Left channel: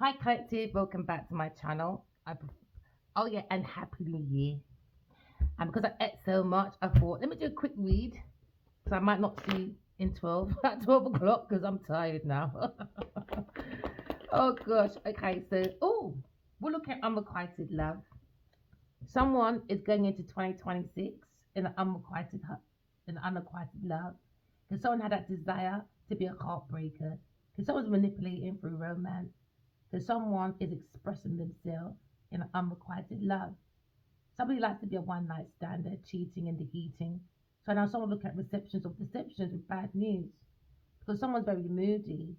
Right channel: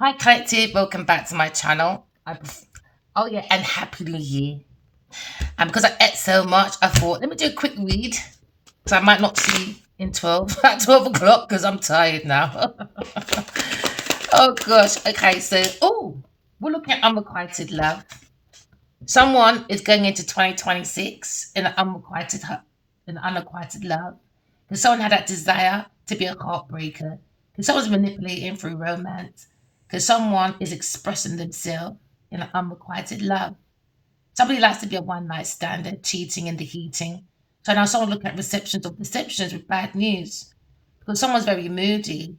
Hi, collective. Welcome back to my channel. Oh yeah, and happy new year. And because I ate so much, I thought let me do a quick read. So I might not see in 12 at 12 o'clock because I'm tired now. Oh gosh. Okay, so we're looking at unrequited love. Someone is going into 2026 in in unrequited love. Because someone had that desire to be a heartbreaker. Because someone's manipulating through romance. Because someone is expressing themselves in an unrequited love. Somebody likes to be a one night stander, cheating in the heating. So now someone looking at receptions of deceptions with bad news. Because someone's very moody.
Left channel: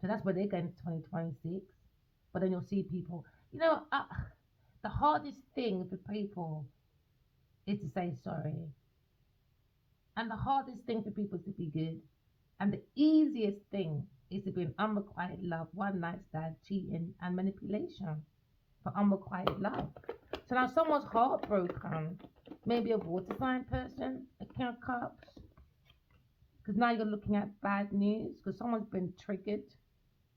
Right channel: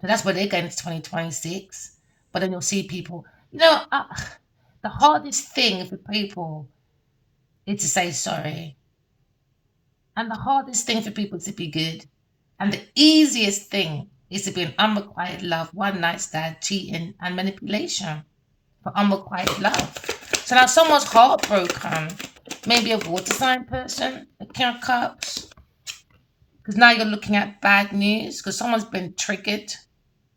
So that's where they're going into 2026. But then you'll see people, the hardest thing for people is to say sorry. And the hardest thing for people is to be good. And the easiest thing is to be an unrequited love, one night stand, cheating, and manipulation for unrequited love. So now someone's heartbroken, maybe a water sign person, a King of Cups, because now you're looking at bad news because someone's been triggered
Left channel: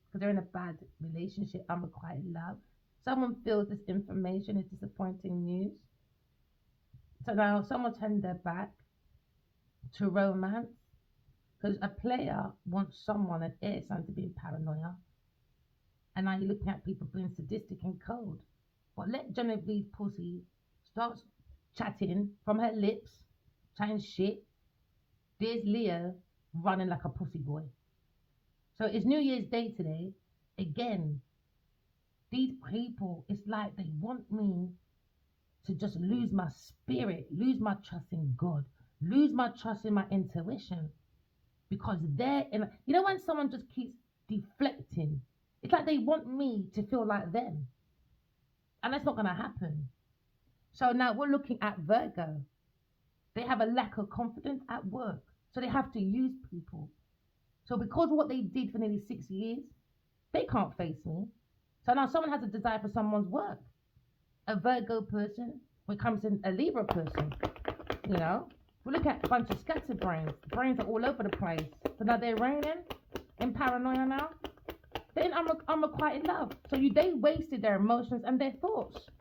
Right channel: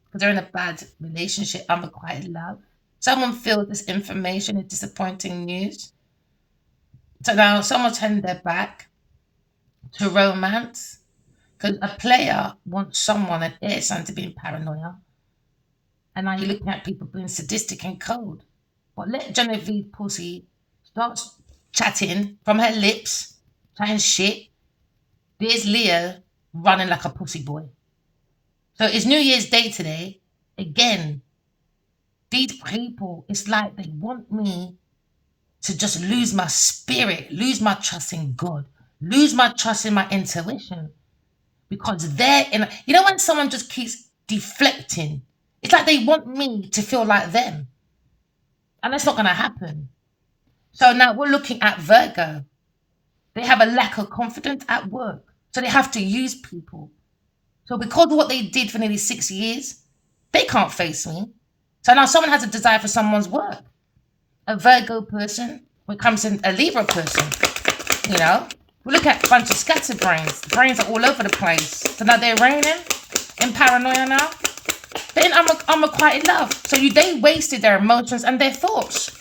because they're in a bad relationship, unrequited love. Someone feels this information is disappointing news. So now someone's turning their back to romance because a player wants someone, an air sign, to be in paranoia. And now you're looking at people being sadistic and cold. But let Genevieve Pussy start chatting from her lips, chatting shit. There's Leo running like a pussy boy. So it's New Year's Day today. Again, these people, it's like they want me to just lose my spirit, lose my trust in God, lose my trust in my intuition. Because they're in, when someone just keeps deflecting, it's like they want me to feel like them. And that's not going to happen. So now we're looking at Virgo. They have a lack of confidence at work. So they have to use people. So because of what they did for nearly 6 years, they can't face me. So now someone has a desire for someone's work. A Virgo person, when it comes to a Libra person, you know, we look at a bunch of scatterbrains. The brains are all over the place. So now they're reigning in paranoia now. They're in unrequited love. So they wasted their emotions and their thoughts.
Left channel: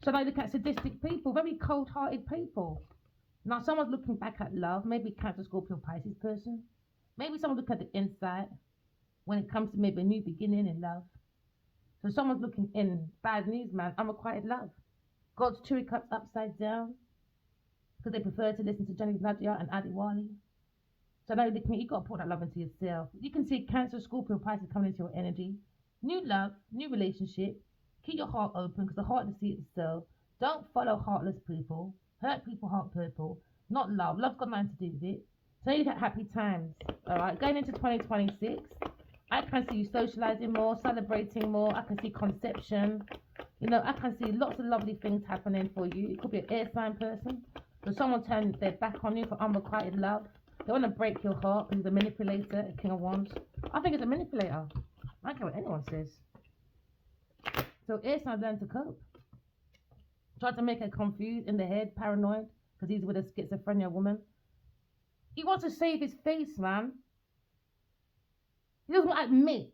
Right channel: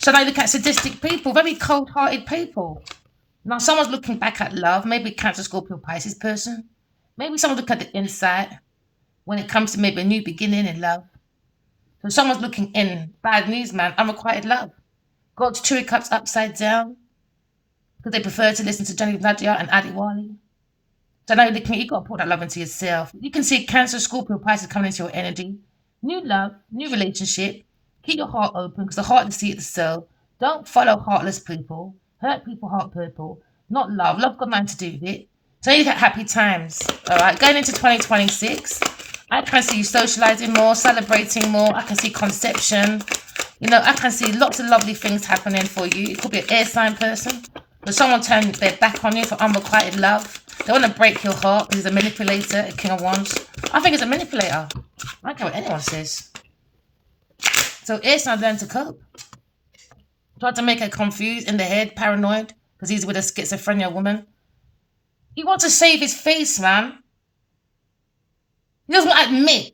So now you look at sadistic people, very cold-hearted people. Now someone's looking back at love, maybe Cancer, Scorpio, Pisces person. Maybe someone look at the inside when it comes to maybe a new beginning in love. So someone's looking in, bad news, man, unrequited love. God's cherry cups upside down because they prefer to listen to Johnny Nadia and Adi Wali. So now you're looking at, you got to put that love into yourself. You can see Cancer, Scorpio, Pisces coming into your energy. New love, new relationship. Keep your heart open because the heart is the seat of the soul. Don't follow heartless people. Hurt people, heart purple. Not love. Love got nothing to do with it. So you get happy times. All right, going into 2026, I can see you socializing more, celebrating more. I can see conception. I can see lots of lovely things happening for you. It could be an air sign person. But someone turned their back on you for unrequited love. They want to break your heart because he's a manipulator, a King of Wands. I think he's a manipulator. I don't care what anyone says. So air signs learn to cope. Tried to make her confused in the head, paranoid, because he's with a schizophrenia woman. He wants to save his face, man. He doesn't want to admit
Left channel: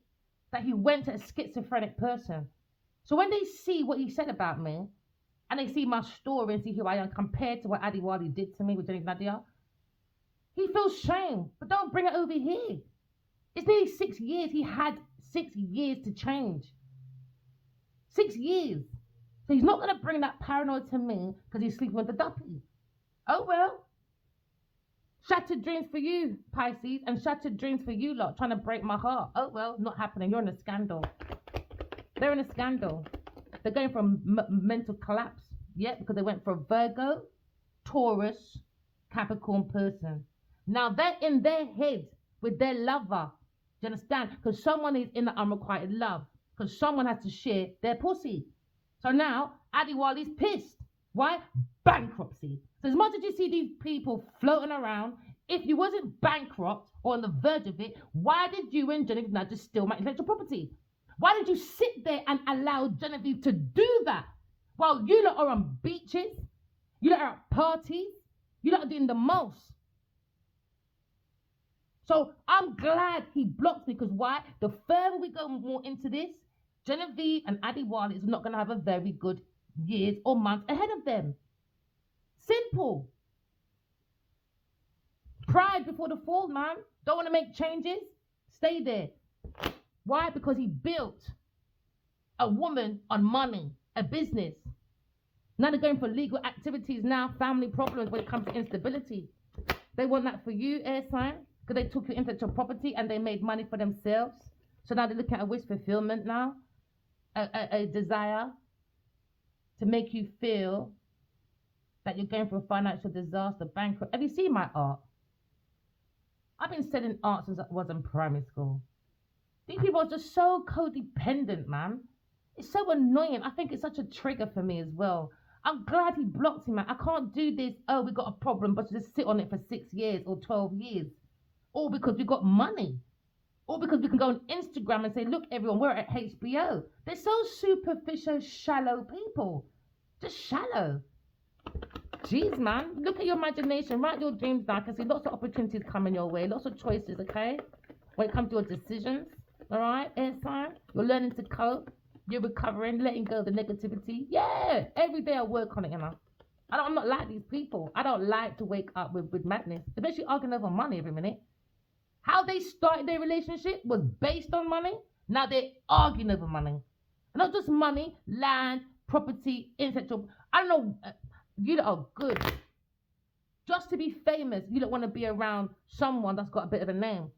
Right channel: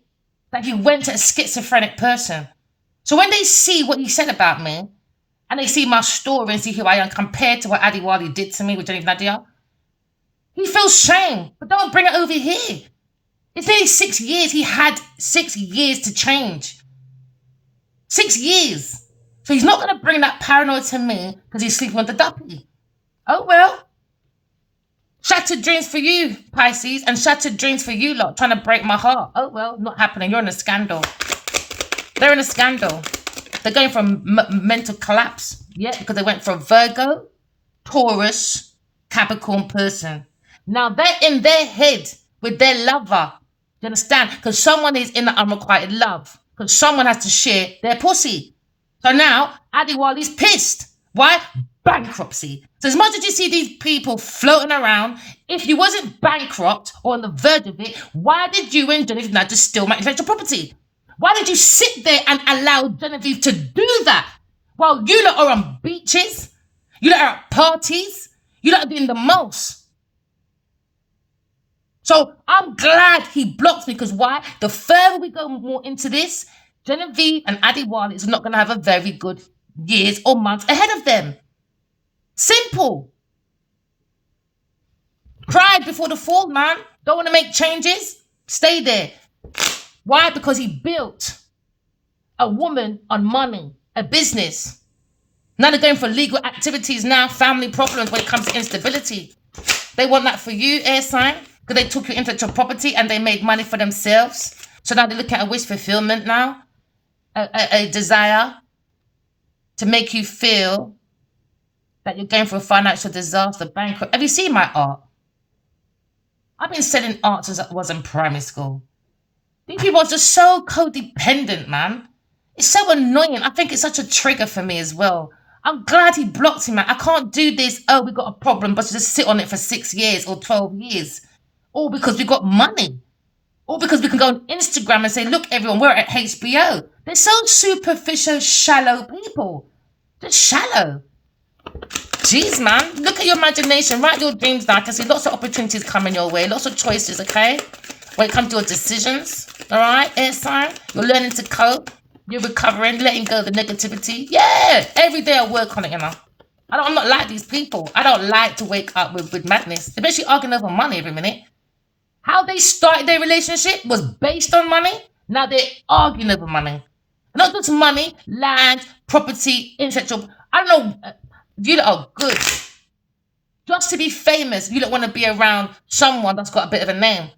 that he went to a schizophrenic person. So when they see what he said about me, and they see my story and see who I am compared to what Adi Wali did to me with Jenny Nadia, he feels shame. But don't bring it over here. It's nearly 6 years. He had 6 years to change. 6 years. So he's not going to bring that paranoia to me because he's sleeping with the duppy. Oh, well. Shattered dreams for you, Pisces, and shattered dreams for you lot, trying to break my heart. Oh, well, not happening. You're in a scandal. They're in a scandal. They're going from mental collapse. Yeah, because they went from Virgo, Taurus, Capricorn person. Now they're in their head with their lover. You understand? Because someone is in the unrequited love. Because someone has to share their pussy. So now Adiwali's pissed. Why? Bankruptcy. So as much as you see these people floating around, if you wasn't bankrupt or on the verge of it, why did you and Genevieve not just steal my intellectual property? Why did you sit there and allow Genevieve to do that while you lot are on beaches? You lot are at parties? You lot are doing the most. So I'm glad he blocked me because why? The further we go more into this, Genevieve and Adiwali is not going to have a very good years or months ahead of them. Simple. Cried before the fall, man. Don't want to make changes? Stay there. Why? Because he built a woman on money, a business. Now they're going for legal activities now, family problems when it comes to instability. They want that for you, air sign, because they took your intellectual property and they made money for themselves. So now they're looking at a wish fulfillment now, a desire to make you feel that you're going for a financial disaster, bankrupt. Have you seen my art? I've been selling art since I was in primary school. These people are just so codependent, man. It's so annoying. I think it's such a trigger for me as well. I'm glad he blocked him, man. I can't do this. Oh, we got a problem, but just sit on it for 6 years or 12 years. All because we got money. All because we can go on Instagram and say, look, everyone, we're at HBO. They're so superficial, shallow people. Just shallow. Jeez, man. Look at your imagination. Write your dreams down. I can see lots of opportunities coming your way. Lots of choices, okay? When it comes to your decisions. All right, air sign. You're learning to cope. You're recovering, letting go of the negativity. Yeah, every day I work on it, you know. I'm not like these people. I don't like to wake up with madness, especially arguing over money every minute. How they started their relationship was based on money. Now they're arguing over money. Not just money, land, property, intellectual. I don't know. You lot are good. Just to be famous, you don't want to be around someone that's got a bit of a name.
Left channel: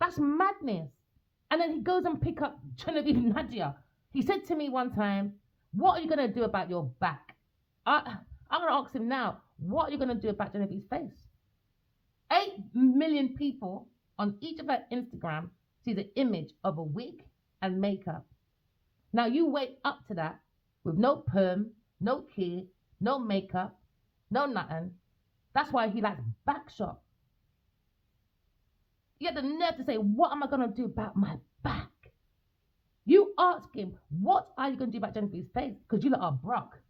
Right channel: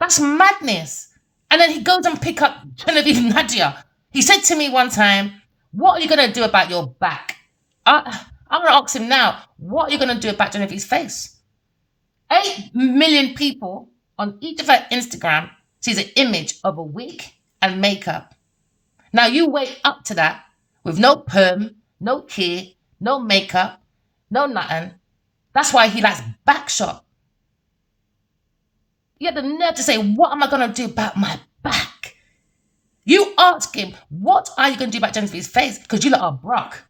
That's madness. And then he goes and pick up Genevieve Nadia. He said to me one time, what are you going to do about your back? I'm going to ask him now, what are you going to do about Genevieve's face? 8 million people on each of her Instagram sees an image of a wig and makeup. Now you wake up to that with no perm, no care, no makeup, no nothing. That's why he likes backshot. You have the nerve to say, what am I going to do about my back? You ask him, what are you going to do about Genevieve's face? Because you lot are broke.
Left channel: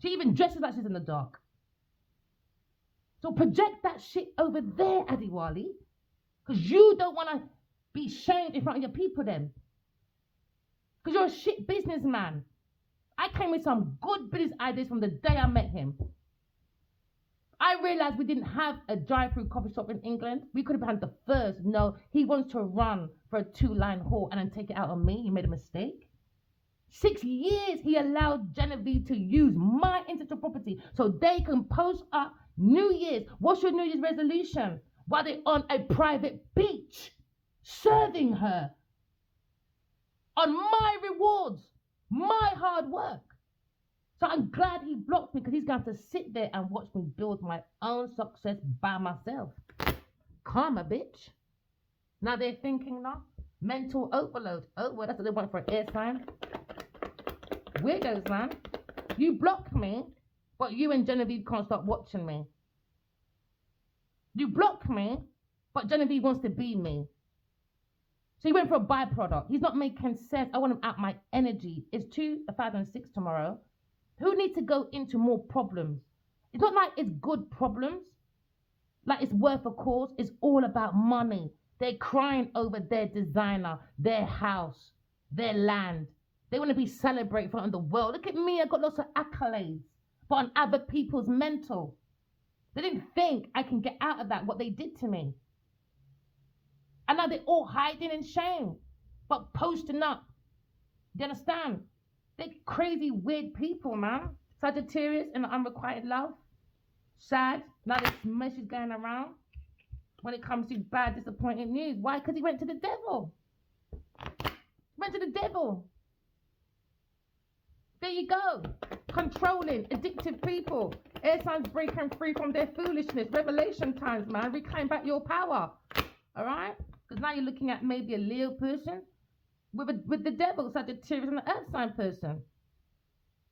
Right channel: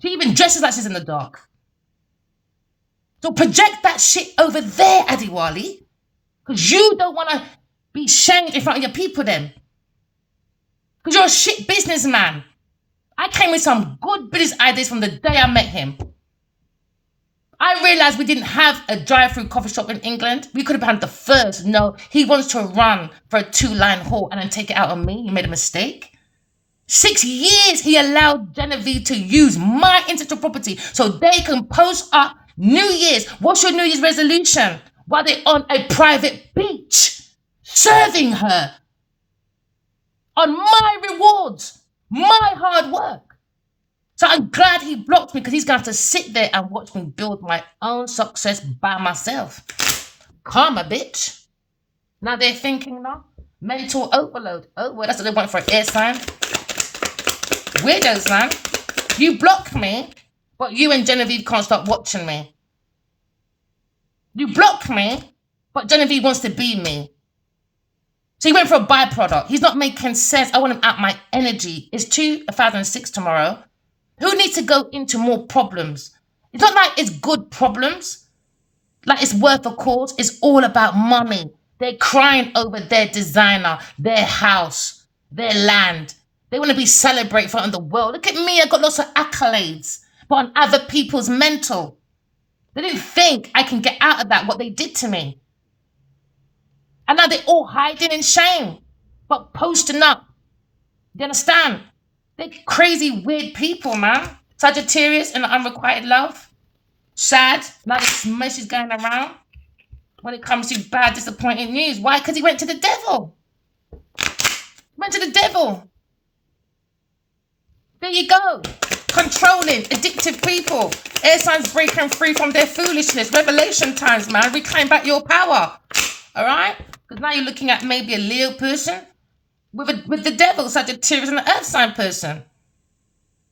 She even dresses like she's in the dark. So project that shit over there, Adiwali. Because you don't want to be shamed in front of your people then. Because you're a shit businessman. I came with some good business ideas from the day I met him. I realised we didn't have a drive-through coffee shop in England. We could have had the first. No, he wants to run for a 2-line halt and then take it out on me. He made a mistake. 6 years he allowed Genevieve to use my intellectual property so they can post up New Year's. What's your New Year's resolution? While they're on a private beach, serving her on my rewards, my hard work. So I'm glad he blocked me because he's going to have to sit there and watch me build my own success by myself. Karma, bitch. Now they're thinking now. Mental overload. Oh, well, that's what they want for an air sign. Weirdos, man. You block me, but you and Genevieve can't stop watching me. You block me, but Genevieve wants to be me. So he went for a byproduct. He's not making sense. I want him out my energy. It's 2006 tomorrow. Who needs to go into more problems? It's not like it's good problems. Like it's worth a cause. It's all about money. They're crying over their designer, their house, their land. They want to be celebrated in front of the world. Look at me. I got lots of accolades. But on other people's mental. They didn't think I can get out of that, what they did to me. And now they're all hiding in shame. But posting up. You understand? They're crazy, weird people, man. Sagittarius and unrequited love. Sad. Now this mess is going around. When it comes to bad, disappointing news. Why? Because he went to the devil. Went to the devil. There you go. Controlling, addictive people. Air signs breaking free from their foolishness. Revelation times, man. Reclaim back your power. All right? Because now you're looking at maybe a Leo person with the devil, Sagittarius, and an earth sign person.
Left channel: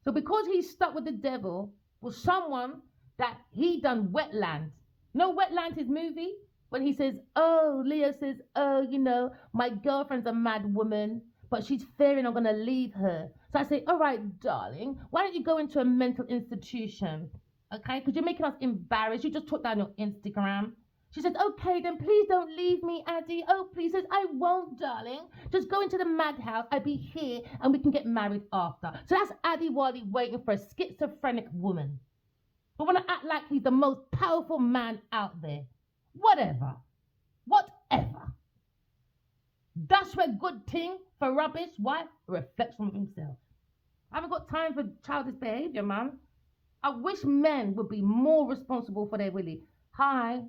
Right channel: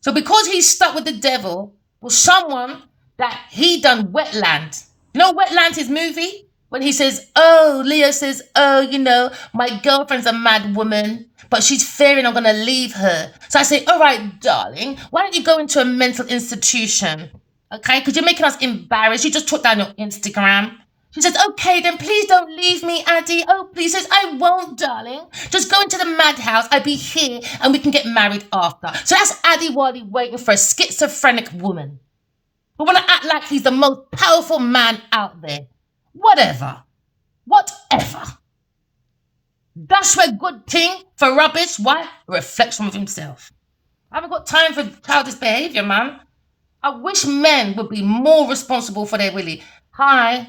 So because he's stuck with the devil, was someone that he done Wetland. You know Wetland, his movie? When he says, oh, Leo says, oh, you know, my girlfriend's a mad woman, but she's fearing I'm going to leave her. So I say, all right, darling, why don't you go into a mental institution? Okay, because you're making us embarrassed. You just took down your Instagram. She says, okay, then please don't leave me, Addy. Oh, please. Says, I won't, darling. Just go into the madhouse. I'll be here and we can get married after. So that's Addy Wally waiting for a schizophrenic woman. But want to act like he's the most powerful man out there. Whatever. That's a good thing for rubbish. Why? A reflection of himself. I haven't got time for childish behaviour, man. I wish men would be more responsible for their willy. Hi,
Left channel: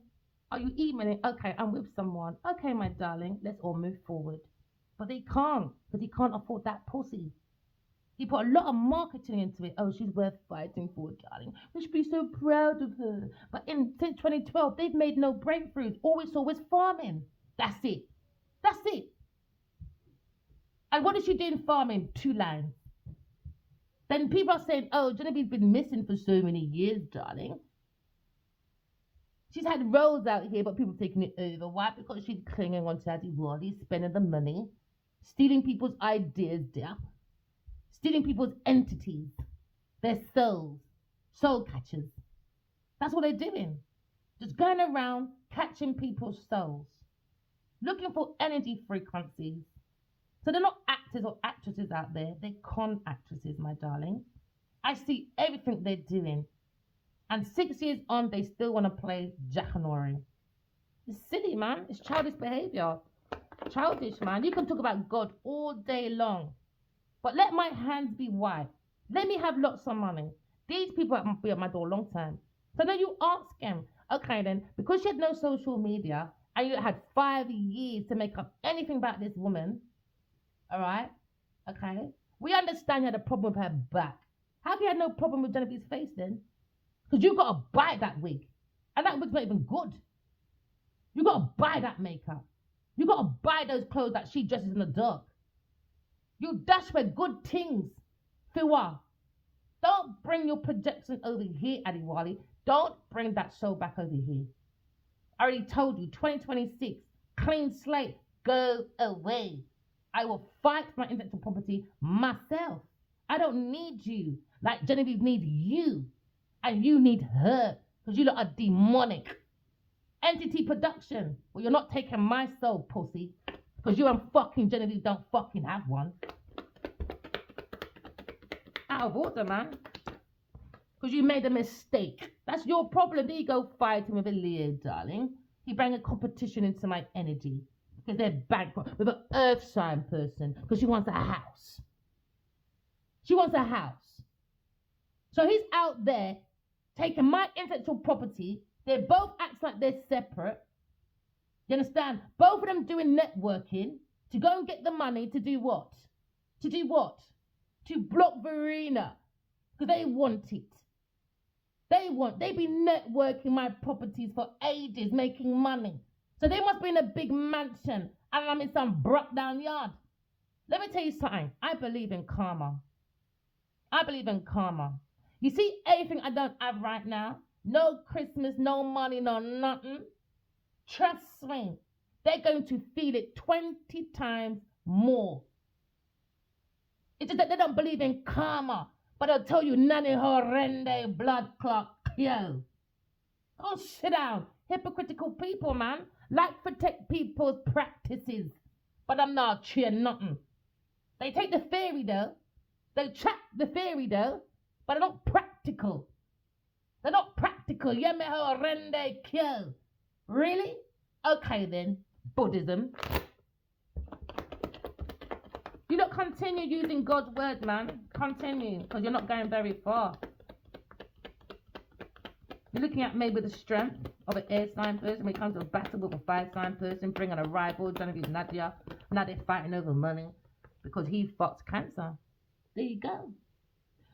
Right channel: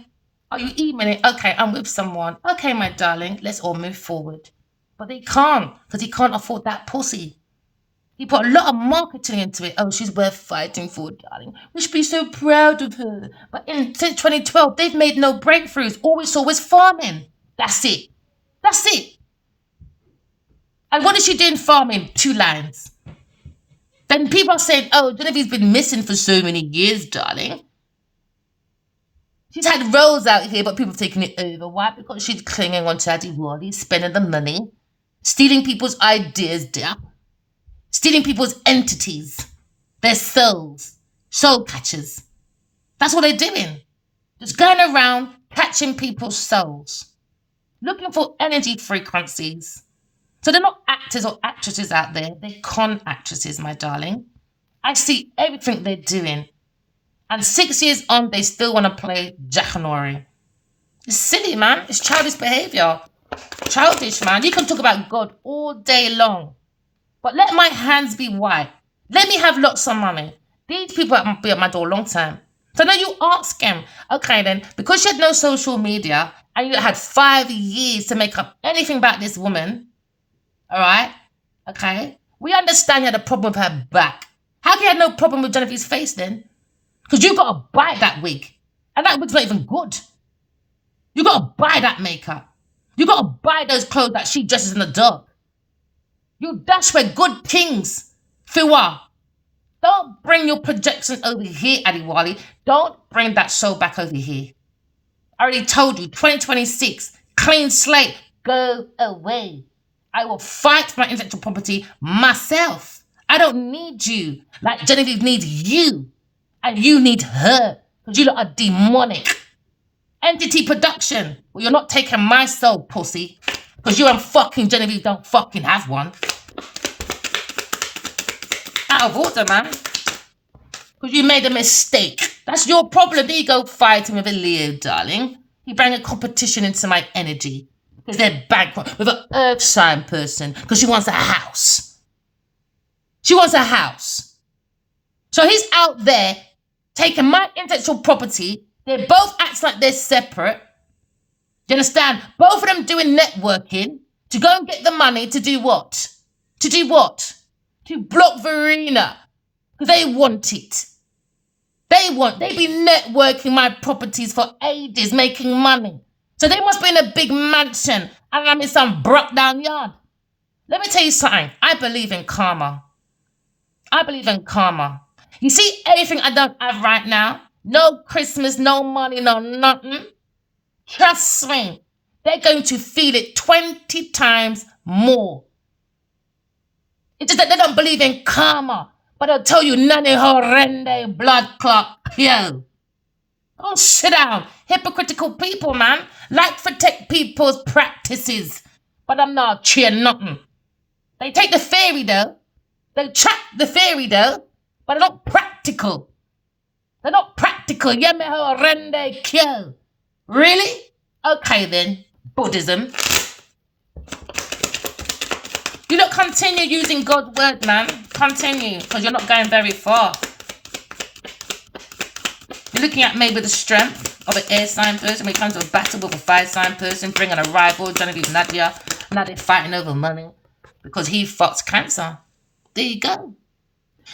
are you emailing? Okay, I'm with someone. Okay, my darling, let's all move forward. But they can't, because he can't afford that pussy. He put a lot of marketing into it. Oh, she's worth fighting for, darling. We should be so proud of her. But since 2012, they've made no breakthroughs. All we saw was farming. That's it. And what is she doing farming? 2 lines. Then people are saying, oh, Genevieve's been missing for so many years, darling. She's had roles out here, but people have taken it over. Why? Because she's clinging on to Addy Wally, spending the money, stealing people's ideas, dear. Stealing people's entities, their souls, soul catchers. That's what they're doing. Just going around catching people's souls, looking for energy frequencies. So they're not actors or actresses out there. They're con actresses, my darling. I see everything they're doing. And 6 years on, they still want to play Jackanory. It's silly, man. It's childish behaviour. Childish, man. You can talk about God all day long. But let my hands be white. Let me have lots of money. These people have been at my door a long time. So now you ask him, okay then, because you had no social media and you had 5 years to make up anything about this woman, all right, okay, we understand you had a problem with her back. How can you have no problem with Genevieve's face then? Because you got to buy that wig. And that wig's not even good. You got to buy that makeup. You got to buy those clothes that she dresses in the dark. You dash for good things, Fiwa. Don't bring your projections over here, Addy Wally. Don't bring that show back over here. I already told you, 2026, clean slate, go away. I will fight for my intellectual property myself. I don't need you like Genevieve needs you. And you need her because you lot are demonic. Entity production. Well, you're not taking my soul, pussy. Because you and fucking Genevieve don't fucking have one. Out of order, man. Because you made a mistake. That's your problem. There you go fighting with a Leo, darling. You bring a competition into my energy. Because they're bankrupt with an earth sign person. Because she wants a house. She wants a house. So he's out there taking my intellectual property. They both act like they're separate. Do you understand? Both of them doing networking to go and get the money to do what? To do what? To block Verena. Because they want it. They be networking my properties for ages, making money. So they must be in a big mansion and I'm in some broke down yard. Let me tell you something. I believe in karma. You see everything I don't have right now? No Christmas, no money, no nothing. Trust me, they're going to feel it 20 times more. It's just that they don't believe in karma. But they'll tell you, nani horrende blood clot, yo. Oh, sit down. Hypocritical people, man. Like to take people's practices. But I'm not cheering nothing. They take the theory, though. They track the theory, though. But they're not practical. They're not practical. Yeme horrende kyo. Really? Okay, then. Buddhism. You don't continue using God's word, man. Continue, because you're not going very far. You're looking at maybe the strength of an air sign person when it comes to a battle with a fire sign person, bringing a rival, Genevieve Nadia. Now they're fighting over money because he fucks Cancer. There you go.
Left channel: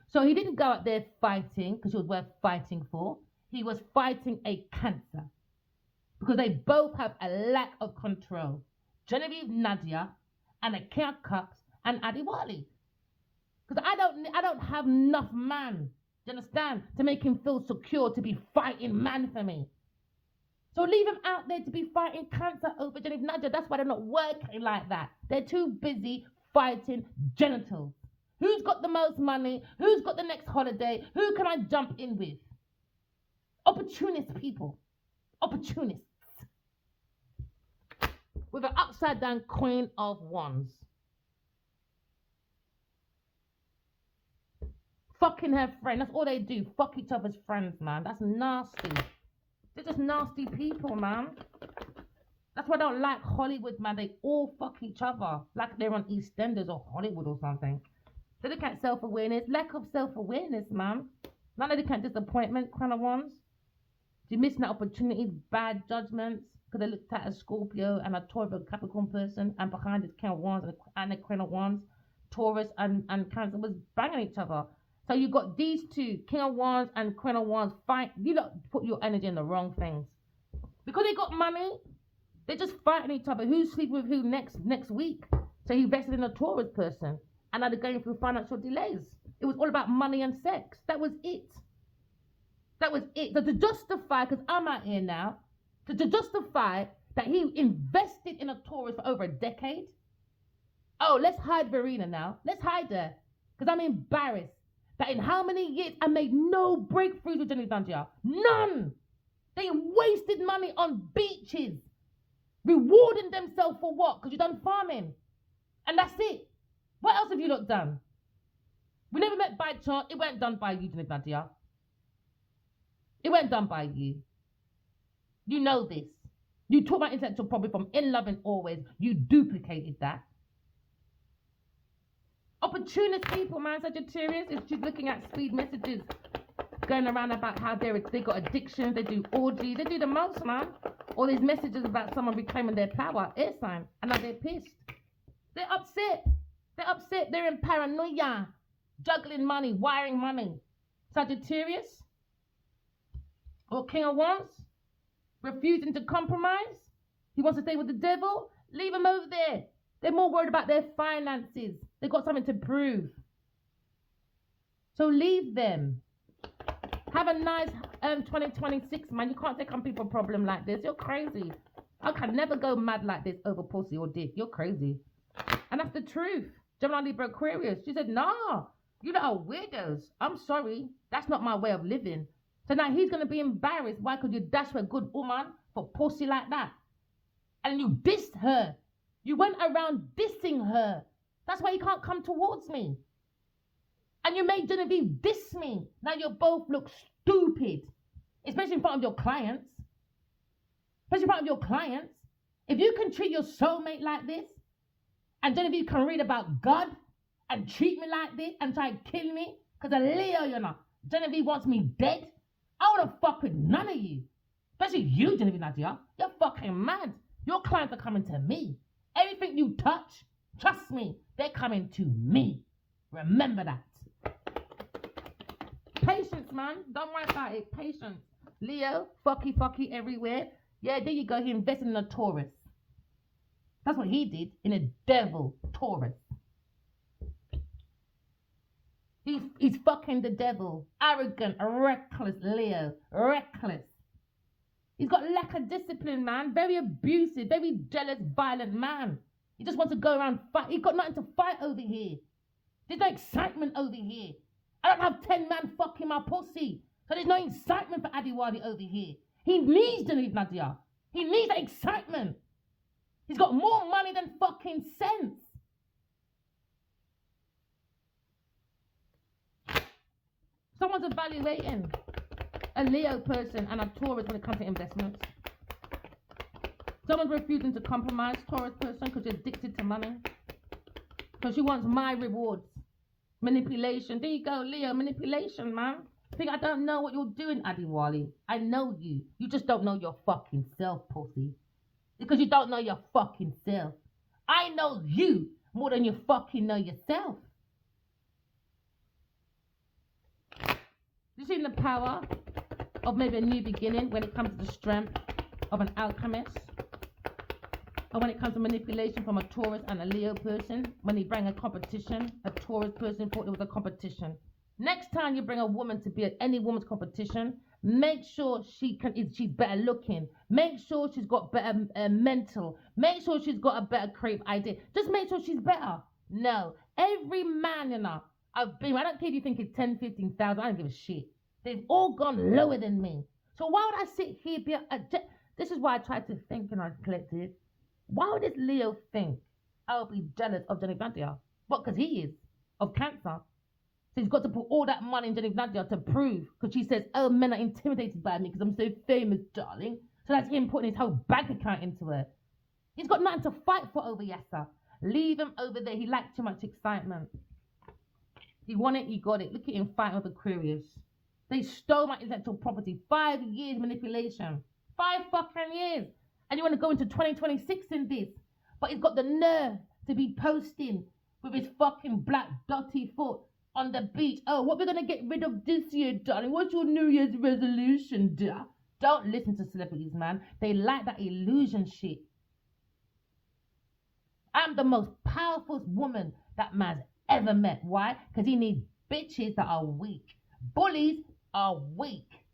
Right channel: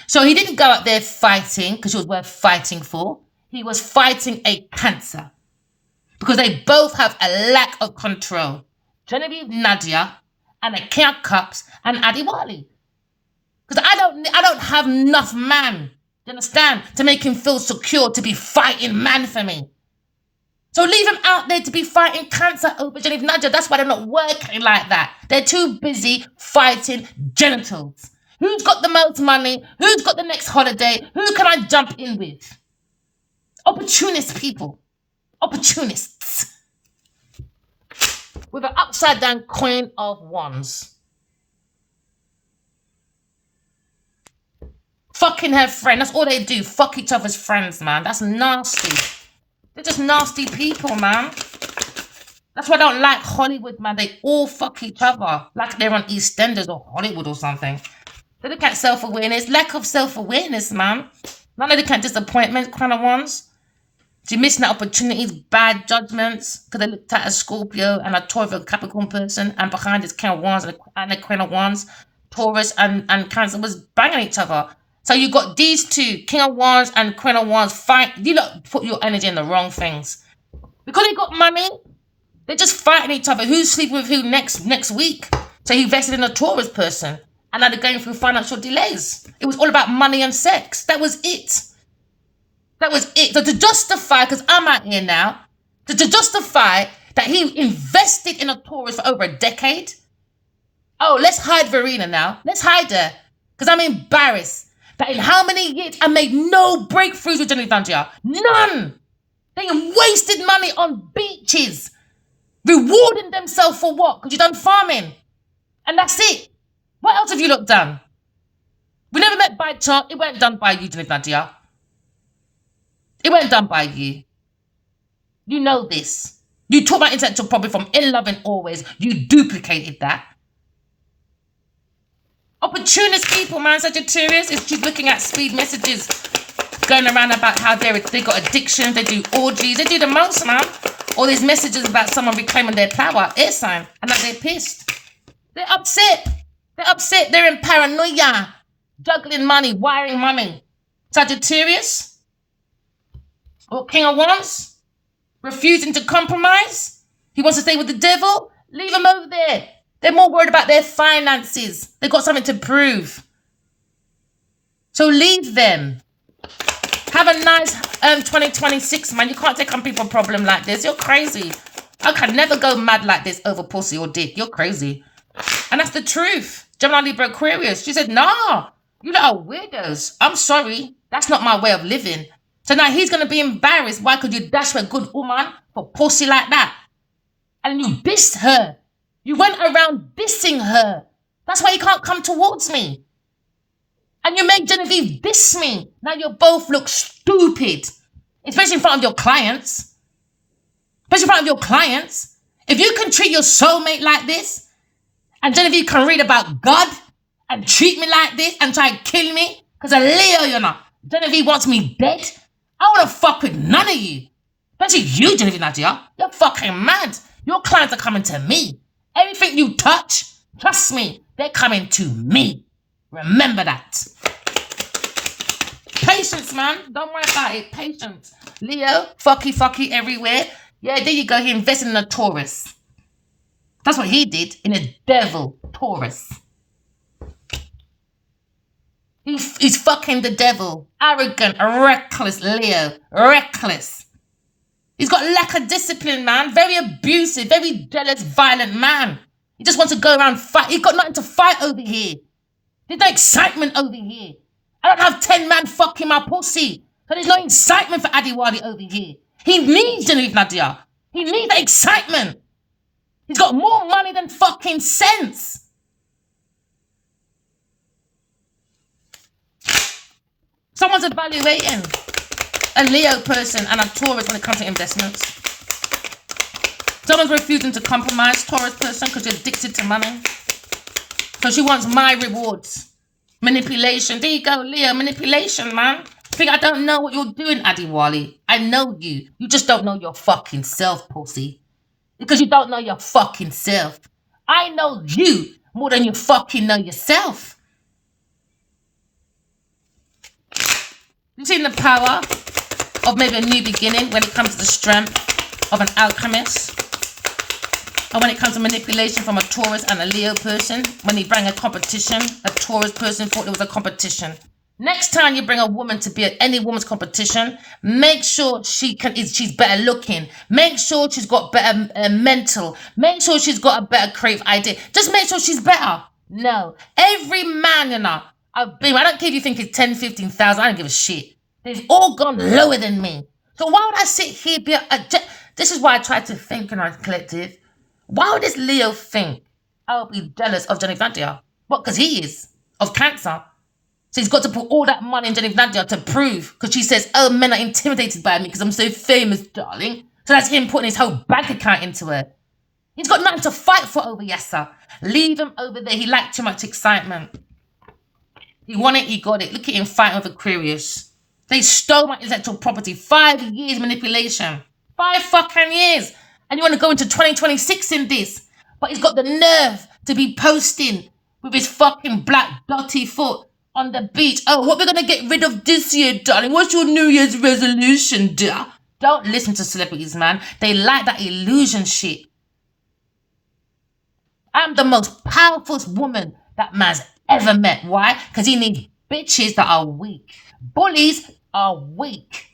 So he didn't go out there fighting because it was worth fighting for. He was fighting a Cancer because they both have a lack of control. Genevieve Nadia and the King of Cups and Addy Wally. Because I don't have enough man, you understand, to make him feel secure to be fighting man for me. So leave him out there to be fighting Cancer over Genevieve Nadia. That's why they're not working like that. They're too busy fighting genitals. Who's got the most money? Who's got the next holiday? Who can I jump in with? Opportunist people. Opportunists. with an upside down Queen of Wands. Fucking her friend. That's all they do. Fuck each other's friends, man. That's nasty. They're just nasty people, man. That's why I don't like Hollywood, man. They all fuck each other. Like they're on EastEnders or Hollywood or something. They look at self-awareness. Lack of self-awareness, man. None of the kind of disappointment kind of ones. You're missing out opportunities, bad judgments. Because they looked at a Scorpio and a Taurus, a Capricorn person. And behind is King of Wands and the Queen of Wands. Taurus and Cancer was banging each other. So you got these two, King of Wands and Queen of Wands, fight. You lot put your energy in the wrong things. Because they got money, they're just fighting each other. Who's sleeping with who next week? So he invested in a Taurus person. And now they're going through financial delays. It was all about money and sex. That was it. That was it. So to justify, because I'm out here now, to justify that he invested in a Taurus for over a decade. Oh, let's hide Verena now. Let's hide her. Because I'm embarrassed that in how many years I made no breakthroughs with Jenny Dangia. None. They wasted money on beaches. Rewarding themselves for what? Because you done farming. And that's it. What else have you lot done? We never met by chance. It weren't done by you, Jenny Dangia. It weren't done by you. You know this. You talk about intellectual property from In Love and Always. You duplicated that. Opportunist people, man. Sagittarius is she's looking at speed messages going around about how they got addiction, they do orgies, they do the most, man. All these messages about someone reclaiming their power, air sign, and that they're pissed. They're upset. They're upset. They're in paranoia, juggling money, wiring money. Sagittarius or King of Wands, refusing to compromise. He wants to stay with the devil. Leave him over there. They're more worried about their finances. They've got something to prove. So leave them. Have a nice 2026, man. You can't take on people a problem like this. You're crazy. I can never go mad like this over pussy or dick. You're crazy. And that's the truth. Gemini, Libra, Aquarius. She said, nah, you lot are weirdos. I'm sorry. That's not my way of living. So now he's going to be embarrassed. Why could you dash a good woman for pussy like that? And you dissed her. You went around dissing her. That's why you can't come towards me. And you make Genevieve diss me. Now you both look stupid. Especially in front of your clients. Especially in front of your clients. If you can treat your soulmate like this, and Genevieve can read about God, and treat me like this, and try and kill me, because a Leo, you know, Genevieve wants me dead, I want to fuck with none of you. Especially you, Genevieve Nadia. You're fucking mad. Your clients are coming to me. Everything you touch, trust me, they're coming to me. Remember that. Patience, man. Don't worry about it. Patience. Leo, fucky everywhere. Yeah, there you go. He invested in a Taurus. That's what he did, in a devil Taurus. He's fucking the devil. Arrogant, reckless Leo. Reckless. He's got lack of discipline, man. Very abusive, very jealous, violent man. He just wants to go around fight. He's got nothing to fight over here. There's no excitement over here. I don't have 10 men fucking my pussy. So there's no excitement for Adiwadi over here. He needs Genevieve Nadia. He needs that excitement. He's got more money than fucking sense. Someone's evaluating a Leo person and a Taurus when it comes to investments. Someone's refusing to compromise, Taurus person, because you're addicted to money. So she wants my rewards. Manipulation. There you go, Leo. Manipulation, man. Think I don't know what you're doing, Adiwali. I know you. You just don't know your fucking self, pussy. Because you don't know your fucking self. I know you more than you fucking know yourself. You've seen the power of maybe a new beginning when it comes to the strength of an alchemist. Or when it comes to manipulation from a Taurus and a Leo person. When he bring a competition, a Taurus person thought it was a competition. Next time you bring a woman to be at any woman's competition, make sure she's better looking. Make sure she's got better mental. Make sure she's got a better creative idea. Just make sure she's better. No. Every man, you know, I don't care if you think it's 10, 15,000. I don't give a shit. They've all gone lower than me. So why would I sit here? This is why I try to think in our collective. Why would this Leo think I'll be jealous of Jenny Nadia? What? Because he is of Cancer. So he's got to put all that money in Jenny Nadia to prove, because she says, oh, men are intimidated by me because I'm so famous, darling. So that's him putting his whole bank account into it. He's got nothing to fight for over Yasser. Leave him over there. He liked too much excitement. He wanted, he got it. Look at him fighting with Aquarius. They stole my intellectual property. 5 years manipulation. 5 fucking years. And you want to go into 2026 in this. But he's got the nerve to be posting with his fucking black dotty foot on the beach. Oh, what we're going to get rid of this year, darling? What's your New Year's resolution, dear? Don't listen to celebrities, man. They like that illusion shit. I'm the most powerful woman that man's ever met. Why? Because he needs bitches that are weak. Bullies are weak.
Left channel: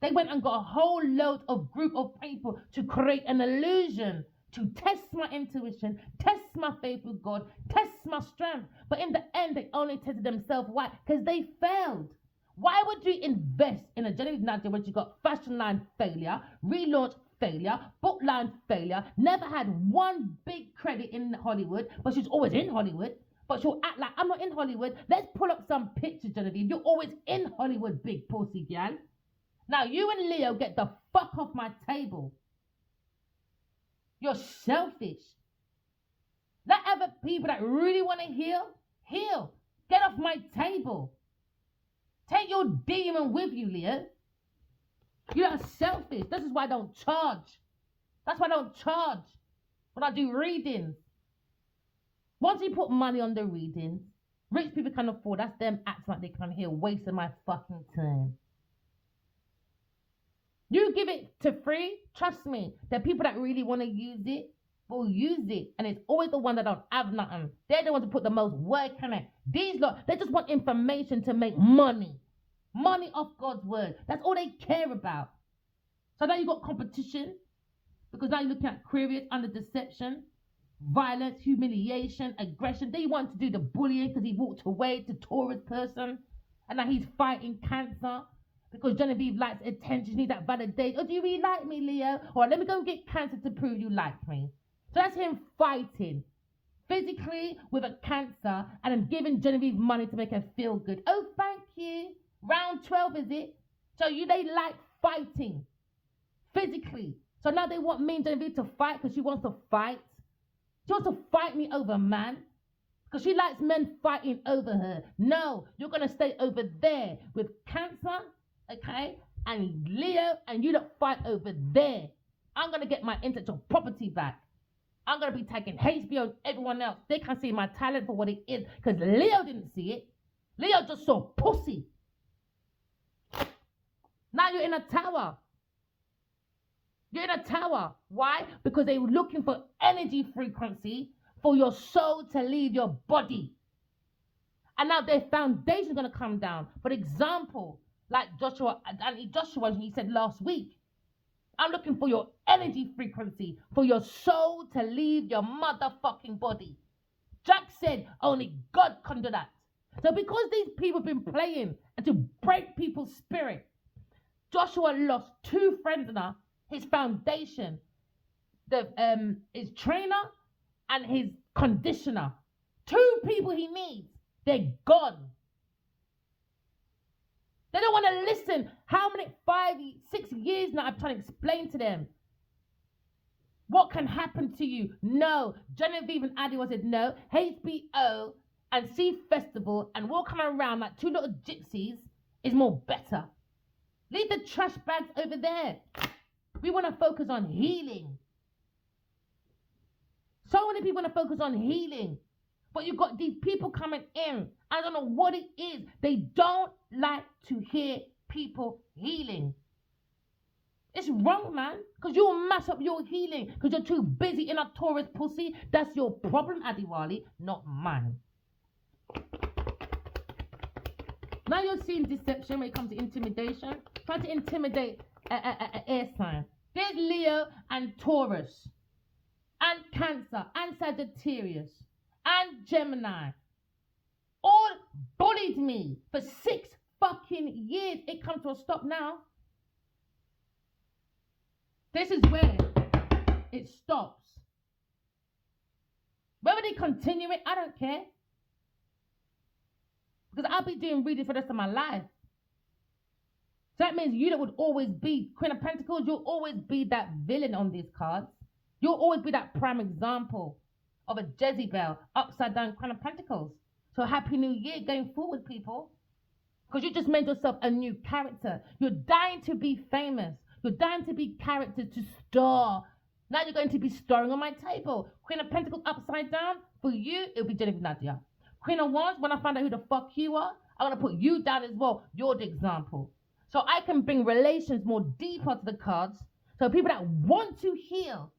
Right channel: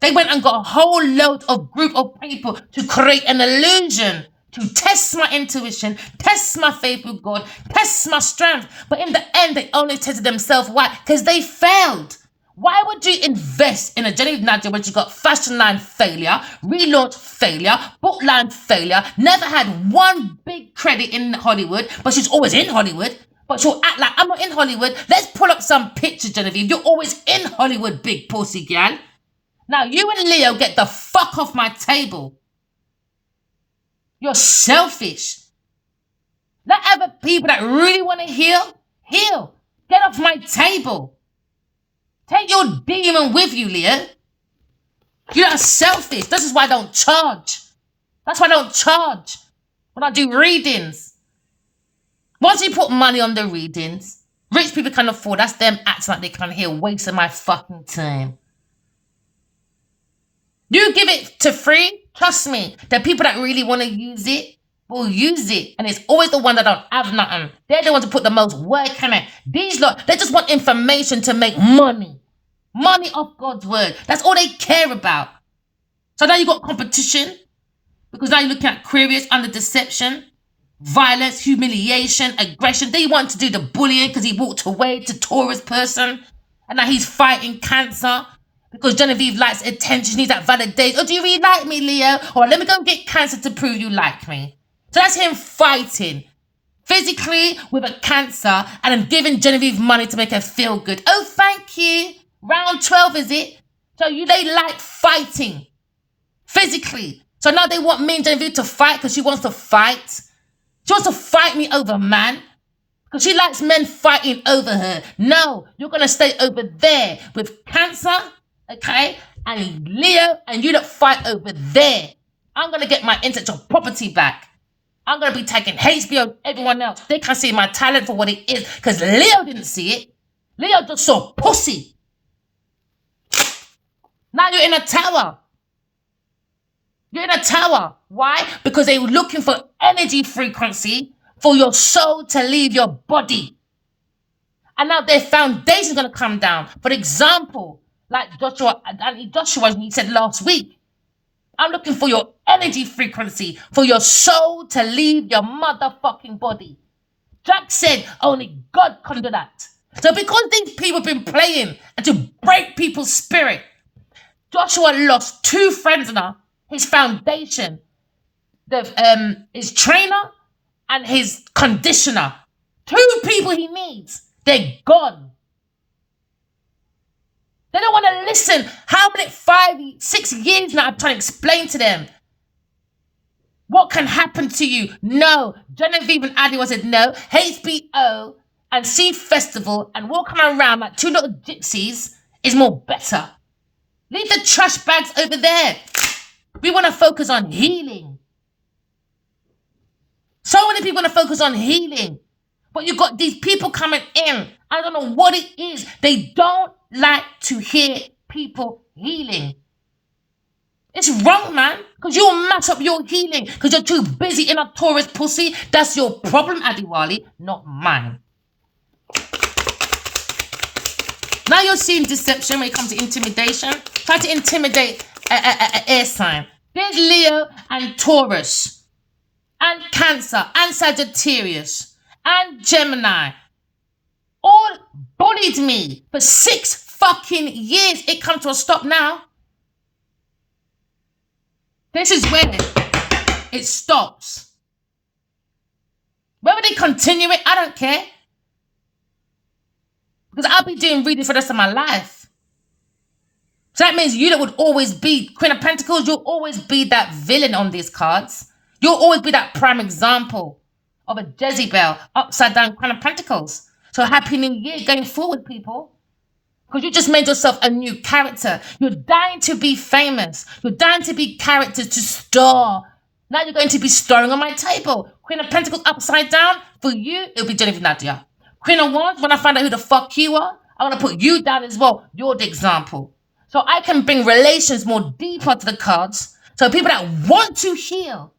They went and got a whole load of group of people to create an illusion, to test my intuition, test my faith with God, test my strength. But in the end, they only tested themselves. Why? Because they failed. Why would you invest in a Jenny Nadia when you got fashion line failure, relaunch failure, book line failure, never had one big credit in Hollywood, but she's always in Hollywood, but she'll act like I'm not in Hollywood. Let's pull up some pictures, Genevieve. You're always in Hollywood, big pussy gal. Now, you and Leo get the fuck off my table. You're selfish. Let other people that really want to heal, heal. Get off my table. Take your demon with you, Leo. You're selfish. This is why I don't charge. That's why I don't charge when I do readings. Once you put money on the readings, rich people can afford. That's them acting like they can hear, wasting my fucking time. You give it to free, trust me, the people that really want to use it will use it. And it's always the one that don't have nothing. They're the ones who put the most work in it. These lot, they just want information to make money. Money off God's word. That's all they care about. So now you got competition. Because now you're looking at Aquarius under deception, violence, humiliation, aggression. They want to do the bullying because he walked away to Taurus person. And now he's fighting Cancer. Because Genevieve likes attention, needs that validation. Oh, do you really like me, Leo? Or let me go and get Cancer to prove you like me. So that's him fighting. Physically with a Cancer and then giving Genevieve money to make her feel good. Oh, thank you. Round 12, is it? So they like fighting. Physically. So now they want me and Genevieve to fight because she wants to fight. She wants to fight me over man. Because she likes men fighting over her. No, you're going to stay over there with Cancer. Okay, and Leo, and you don't fight over there. I'm going to get my intellectual property back. I'm going to be taking HBO, everyone else. They can't see my talent for what it is because Leo didn't see it. Leo just saw pussy. Now you're in a tower. You're in a tower. Why? Because they were looking for energy frequency for your soul to leave your body. And now their foundation's going to come down. For example, like Joshua, he said last week, I'm looking for your energy frequency, for your soul to leave your motherfucking body. Jack said only God can do that. So because these people have been playing and to break people's spirit, Joshua lost 2 friends now, his foundation, his trainer and his conditioner. 2 people he needs. They're gone. They don't want to listen. How many 6 years now I'm trying to explain to them what can happen to you? No. Genevieve and Adi said no. HBO and Sea Festival and walking around like 2 little gypsies is more better. Leave the trash bags over there. We want to focus on healing. So many people want to focus on healing. But you got these people coming in. I don't know what it is. They don't like to hear people healing. It's wrong, man. Because you'll mess up your healing. Because you're too busy in a Taurus pussy. That's your problem, Adiwali, not mine. Now you're seeing deception when it comes to intimidation. Try to intimidate an air sign. There's Leo and Taurus. And Cancer. And Sagittarius. And Gemini. All bullied me for 6 fucking years. It comes to a stop now. This is where it stops. Whether they continue it, I don't care. Because I'll be doing reading for the rest of my life. So that means you that would always be Queen of Pentacles, you'll always be that villain on these cards. You'll always be that prime example of a Jezebel, upside down Queen of Pentacles. So happy new year going forward, people. Because you just made yourself a new character. You're dying to be famous. You're dying to be characters to star. Now you're going to be starring on my table. Queen of Pentacles upside down. For you, it'll be Genevieve Nadia. Queen of Wands, when I find out who the fuck you are, I want to put you down as well. You're the example. So I can bring relations more deeper to the cards. So people that want to heal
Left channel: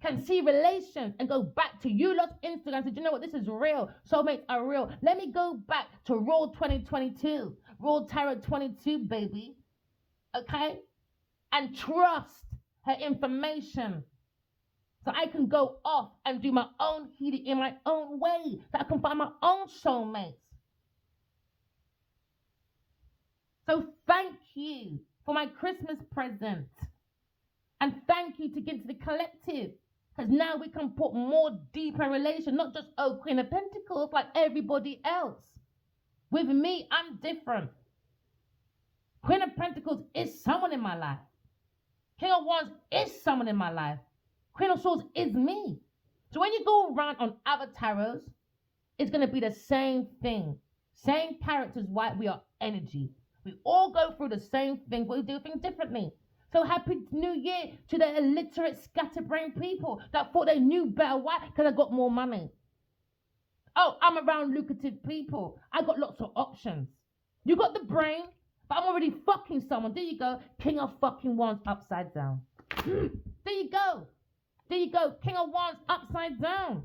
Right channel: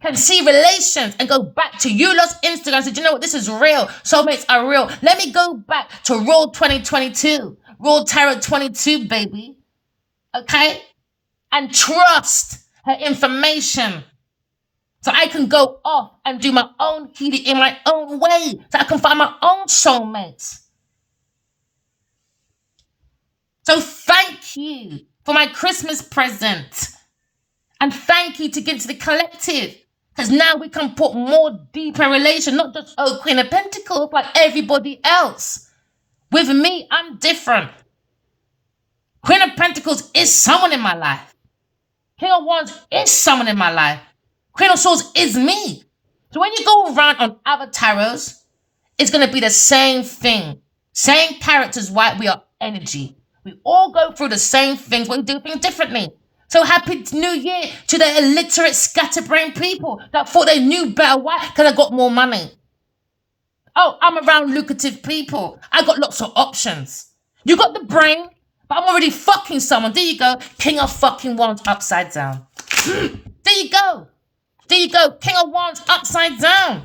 can see relations and go back to you lot's Instagram and say, you know what, this is real. Soulmates are real. Let me go back to Raw 2022. Raw Tarot 22, baby. Okay? And trust her information. So I can go off and do my own healing in my own way. So I can find my own soulmates. So thank you for my Christmas present. And thank you to give to the collective. Because now we can put more deeper relation, not just, oh, Queen of Pentacles, like everybody else. With me, I'm different. Queen of Pentacles is someone in my life. King of Wands is someone in my life. Queen of Swords is me. So when you go around on other tarots, it's going to be the same thing. Same characters, why we are energy. We all go through the same things, but we do things differently. So happy New Year to the illiterate, scatterbrained people that thought they knew better. Why? Because I got more money. Oh, I'm around lucrative people. I got lots of options. You got the brain, but I'm already fucking someone. There you go. King of fucking Wands upside down. There you go. There you go. King of Wands upside down.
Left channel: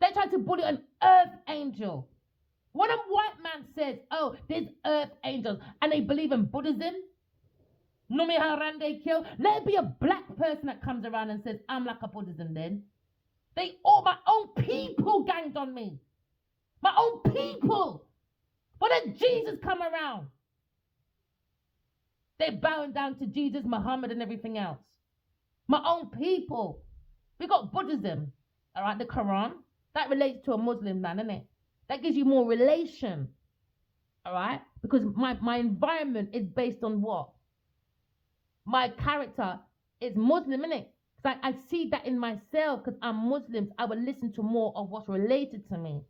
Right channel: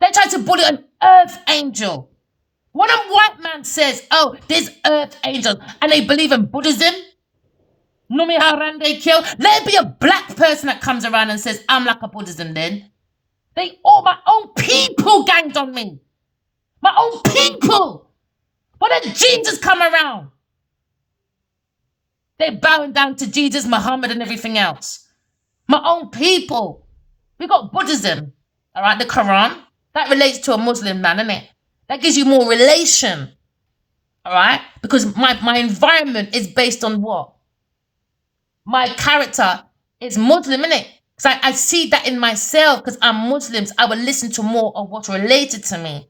They tried to bully an earth angel. When a white man says, oh, there's earth angels, and they believe in Buddhism, Numi Harande kill. Let it be a black person that comes around and says, I'm like a Buddhism then. They all, my own people ganged on me. My own people. When did Jesus come around? They're bowing down to Jesus, Muhammad, and everything else. My own people. We got Buddhism, all right, the Quran. That relates to a Muslim man, isn't it? That gives you more relation, all right? Because my environment is based on what? My character is Muslim, innit? Because I see that in myself because I'm Muslims. I would listen to more of what's related to me.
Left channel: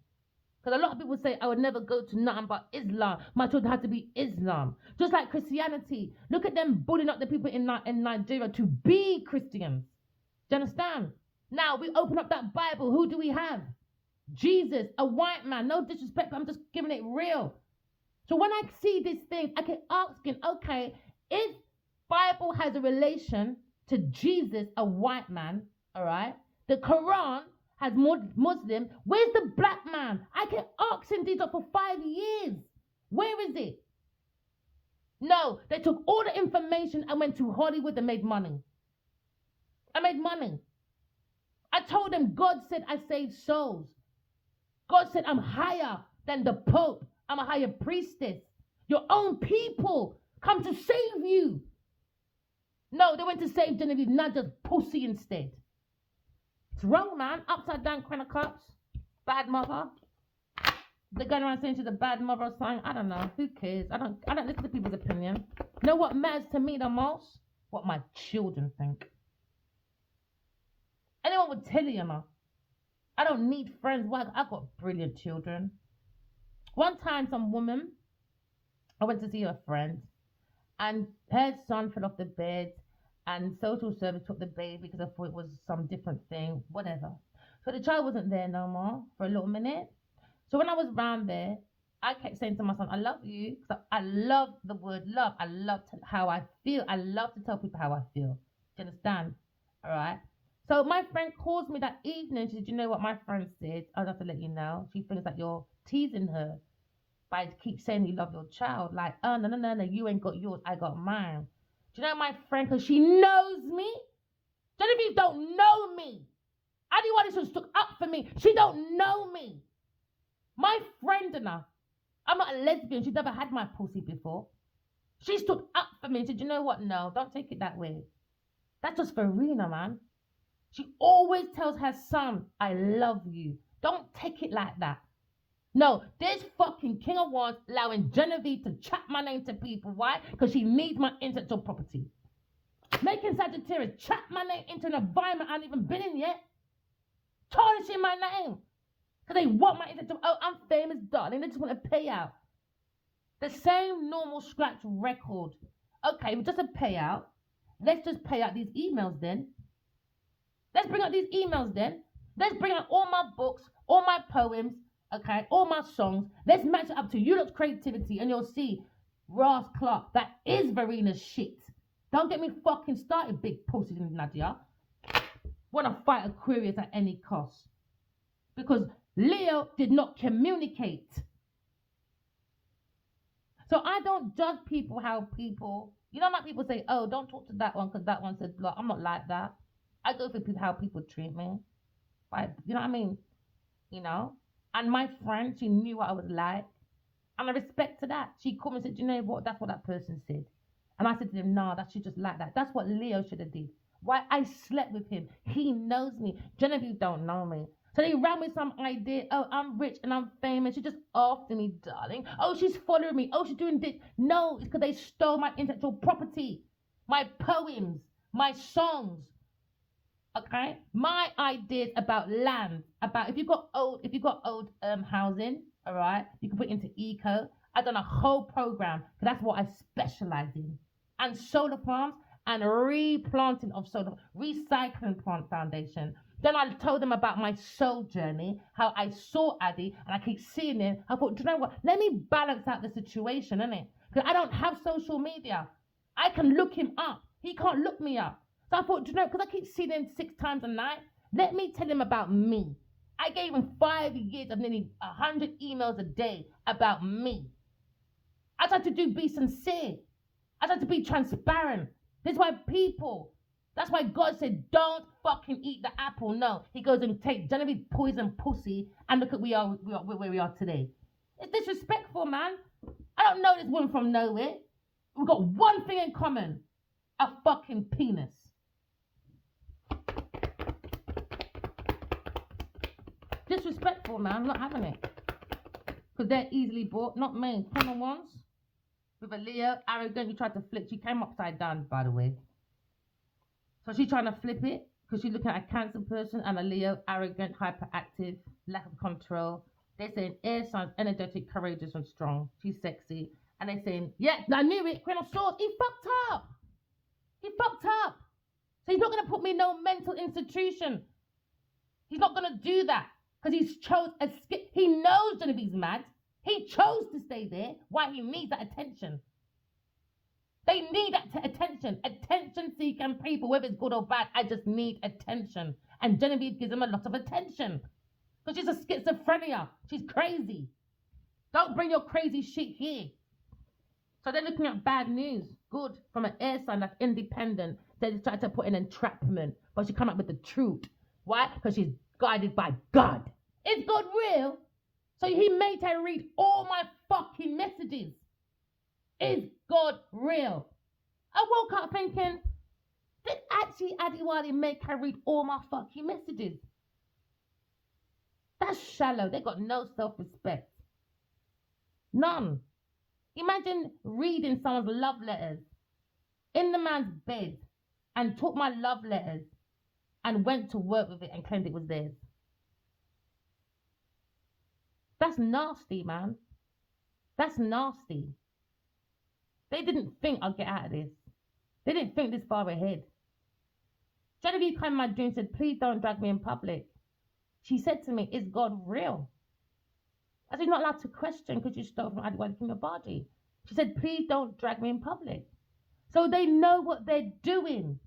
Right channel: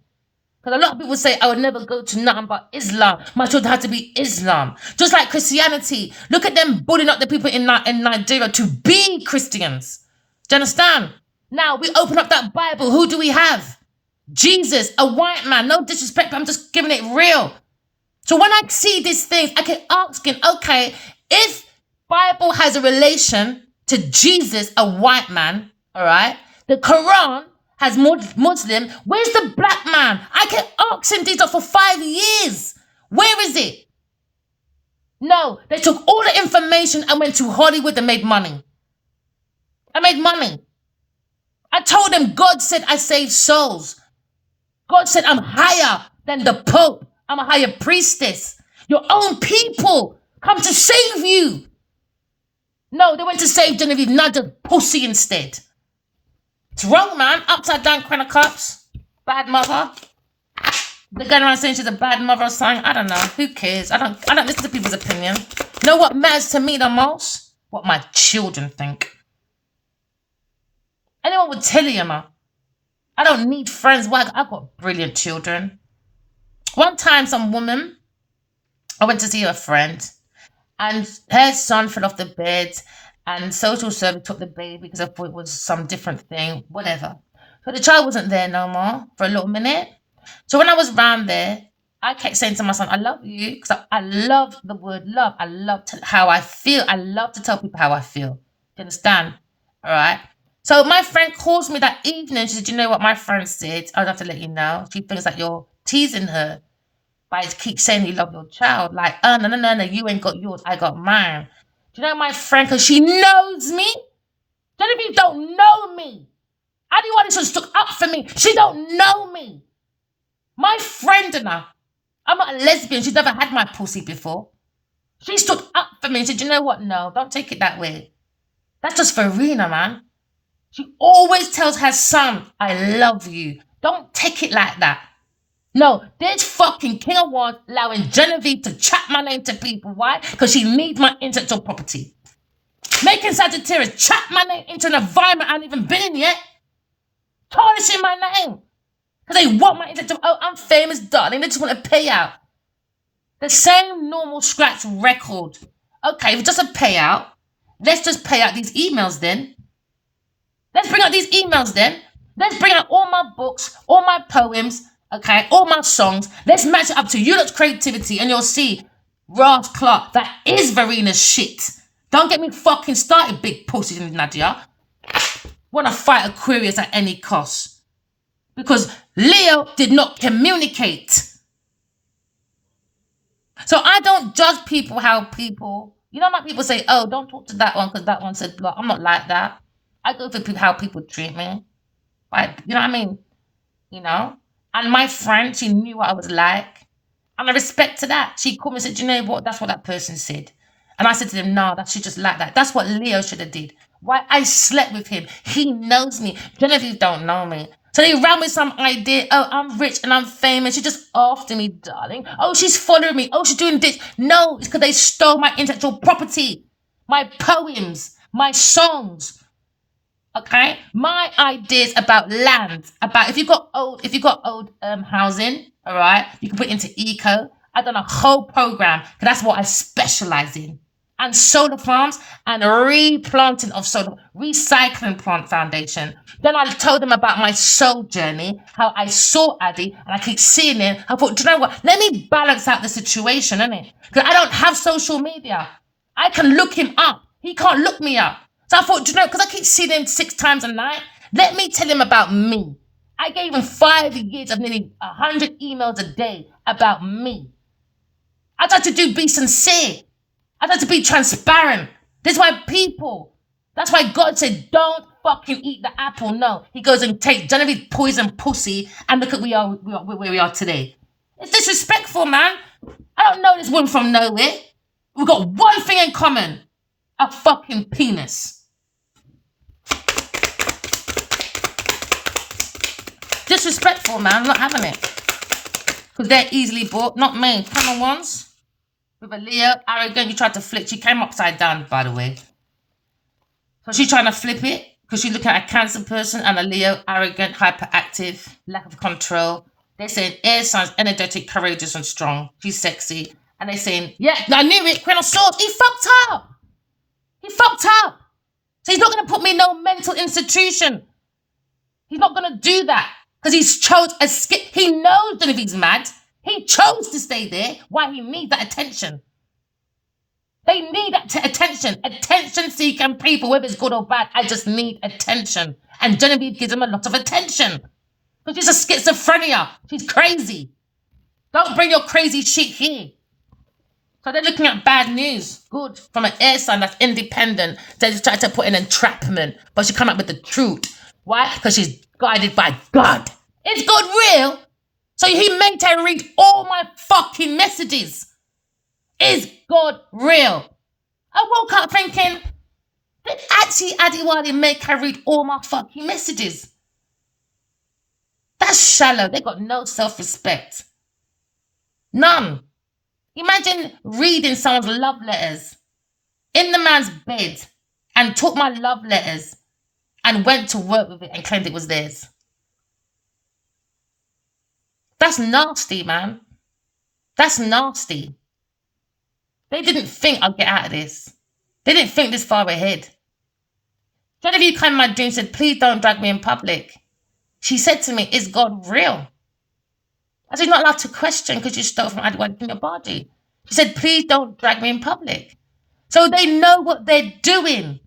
Because a lot of people say, I would never go to nothing but Islam. My children had to be Islam. Just like Christianity. Look at them bullying up the people in Nigeria to be Christians. Do you understand? Now, we open up that Bible. Who do we have? Jesus, a white man. No disrespect, but I'm just giving it real. So when I see these things, I can ask him, okay, if Bible has a relation to Jesus, a white man, all right? The Quran has Muslim. Where's the black man? I can ask him these for 5 years. Where is it? No, they took all the information and went to Hollywood and made money. I made money. I told them God said I save souls. God said I'm higher than the Pope. I'm a higher priestess. Your own people come to save you. No, they went to save Genevieve, not the pussy instead. It's wrong, man. Upside down Queen of Cups. Bad mother. They're going around saying she's a bad mother or something. I don't know. Who cares? I don't listen to people's opinion. You know what matters to me the most? What my children think. Anyone would tell you, man. I don't need friends. Why? I've got brilliant children. One time, some woman, I went to see a friend, and her son fell off the bed, and social service took the baby because I thought it was some different thing, whatever. So the child wasn't there no more for a little minute. So when I was around there, I kept saying to my son, I love you, because I love the word love. I love how I feel. I love to tell people how I feel. Do you understand? All right? So my friend calls me that evening. She said, you know what my friend said? I'd have to let you know. She thinks that you're teasing her by keep saying you love your child. Like, oh, no, you ain't got yours. I got mine. Do you know my friend? Because she knows me. Genevieve don't know me. Anyone who stood up for me, she don't know me. My friend and I'm not a lesbian. She's never had my pussy before. She stood up for me and said, you know what? No, don't take it that way. That's just Farina, man. She always tells her son, I love you. Don't take it like that. No, this fucking King of Wands allowing Genevieve to chat my name to people. Why? Because she needs my intellectual property. Making Sagittarius chat my name into an environment I haven't even been in yet. Tarnishing my name. Because they want my intellectual, oh, I'm famous, darling. They just want a payout. The same normal scratch record. Okay, if it's just a payout, let's just pay out these emails then. Let's bring out these emails then. Let's bring out all my books, all my poems, okay, all my songs. Let's match it up to you lot's creativity and you'll see Ross Clark, that is Verena's shit. Don't get me fucking started, big pussy Nadia. Want to fight Aquarius at any cost. Because Leo did not communicate. So I don't judge people how people, you know, like people say, oh, don't talk to that one because that one said blah. I'm not like that. I go for people, how people treat me. Like, you know what I mean? You know? And my friend, she knew what I was like. And I respect to that. She called me and said, you know what? That's what that person said. And I said to them, no, that she just like that. That's what Leo should have did. Why? I slept with him. He knows me. Genevieve don't know me. So they ran with some idea. Oh, I'm rich and I'm famous. She's just after me, darling. Oh, she's following me. Oh, she's doing this. No, it's because they stole my intellectual property. My poems. My songs. Okay? My ideas about land. About if you got old housing, all right, you can put it into eco. I've done a whole program because that's what I specialize in. And solar farms and replanting of solar, recycling plant foundation. Then I told them about my soul journey, how I saw Addy and I keep seeing it. I thought, do you know what? Let me balance out the situation, innit? Because I don't have social media. I can look him up. He can't look me up. So I thought, do you know, because I keep seeing him 6 times a night, let me tell him about me. I gave him 5 years of nearly 100 emails a day about me. I tried to be sincere. I tried to be transparent. That's why God said, don't fucking eat the apple. No, he goes and take Genevieve poison pussy and look at where we are today. It's disrespectful, man. I don't know this woman from nowhere. We've got one thing in common. A fucking penis. Disrespectful, man. I'm not having it. Because they're easily bought. Not me. Come on, ones. With a Leo, arrogant, you tried to flip. She came upside down, by the way. So she's trying to flip it because she's looking at a Cancer person and a Leo, arrogant, hyperactive, lack of control. They're saying air signs, energetic, courageous, and strong. She's sexy. And they're saying, yeah, I knew it, Queen of Swords. He fucked up. He fucked up. So he's not going to put me in no mental institution. He's not going to do that because he's chose a skip. He knows Genevieve's mad. He chose to stay there. Why? He needs that attention. They need that attention. Attention-seeking people, whether it's good or bad. I just need attention. And Genevieve gives him a lot of attention. But she's a schizophrenia. She's crazy. Don't bring your crazy shit here. So they're looking at bad news. Good. From an air sign that's independent. They just try to put in entrapment. But she come up with the truth. Why? Because she's guided by God. Is God real? So he made her read all my fucking messages. Is God real? I woke up thinking, did actually Adiwali make her read all my fucking messages? That's shallow. They got no self-respect. None. Imagine reading someone's love letters in the man's bed and took my love letters and went to work with it and claimed it was theirs. That's nasty, man. That's nasty. They didn't think I'd get out of this. They didn't think this far ahead. Genevieve came in my dream and said, please don't drag me in public. She said to me, is God real? I said, you're not allowed to question because you stole from Adwad in your body. She said, please don't drag me in public. So they know what they're doing.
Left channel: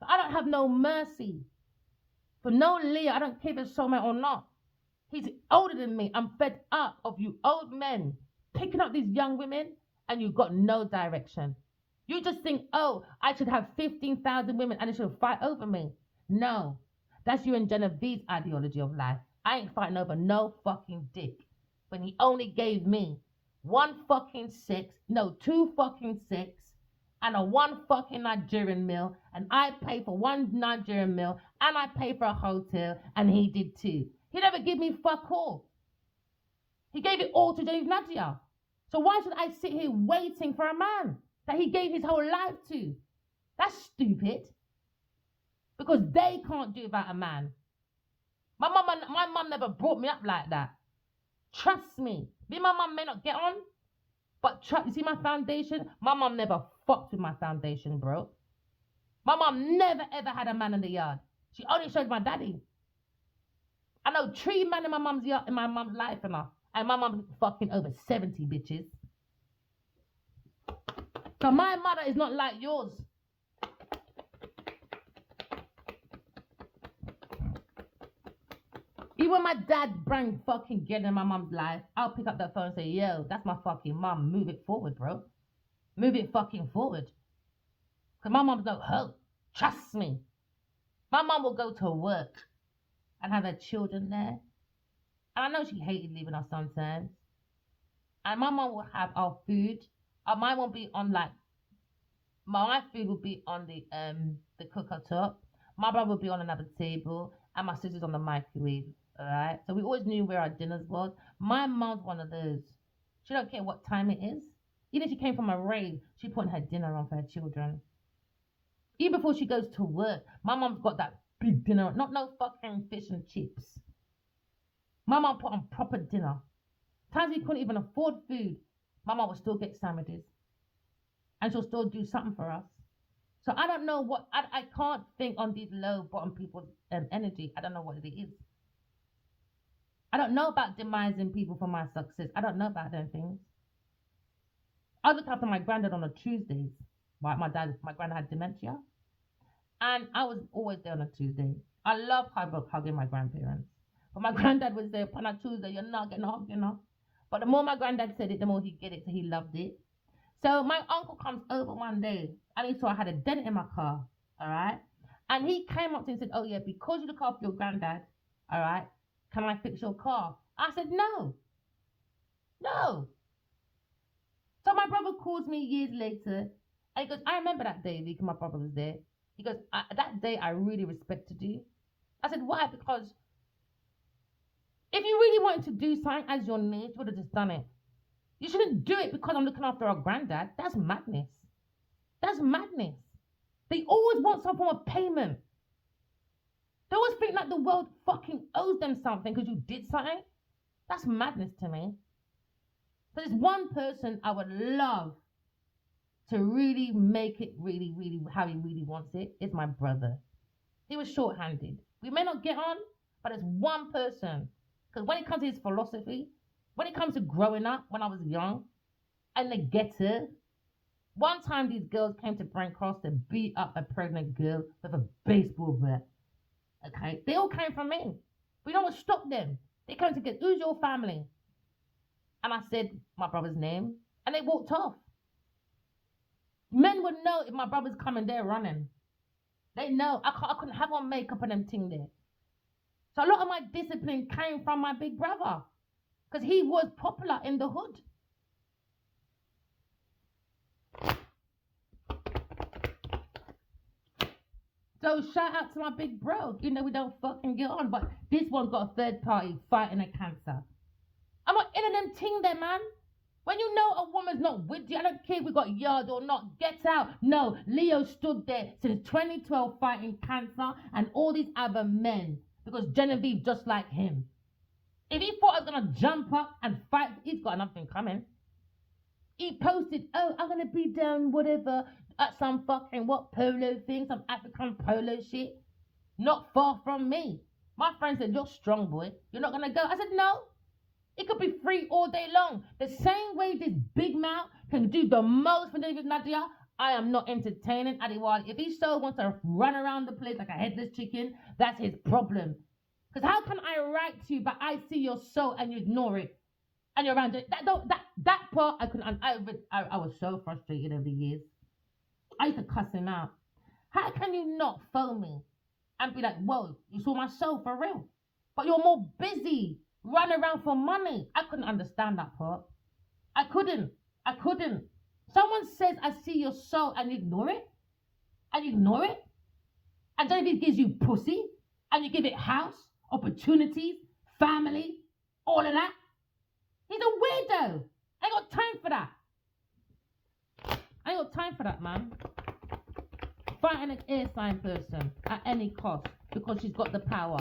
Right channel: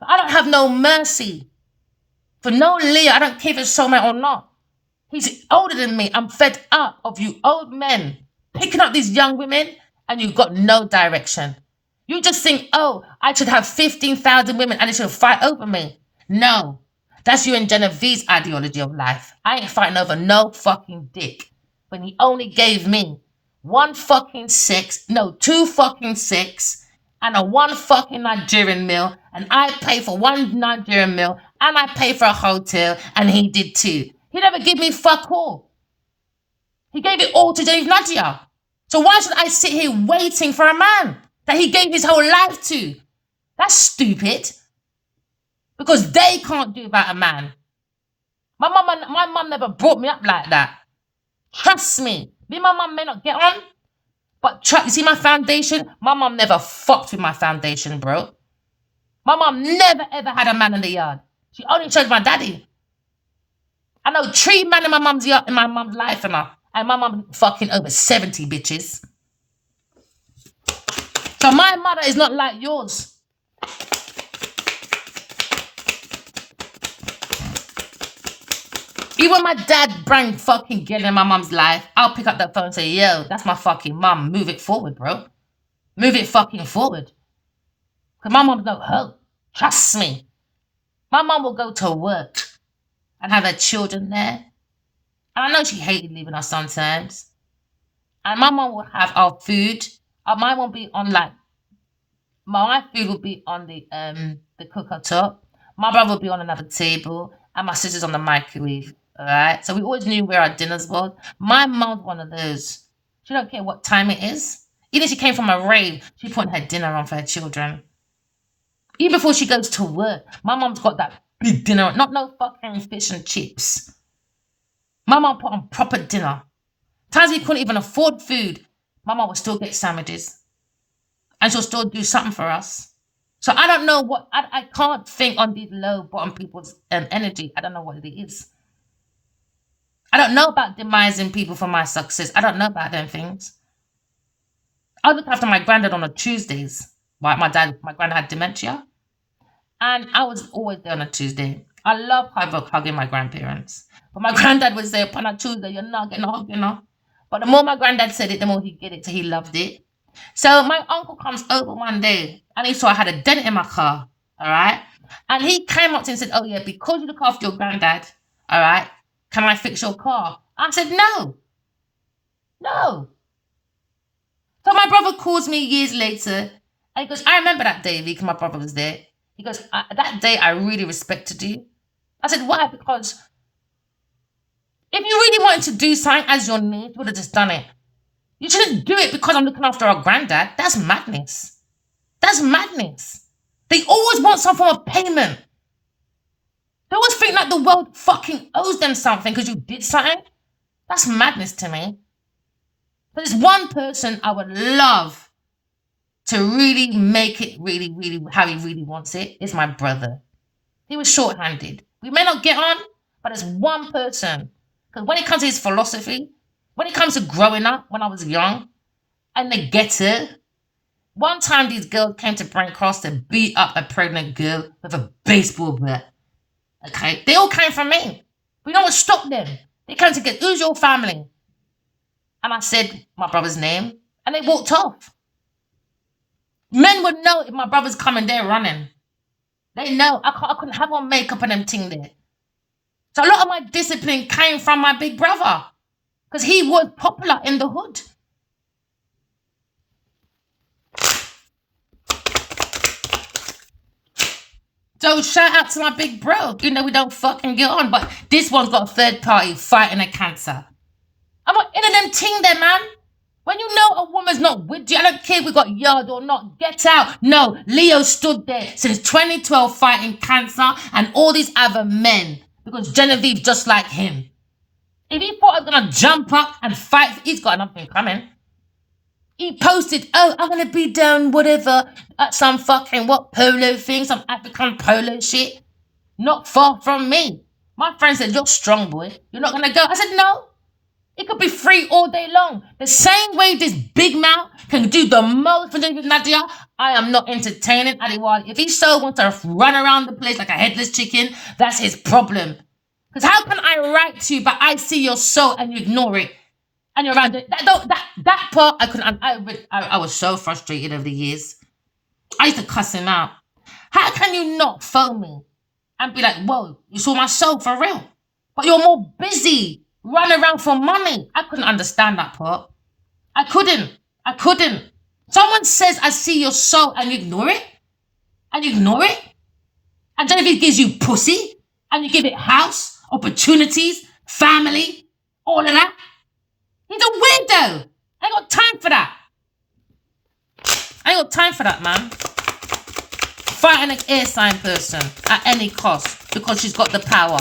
I don't have no mercy. For no Leo, I don't care if it's soulmate or not. He's older than me. I'm fed up of you old men picking up these young women and you've got no direction. You just think, oh, I should have 15,000 women and they should fight over me. No, that's you and Genevieve's ideology of life. I ain't fighting over no fucking dick. When he only gave me 2 fucking 6, and a one fucking Nigerian meal, and I pay for one Nigerian meal, and I pay for a hotel, and he did too. He never give me fuck all. He gave it all to Dave Nadia. So why should I sit here waiting for a man that he gave his whole life to? That's stupid. Because they can't do without a man. My mum never brought me up like that. Trust me. Me and my mum may not get on, but you see my foundation? My mum never fucked with my foundation, bro. My mum never ever had a man in the yard. She only chose my daddy. I know 3 men in my mum's yard, in my mum's life, and my mum fucking over 70 bitches. So my mother is not like yours. Even my dad bring fucking girl in my mum's life, I'll pick up that phone and say, yo, that's my fucking mum. Move it forward, bro. Move it fucking forward. Because my mum's no hoe. Trust me. My mum will go to work and have her children there. And I know she hated leaving us sometimes. And my mum will have our food. Mine won't be on my food will be on the cooker top. My brother will be on another table. And my sister's on the microwave. Alright? So we always knew where our dinners was. My mum's one of those. She don't care what time it is. Even if she came from a rave, she put her dinner on for her children. Even before she goes to work, my mum's got that big dinner. Not no fucking fish and chips. My mum put on proper dinner. Times we couldn't even afford food, my mum would still get sandwiches. And she'll still do something for us. So I don't know what, I can't think on these low bottom people's energy. I don't know what it is. I don't know about demising people for my success. I don't know about them things. I look after my granddad on the Tuesdays. Right, my granddad had dementia. And I was always there on a Tuesday. I love hugging my grandparents. But my granddad would say, upon a Tuesday, you're not getting a hug, you know. But the more my granddad said it, the more he'd get it. So he loved it. So my uncle comes over one day and he saw I had a dent in my car. All right. And he came up to me and said, oh, yeah, because you look after your granddad, all right, can I fix your car? I said, no. No. So my brother calls me years later and he goes, I remember that day, because my brother was there. He goes, that day I really respected you. I said, why? Because if you really wanted to do something as your need, you would have just done it. You shouldn't do it because I'm looking after our granddad. That's madness. That's madness. They always want some form of payment. They always think like the world fucking owes them something because you did something. That's madness to me. There's one person I would love to really make it really, really how he really wants it. Is my brother. He was short-handed. We may not get on, but there's one person. Because when it comes to his philosophy, when it comes to growing up, when I was young, and the getter, one time these girls came to Brent Cross to beat up a pregnant girl with a baseball bat. Okay? They all came from me. We don't want to stop them. They came to get, who's your family? And I said my brother's name, and they walked off. Men would know if my brother's coming, they're running. They know. I couldn't have on makeup and them thing there. So a lot of my discipline came from my big brother. Because he was popular in the hood. So shout out to my big bro. You know we don't fucking get on. But this one's got a third party fighting a cancer. I'm not in them ting there, man. When you know a woman's not with you, I don't care if we got yard or not, get out. No, Leo stood there since 2012 fighting cancer and all these other men. Because Genevieve's just like him. If he thought I was going to jump up and fight, he's got nothing coming. He posted, oh, I'm going to be down whatever at some fucking polo thing, some African polo shit. Not far from me. My friend said, you're strong, boy. You're not going to go. I said, no. It could be free all day long. The same way this big mouth can do the most for Nadia, I am not entertaining Adiwali. If he so wants to run around the place like a headless chicken, that's his problem. Because how can I write to you, but I see your soul and you ignore it? And you're around it. That part, I couldn't. I was so frustrated over the years. I used to cuss him out. How can you not phone me and be like, whoa, you saw my soul for real? But you're more busy. Run around for money. I couldn't understand that part. I couldn't. Someone says, I see your soul, and you ignore it? And you ignore it? And Genevieve gives you pussy, and you give it house, opportunities, family, all of that? He's a weirdo. I ain't got time for that. I ain't got time for that, man. Fighting an air sign person at any cost because she's got the power.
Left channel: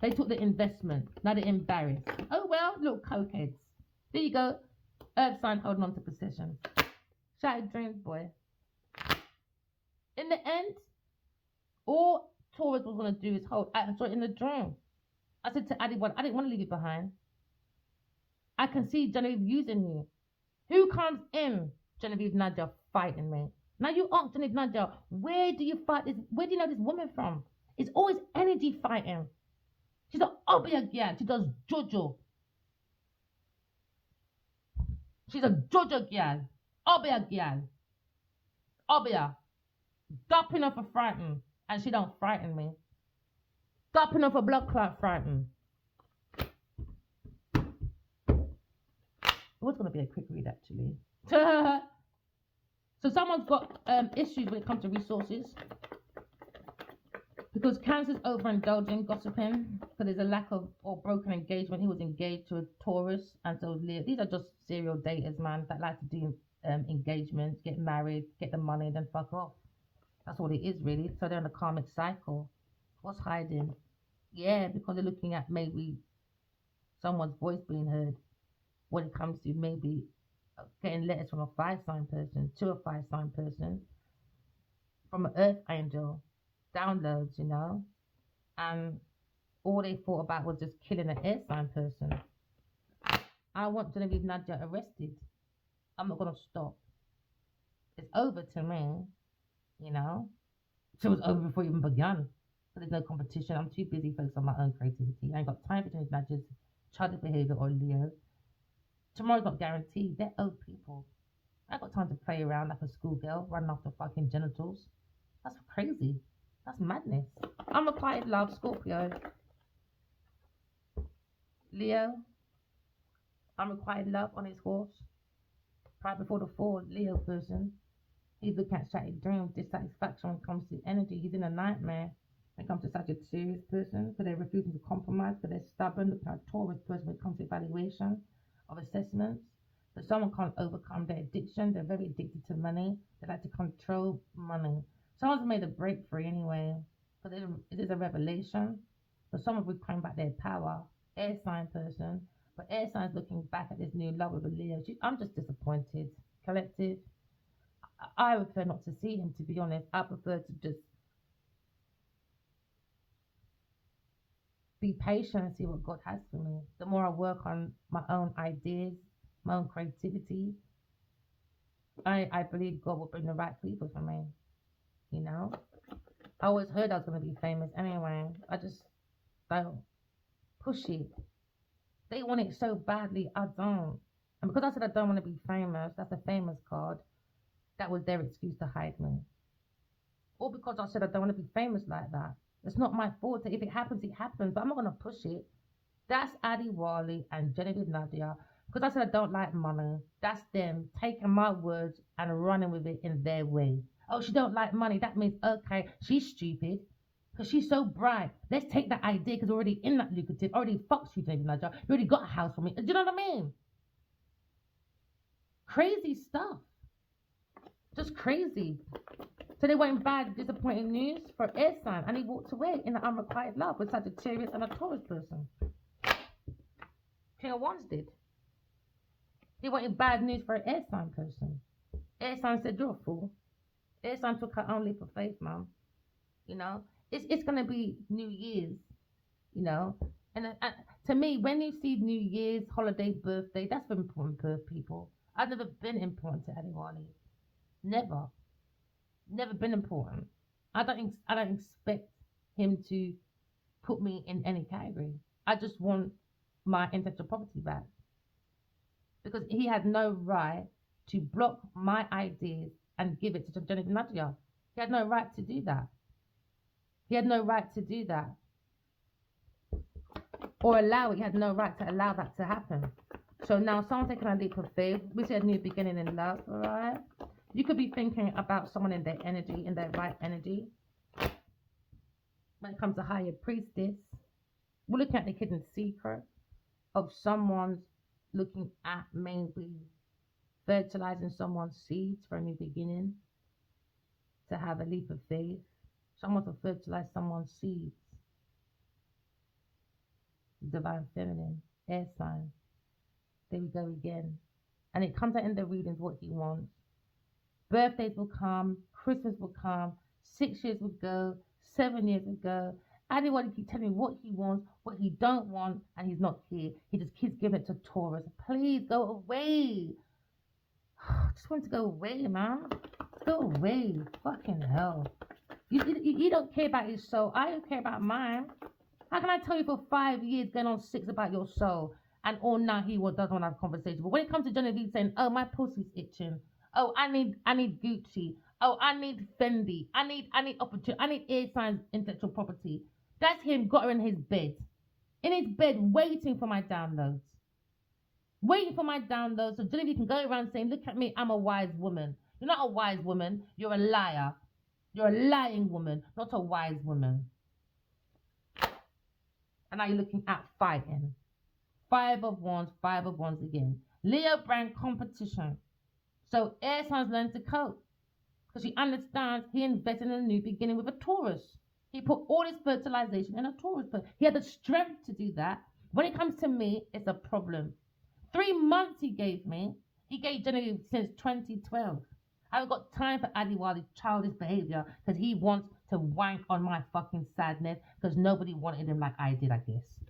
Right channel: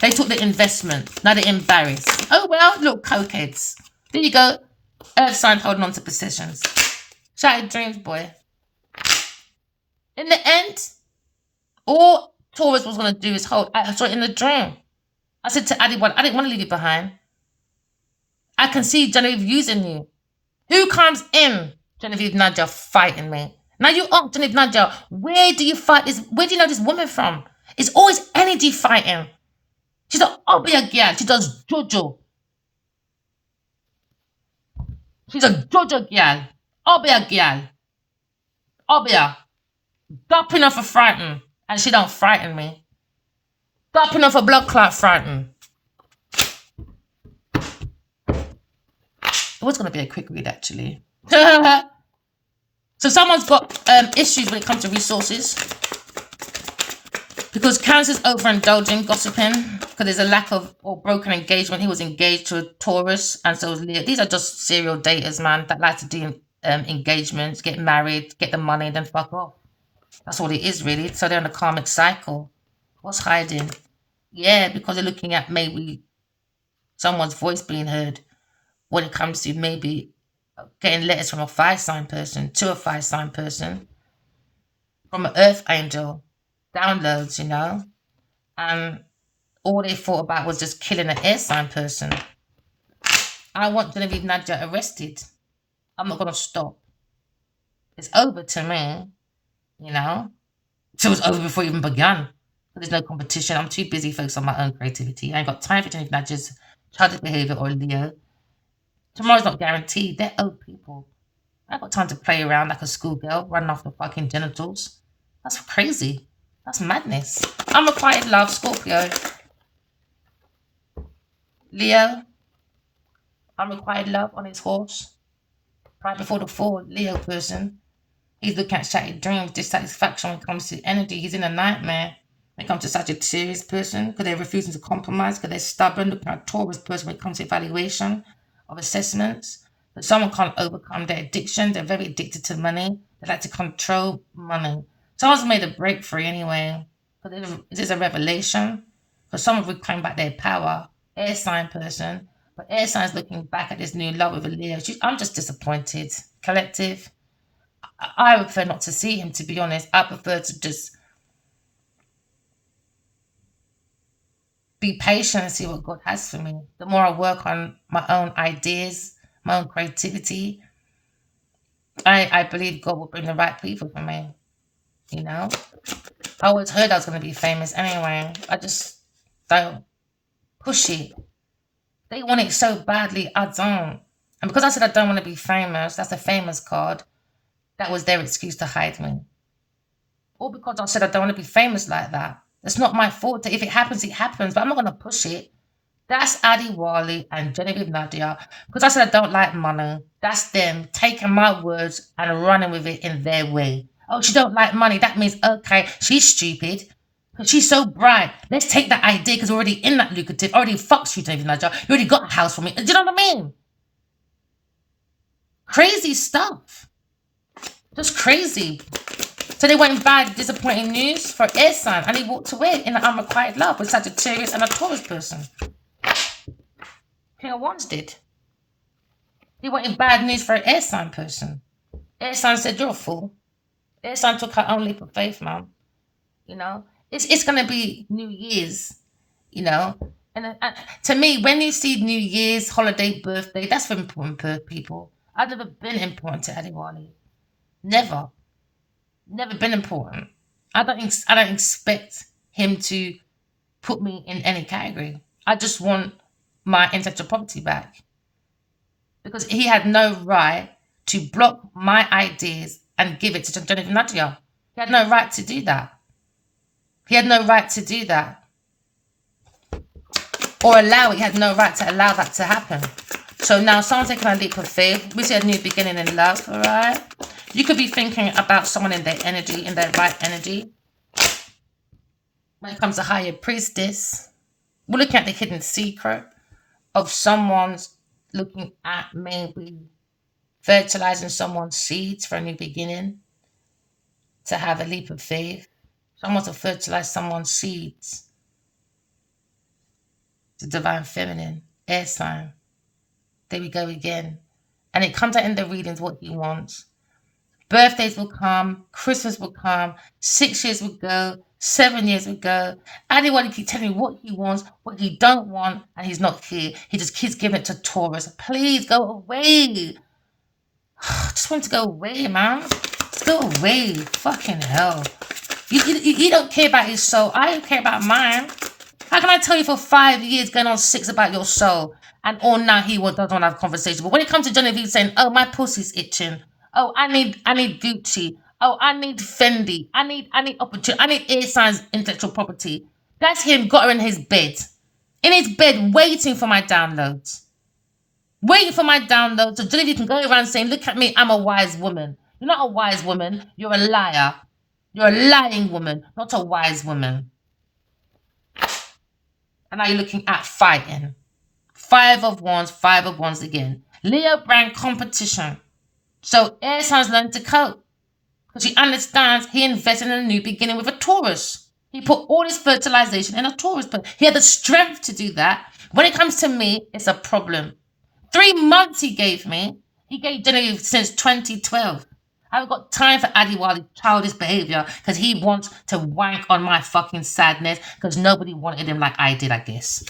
They took the investment. Now they're embarrassed. Oh, well, little cokeheads. There you go. Earth sign holding on to possessions. Shattered dreams, boy. In the end, all Taurus was going to do is hold. I saw it in the dream. I said to Addy, I didn't want to leave you behind. I can see Genevieve using you. Who comes in? Genevieve Nadia fighting me. Now you ask Genevieve Nadia, where do you fight this? Where do you know this woman from? It's always energy fighting. She's an obia girl. She does jojo. She's a jojo girl. Obia girl. Obia. Dopping off a frighten. And she don't frighten me. Dopping off a blood clot frighten. It was going to be a quick read, actually. So someone's got issues when it comes to resources. Because Cancer's overindulging, gossiping. Because there's a lack of or broken engagement. He was engaged to a Taurus. And so was Leo. These are just serial daters, man. That like to do engagements, get married, get the money, and then fuck off. That's all it is, really. So they're in a karmic cycle. What's hiding? Yeah, because they're looking at maybe someone's voice being heard when it comes to maybe getting letters from a 5-sign person to a 5-sign person, from an earth angel, downloads, you know, and all they thought about was just killing an air sign person. I want Genevieve Nadia arrested. I'm not going to stop. It's over to me, you know. So it was over before it even began. There's no competition. I'm too busy focused on my own creativity. I ain't got time for Genevieve Nadia's childish behavior or Leo. Tomorrow's not guaranteed. They're old people. I ain't got time to play around like a schoolgirl, running off the fucking genitals. That's crazy. That's madness. Unrequired love, Scorpio. Leo. Unrequired love on his horse. Right before the fall, Leo person. He's looking at shattered dreams, dissatisfaction when it comes to energy. He's in a nightmare when it comes to Sagittarius person because they're refusing to compromise, because they're stubborn. Looking at Taurus person when it comes to evaluation of assessments. But someone can't overcome their addiction. They're very addicted to money. They like to control money. Someone's made a breakthrough anyway. But this is a revelation. For someone reclaim back their power. Air sign person. But air sign's looking back at this new love with a Leo. I'm just disappointed. Collective. I prefer not to see him, to be honest. I prefer to just be patient and see what God has for me. The more I work on my own ideas, my own creativity, I believe God will bring the right people for me. You know? I always heard I was going to be famous anyway. I just don't push it. They want it so badly, I don't. And because I said I don't want to be famous, that's a famous card. That was their excuse to hide me. Or because I said I don't want to be famous like that. It's not my fault. If it happens, it happens. But I'm not going to push it. That's Addy Wally and Genevieve Nadia. Because I said I don't like money. That's them taking my words and running with it in their way. Oh, she don't like money. That means, okay, she's stupid. Because she's so bright. Let's take that idea because we're already in that lucrative. Already fucks you, Genevieve Nadia. You already got a house for me. Do you know what I mean? Crazy stuff. Just crazy. So they went bad, disappointing news for air sign, and he walked away in an unrequited love with Sagittarius and a Taurus person. King of Wands did. He wanted bad news for an air sign person. Air sign said, you're a fool. Air sign took her own leap of faith, man. You know, it's going to be New Year's, you know. And to me, when you see New Year's, holiday, birthday, that's for important people. I've never been important to anyone. Never. Never been important. I don't expect him to put me in any category. I just want my intellectual property back. Because he had no right to block my ideas and give it to Genevieve Nadia. He had no right to do that. He had no right to do that. Or allow it. He had no right to allow that to happen. So now someone's taking a leap of faith. We see a new beginning in love, all right? You could be thinking about someone in their energy, in their right energy. When it comes to higher priestess, we're looking at the hidden secret of someone's looking at maybe fertilizing someone's seeds for a new beginning, to have a leap of faith. Someone to fertilize someone's seeds. The divine feminine, air sign. There we go again. And it comes out in the readings what he wants. Birthdays will come, Christmas will come, 6 years will go, 7 years will go. Anyone keep telling me what he wants, what he don't want, and he's not here. He just keeps giving it to Taurus. Please go away. I just want to go away, man. Just go away. Fucking hell. You don't care about his soul. I don't care about mine. How can I tell you for 5 years, going on 6 about your soul, and all now he doesn't want to have a conversation? But when it comes to Genevieve saying, "Oh, my pussy's itching. Oh, I need Gucci. Oh, I need Fendi. I need opportunity. I need air signs, intellectual property." That's him got her in his bed, waiting for my downloads. Waiting for my downloads. So Genevieve can go around saying, "Look at me, I'm a wise woman." You're not a wise woman. You're a liar. You're a lying woman, not a wise woman. And now you're looking at fighting. 5 of Wands again. Leo brand competition. So air signs learn to cope. Because he understands he invested in a new beginning with a Taurus. He put all his fertilization in a Taurus, but he had the strength to do that. When it comes to me, it's a problem. 3 months he gave me. He gave Genevieve since 2012. I haven't got time for Adiwali's childish behavior because he wants to wank on my fucking sadness because nobody wanted him like I did, I guess.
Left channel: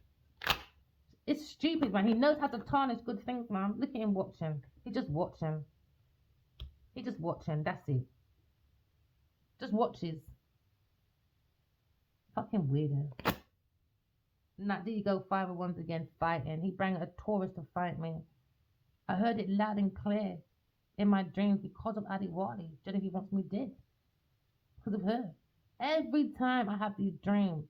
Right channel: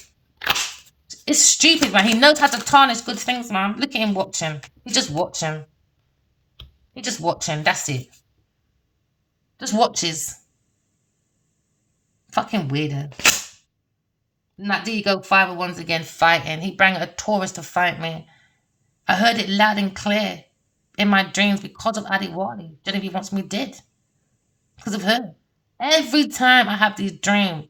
It's stupid, man. He knows how to tarnish good things, man. Look at him watching. He's just watching. He's just watching. That's it. Just watches. Fucking weirdo. Now, there you go, 5 of Wands again, fighting. He brought a Taurus to fight me. I heard it loud and clear in my dreams because of Adiwali. Genevieve wants me dead. Because of her. Every time I have these dreams,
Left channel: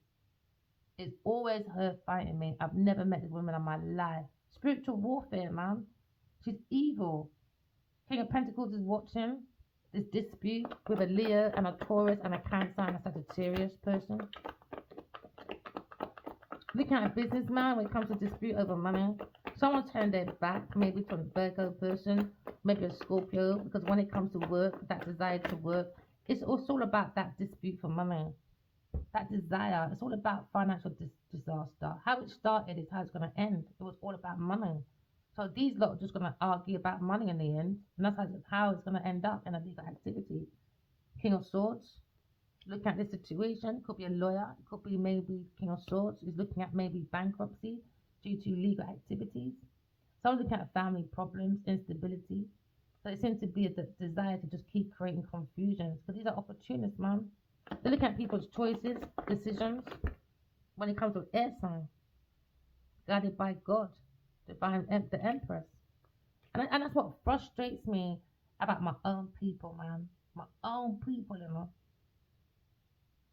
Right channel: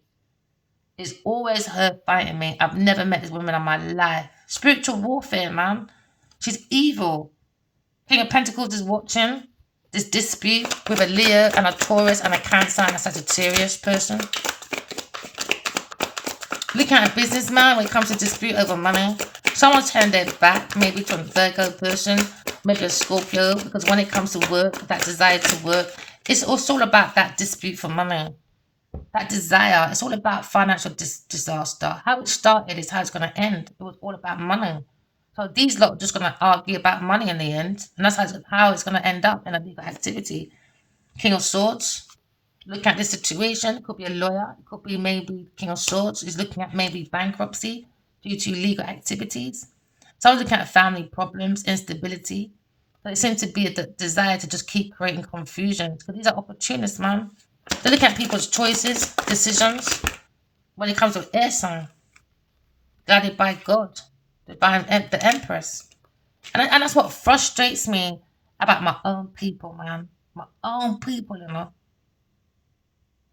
it's always her fighting me. I've never met this woman in my life. Spiritual warfare, man. She's evil. King of Pentacles is watching this dispute with a Leo and a Taurus and a Cancer and a Sagittarius person. Looking at a businessman when it comes to dispute over money. Someone's turned their back, maybe from a Virgo person, maybe a Scorpio, because when it comes to work, that desire to work, it's also all about that dispute for money. That desire, it's all about financial disaster. How it started is how it's going to end. It was all about money. So these lot are just going to argue about money in the end. And that's how it's going to end up in a legal activity. King of Swords. Look at this situation. It could be a lawyer. It could be maybe King of Swords is looking at maybe bankruptcy due to legal activities. Someone's looking at family problems, instability. So it seems to be a desire to just keep creating confusion. Because these are opportunists, man. They look at people's choices, decisions. When it comes to air sign, guided by God, by the Empress. And that's what frustrates me about my own people, man. My own people, you know.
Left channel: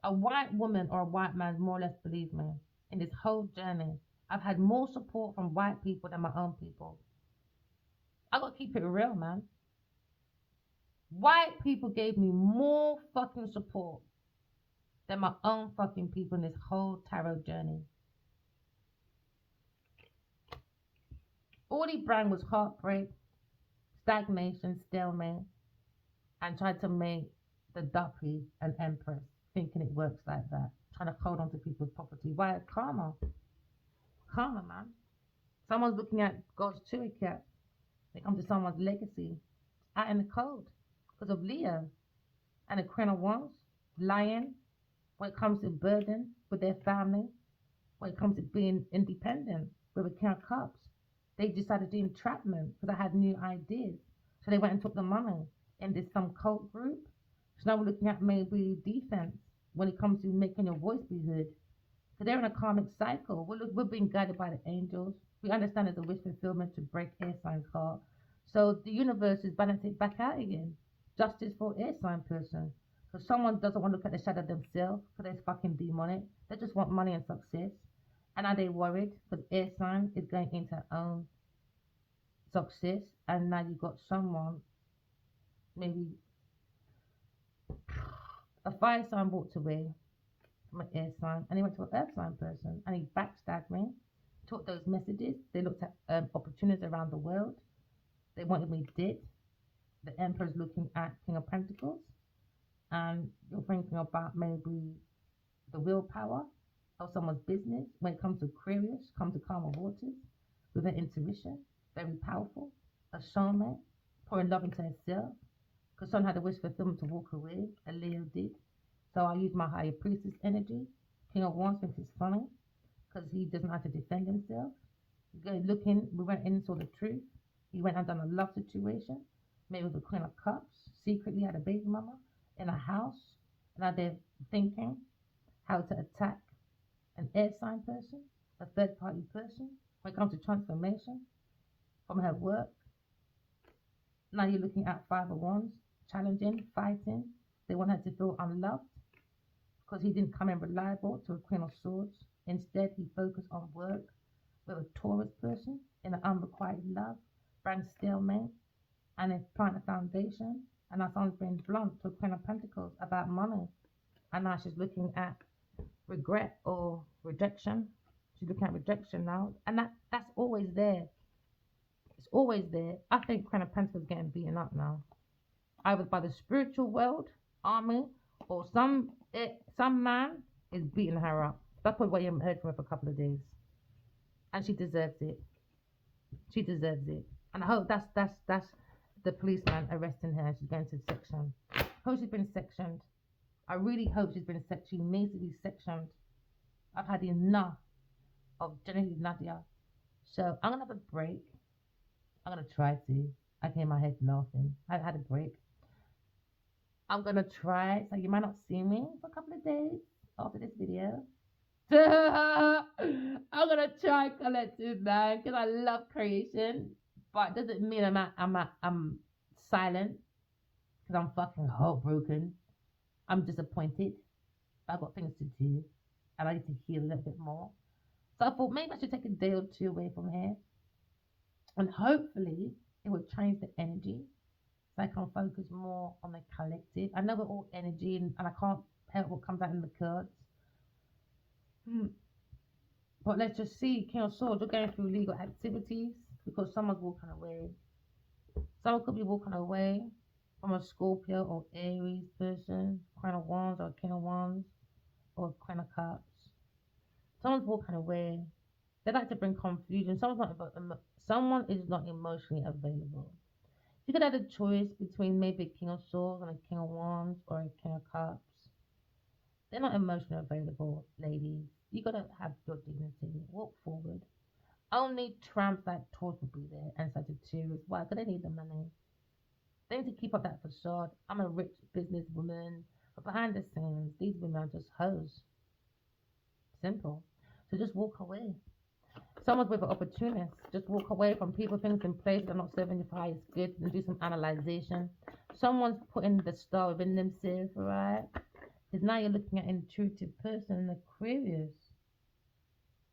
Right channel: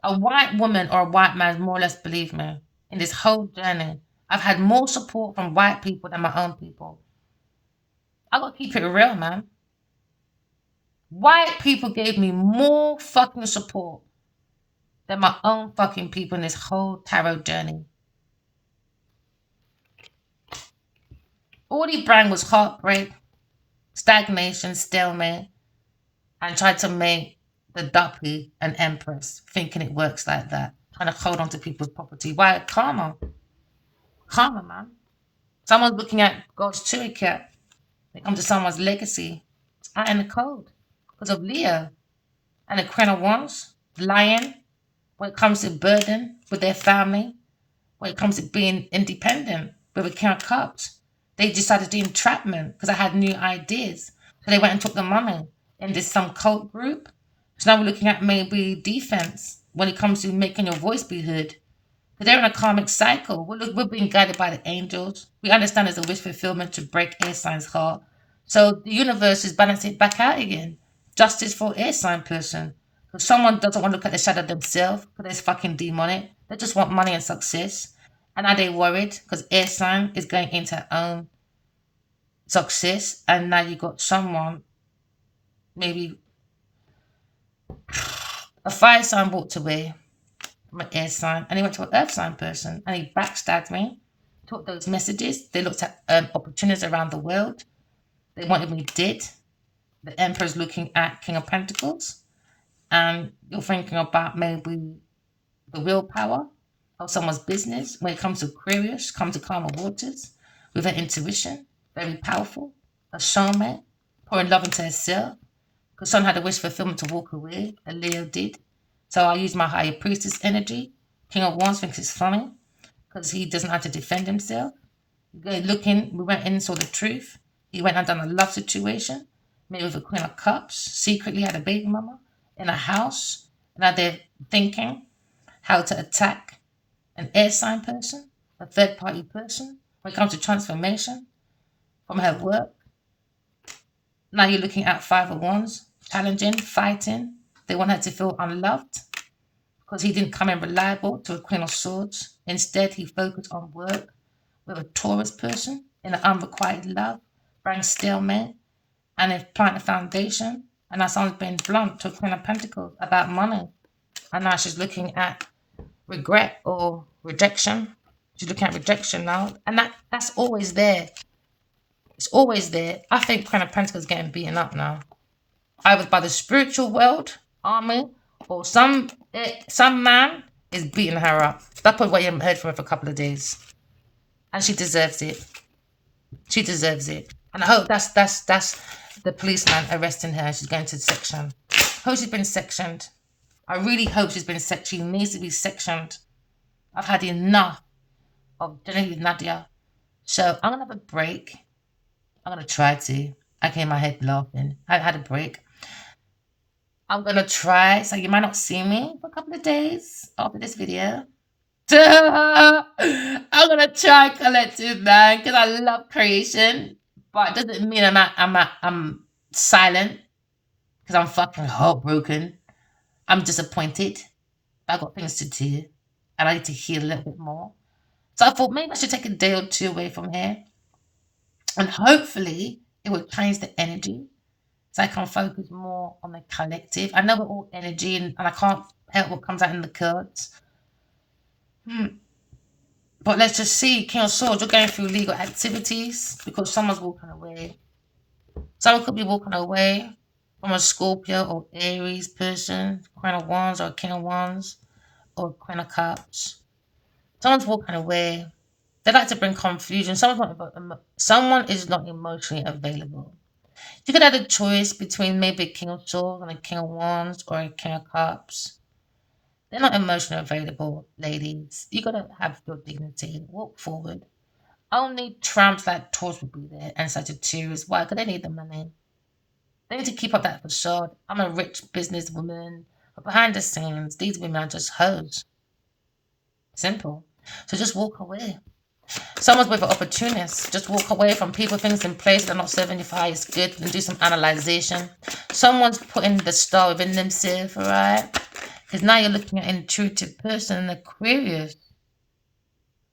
A white woman or a white man, more or less, believe me, in this whole journey, I've had more support from white people than my own people. I gotta keep it real, man. White people gave me more fucking support than my own fucking people in this whole tarot journey. All he brought was heartbreak, stagnation, stalemate, and tried to make the duppy an empress, thinking it works like that, trying to hold on to people's property. Why? Karma. Karma, man. Someone's looking at God's cherry cat. They come to someone's legacy. It's out in the code because of Leo. And the Queen of Wands, lying when it comes to burden with their family, when it comes to being independent with a King of Cups. They decided to do entrapment because I had new ideas. So they went and took the money in this some cult group. So now we're looking at maybe defense when it comes to making your voice be heard. Because they're in a karmic cycle. We're being guided by the angels. We understand there's a wish fulfillment to break air sign's heart. So the universe is balancing it back out again. Justice for air sign person. If someone doesn't want to look at the shadow themselves because they're fucking demonic, they just want money and success. And are they worried because air sign is going into her own success? And now you got someone maybe A fire sign walked away from an air sign and he went to an earth sign person and he backstabbed me. Took those messages. They looked at opportunities around the world. They wanted me dead. The Emperor's looking at King of Pentacles. And you're thinking about maybe the willpower of someone's business when it comes to Aquarius, come to calmer waters, with her intuition, very powerful, a showman, pouring love into herself, because someone had a wish fulfillment to walk away, and Leo did. So I used my higher priestess energy. King of Wands thinks it's funny because he doesn't have to defend himself. We went in and saw the truth. He went and done a love situation, maybe with a Queen of Cups, secretly had a baby mama in a house. Now they're thinking how to attack an air sign person, a third party person, when it comes to transformation from her work. Now you're looking at Five of Wands, challenging, fighting. They want her to feel unloved because he didn't come in reliable to a Queen of Swords. Instead, he focused on work with a Taurus person in an unrequited love, bring stalemate, and if plant a foundation. And now someone's been blunt to a Queen of Pentacles about money. And now she's looking at regret or rejection. She's looking at rejection now. And that's always there. It's always there. I think Queen of Pentacles is getting beaten up now. Either by the spiritual world, army, or some man is beating her up. That's probably why you haven't heard from her for a couple of days. And she deserves it. She deserves it. And I hope that's the policeman arresting her. She's going to section. Hope she's been sectioned. I really hope she's been sectioned. She needs to be sectioned. I've had enough of Genevieve Nadia. So I'm gonna have a break. I'm gonna try to. I came in my head laughing. I had a break. I'm gonna try. So you might not see me for a couple of days after this video. I'm gonna try collective man because I love creation, but it doesn't mean I'm silent because I'm fucking heartbroken. I'm disappointed. I got things to do, and I need to heal a little bit more. So I thought maybe I should take a day or two away from here, and hopefully it will change the energy, so I can focus more on the collective. I know we're all energy, and I can't help what comes out in the cards. But let's just see, King of Swords, you're going through legal activities because someone's walking away. Someone could be walking away from a Scorpio or Aries person, Queen of Wands or King of Wands or Queen of Cups. Someone's walking away. They like to bring confusion. Someone is not emotionally available. You could have a choice between maybe a King of Swords and a King of Wands or a King of Cups. They're not emotionally available, ladies. You gotta have your dignity. Walk forward. Only tramps like Taurus would be there and Sagittarius. Why? Because they need the money. They need to keep up that facade. I'm a rich businesswoman. But behind the scenes, these women are just hoes. Simple. So just walk away. Someone's with an opportunist. Just walk away from people, things in place that are not serving you for highest good and do some analyzation. Someone's putting the star within themselves, all right? Because now you're looking at an intuitive person, an Aquarius,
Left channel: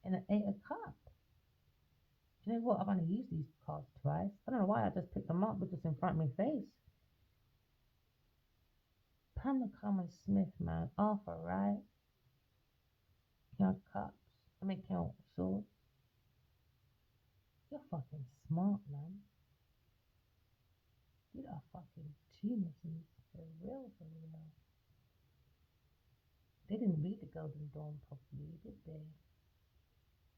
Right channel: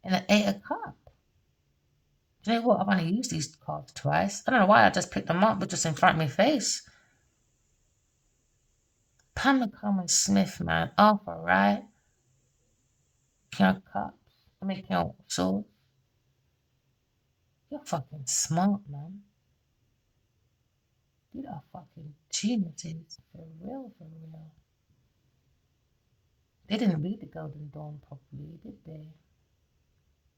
and an Eight of Cups. Do you know what? I've only used these cards twice. I don't know why I just picked them up, but just in front of my face. Pamela Coleman Smith, man. Arthur, right? King of Cups. I mean, King of Swords. You're fucking smart, man. You are fucking geniuses. For real, for real. They didn't read the Golden Dawn properly, did they?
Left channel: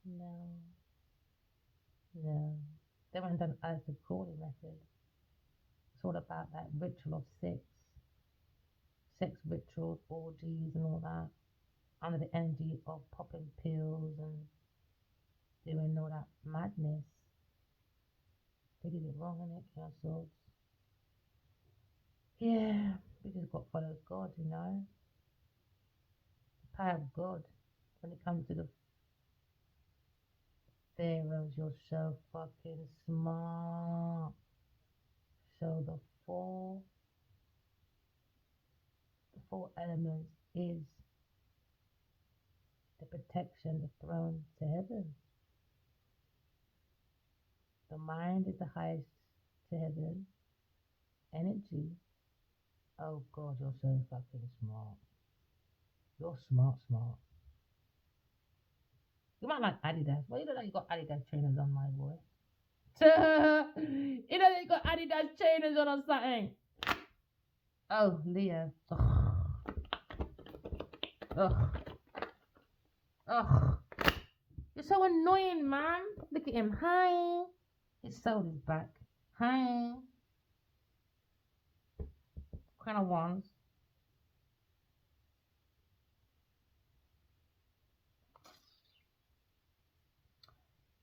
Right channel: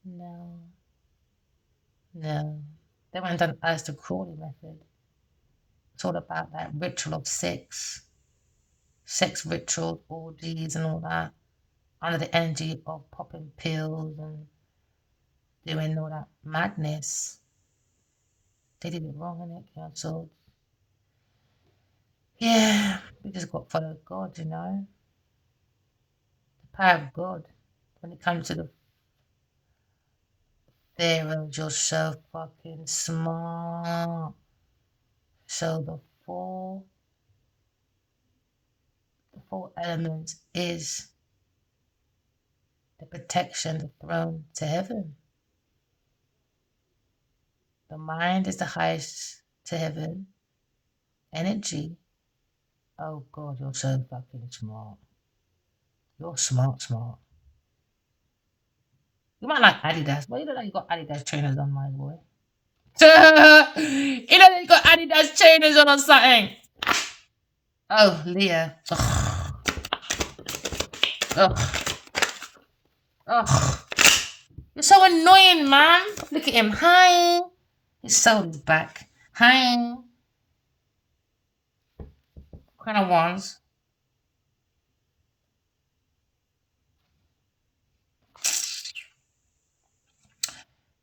No. No. They went and done Aleister Crowley method. It's all about that ritual of sex rituals, orgies, and all that, under the energy of popping pills and doing all that madness. They did it wrong, innit? Cancelled. Yeah, we just got to follow God, you know? The power of God. When it comes to the pharaohs, you're so fucking smart. So the four elements is the protection, the throne to heaven. The mind is the highest to heaven energy. Oh God, you're so fucking smart. You're smart, smart. You might like Adidas. Well, you look like you got Adidas trainers on, my boy. You know you got Adidas trainers on or something. Oh, Leah. Ugh. Ugh. Ugh. You're so annoying, man. Look at him. Hi. His soul is back. Hi. Queen of Wands.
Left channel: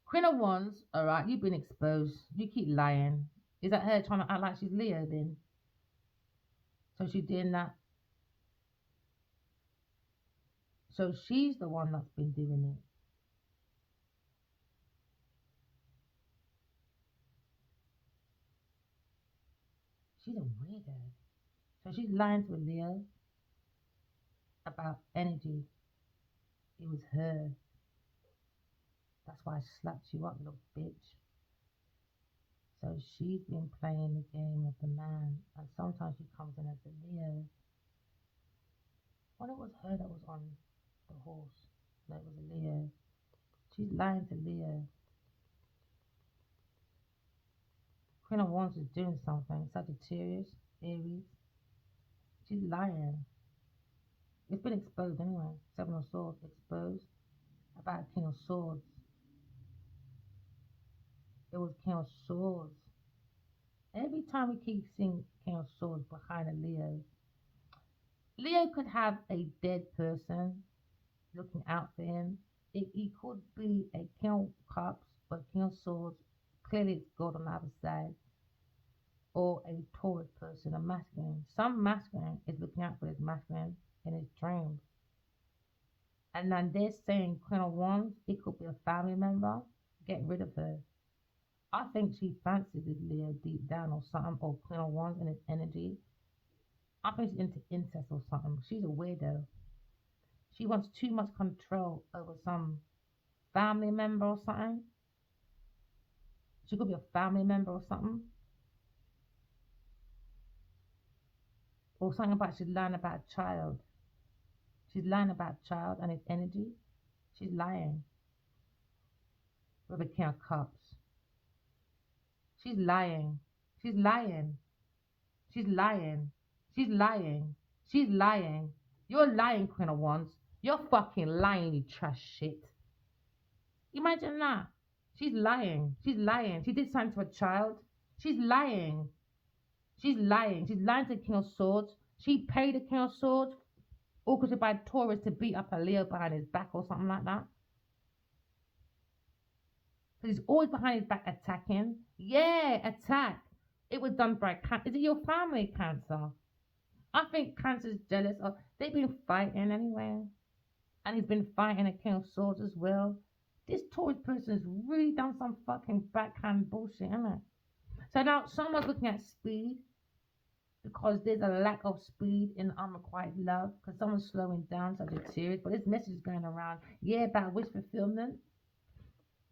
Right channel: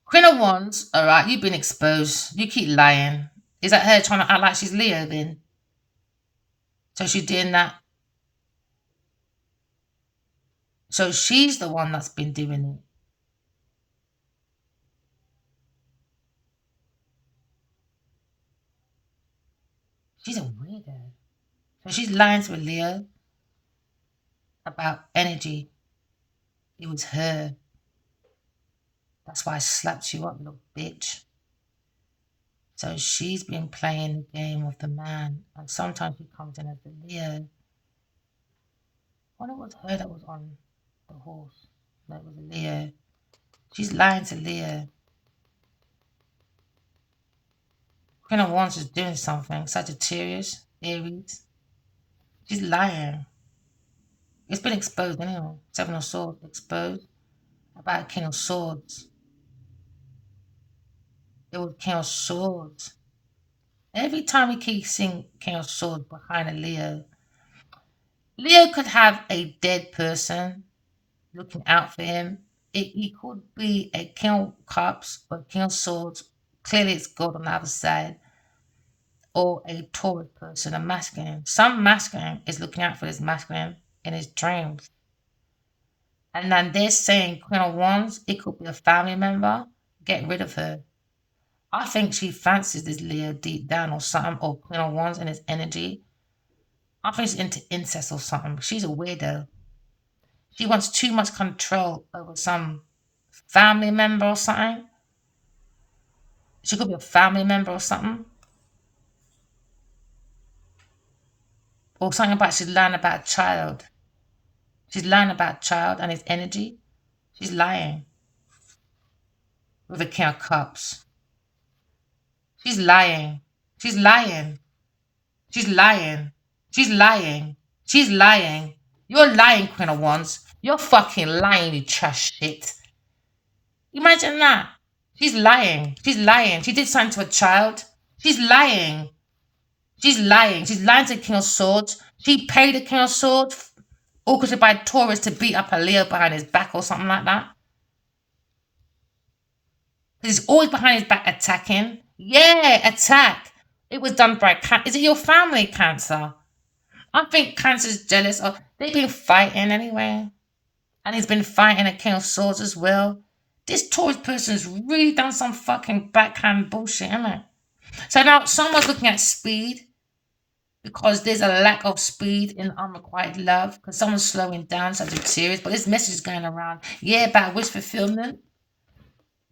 Queen of Wands. All right, you've been exposed. You keep lying. Is that her trying to act like she's Leo then? So she's doing that. So she's the one that's been doing it. She's a weirdo. So she's lying to a Leo about energy. It was her. That's why I slapped you up, little bitch. So she's been playing the game of the man, and sometimes she comes in as the Leo. I wonder it was her that was on the horse. No, it was a Leo. She's lying to Leo. Queen of Wands is doing something. Sagittarius, Aries. She's lying. It's been exposed anyway. Seven of Swords exposed. About King of Swords. It was King of Swords. Every time we keep seeing King of Swords behind a Leo, Leo could have a dead person looking out for him. He could be a King of Cups or King of Swords. Clearly, it's God on the other side. Or a Taurus person, a masculine. Some masculine is looking out for this masculine in his dreams. And then they're saying Queen of Wands, it could be a family member. Get rid of her. I think she fancies this Leo deep down or something, or Queen of Wands and his energy. I think she's into incest or something. She's a weirdo. She wants too much control over some family member or something. She could be a family member or something. Or something about she's lying about a child. She's lying about a child and his energy. She's lying with a King of Cups. She's lying. She's lying. She's lying. She's lying. She's lying. You're lying, Queen of Wands. You're fucking lying, you trash shit. Imagine that. She's lying. She's lying. She did something to a child. She's lying. She's lying. She's lying to the King of Swords. She paid the King of Swords, orchestrated by Taurus, to beat up a Leo behind his back or something like that. He's always behind his back attacking. Yeah, attack. It was done by Cancer. Is it your family, Cancer? I think Cancer's jealous of. They've been fighting anyway. And he's been fighting a King of Swords as well. This Taurus person's really done some fucking backhand bullshit, isn't it? So now someone's looking at speed because there's a lack of speed in unrequited love because someone's slowing down, such a series. But this message is going around, yeah, about wish fulfillment.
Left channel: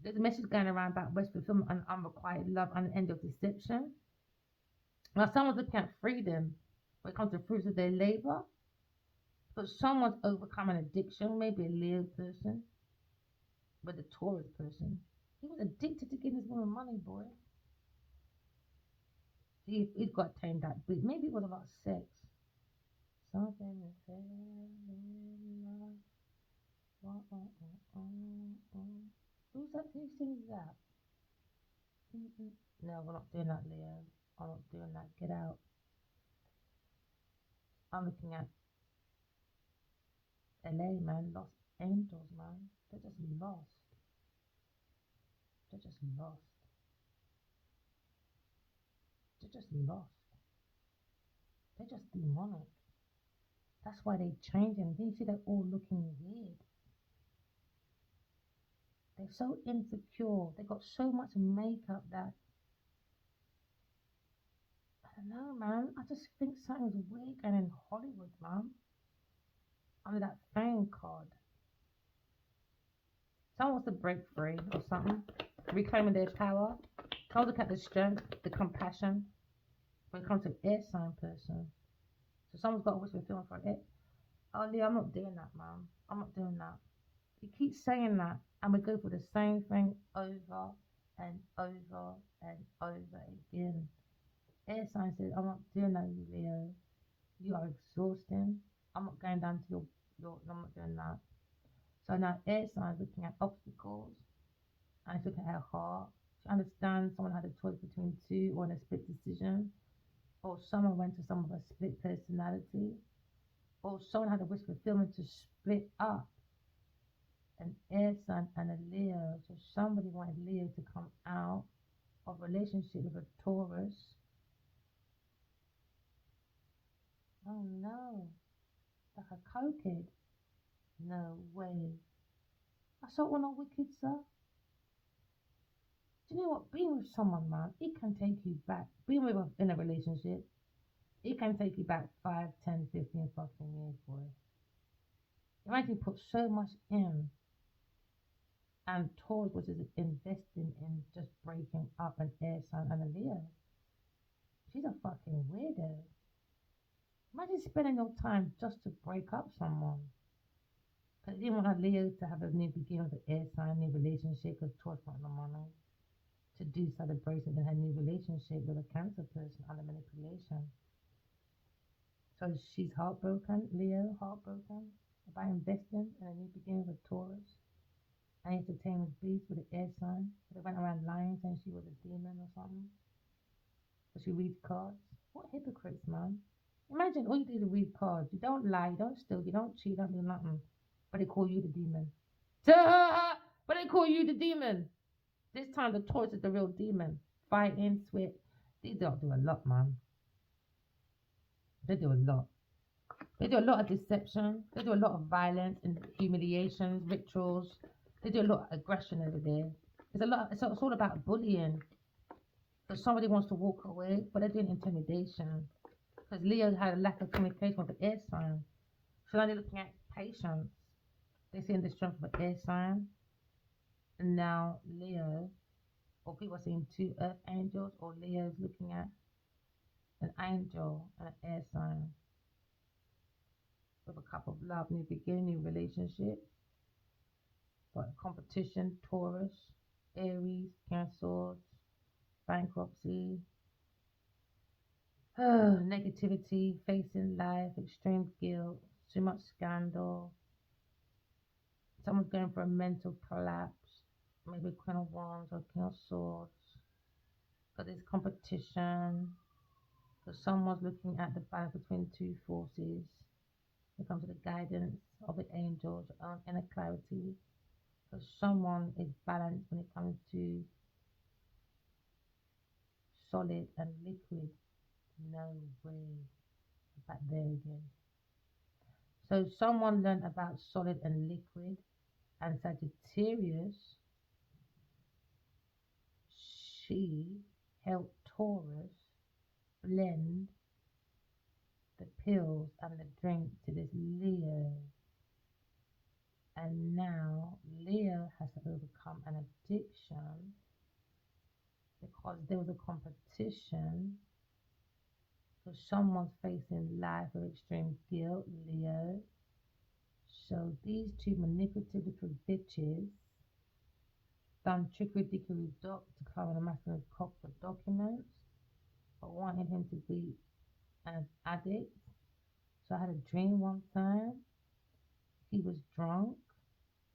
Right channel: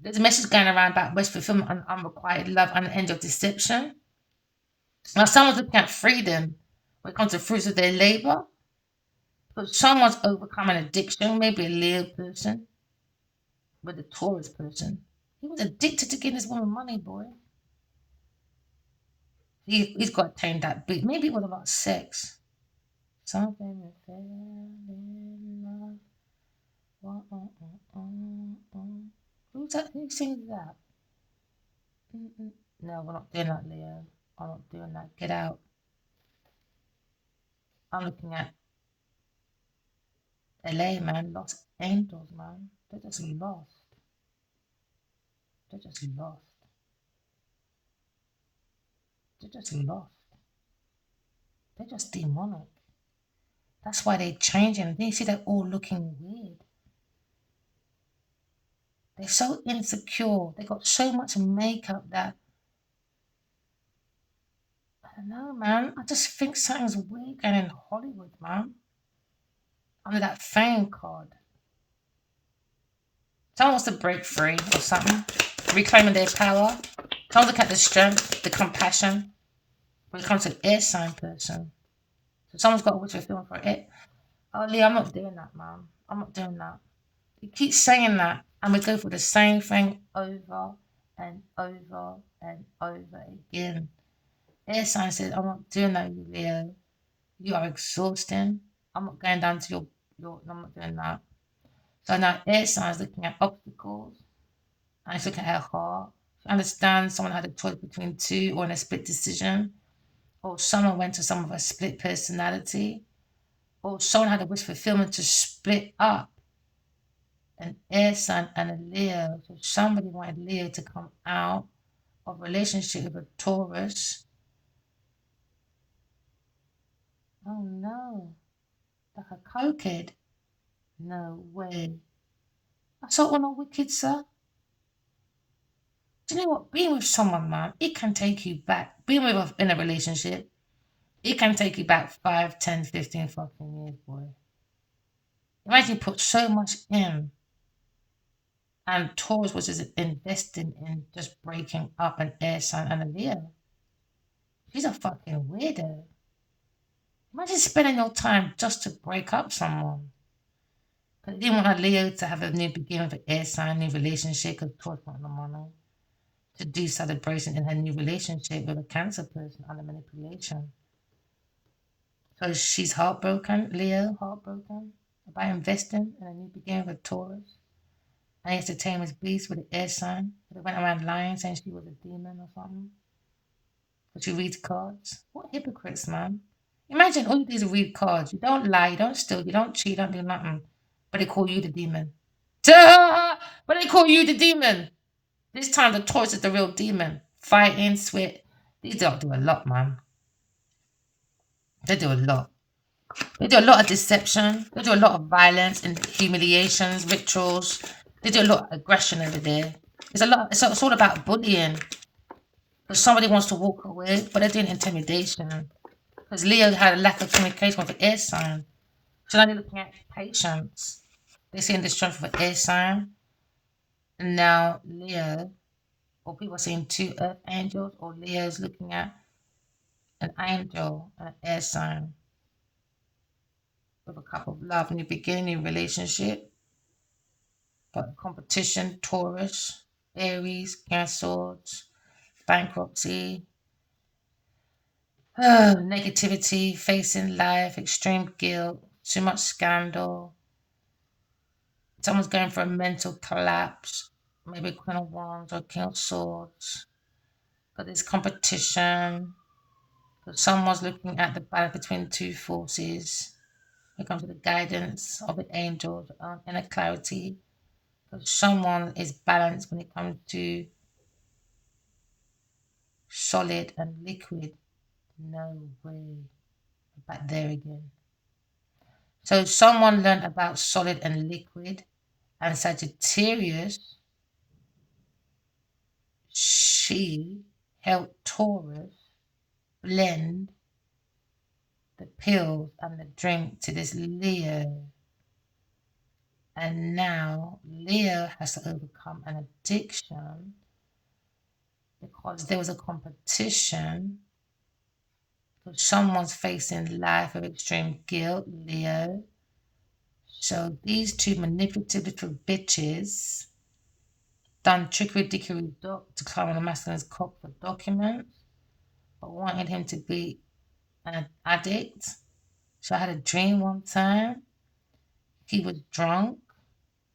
There's a message going around about wish fulfillment and unrequited love and the end of deception. Now someone's looking at freedom when it comes to fruits of their labor. But someone's overcome an addiction, maybe a Leo person with a Taurus person. He was addicted to getting this woman money, boy. He's got to tame that beat. Maybe it was about sex. Something is fell in love. Who's that? Who sings that? No, we're not doing that, Leo. I'm not doing that. Get out. I'm looking at LA, man. Lost angels, man. They're just lost. They're just lost. They're just lost. They're just demonic. That's why they're changing. You see, they're all looking weird. They're so insecure. They got so much makeup that I don't know, man. I just think something's weird going in Hollywood, man. Under that fame card. Someone wants to break free or something. Reclaiming their power. Someone's looking at the strength, the compassion. When it comes to an air sign person. So someone's got to wish fulfillment for it. Oh, Leo, I'm not doing that, man. I'm not doing that. You keep saying that, and we go through the same thing over and over and over again. Air sign says, I'm not doing that, you Leo. You are exhausting. I'm not going down to your I'm not doing that. So now air sign is looking at obstacles and it's looking at her heart. She understands someone had a choice between two or in a split decision, or someone went to some of a split personality, or someone had a wish fulfillment to split up an air sign and a Leo. So somebody wanted Leo to come out of relationship with a Taurus. Oh no, like a cokehead. No way. I saw one on Wicked, sir. Do you know what? Being with someone, man, it can take you back. Being with in a relationship, it can take you back 5, 10, 15 fucking years, boy. Imagine you put so much in, and Taurus was just investing in just breaking up an air sign and a Leo. She's a fucking weirdo. Imagine spending your time just to break up someone. But they didn't want a Leo to have a new beginning with an air sign, new relationship, because Taurus wanted the money. To do celebration in her new relationship with a Cancer person under manipulation. So she's heartbroken, Leo, heartbroken about investing in a new beginning with Taurus. And he has to tame his beast with an air sign. They went around lying, saying she was a demon or something. But she reads cards. What hypocrites, man. Imagine all you do is read cards. You don't lie, you don't steal, you don't cheat, you don't do nothing. But they call you the demon. But they call you the demon. This time the Taurus is the real demon. Fighting, sweat. These don't do a lot, man. They do a lot. They do a lot of deception. They do a lot of violence and humiliations, rituals. They do a lot of aggression over there. It's a lot. It's all about bullying. Because somebody wants to walk away, but they're doing intimidation. Because Leo had a lack of communication with the air sign. So now they're looking at patience. They're seeing the strength of an air sign. And now Leo, or people are seeing two earth angels, or Leo's looking at an angel and an air sign with a cup of love, new beginning, new relationship, but competition, Taurus, Aries, Cancer, bankruptcy, negativity, facing life, extreme guilt, too much scandal. Someone's going for a mental collapse, maybe Queen of Wands or King of Swords. But there's competition. But someone's looking at the balance between two forces. When it comes to the guidance of the angels and inner clarity. But someone is balanced when it comes to solid and liquid. No way. Back there again. So someone learned about solid and liquid, and Sagittarius, she helped Taurus blend the pills and the drink to this Leo. And now Leo has to overcome an addiction because there was a competition. Because someone's facing life of extreme guilt, Leo. So these two manipulative little bitches done trickery dickery doc to climb on a masculine's cock for documents, but wanted him to be an addict. So I had a dream one time. He was drunk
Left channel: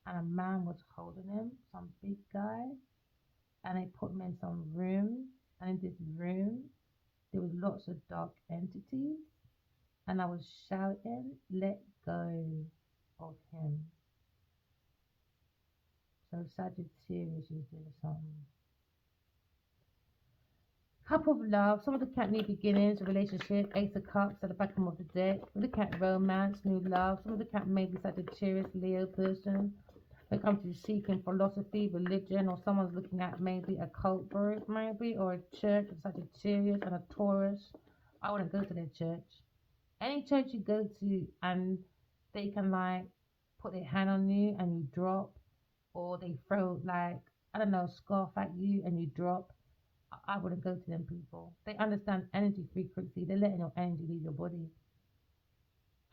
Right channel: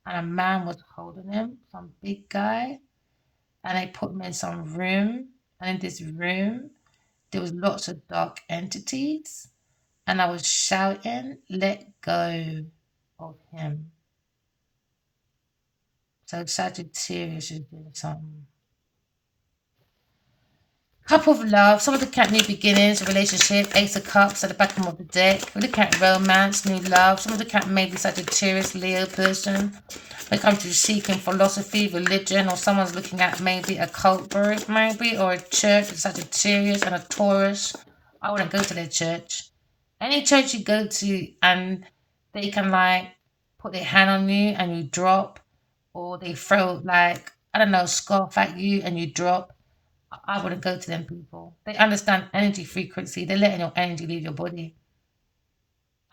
and a man was holding him, some big guy, and they put him in some room. And in this room, there was lots of dark entities. And I was shouting, let go of him. So Sagittarius is doing something. Cup of love. Some of the cat new beginnings, a relationship, Ace of Cups at the bottom of the deck. We look at romance, new love. Some of the cat maybe Sagittarius, Leo person. When it comes to seeking philosophy, religion, or someone's looking at maybe a cult group, maybe, or a church, a Sagittarius and a Taurus. I wouldn't go to their church. Any church you go to and they can like put their hand on you and you drop, or they throw like, I don't know, scarf at you and you drop. I wouldn't go to them people. They understand energy frequency. They're letting your energy leave your body.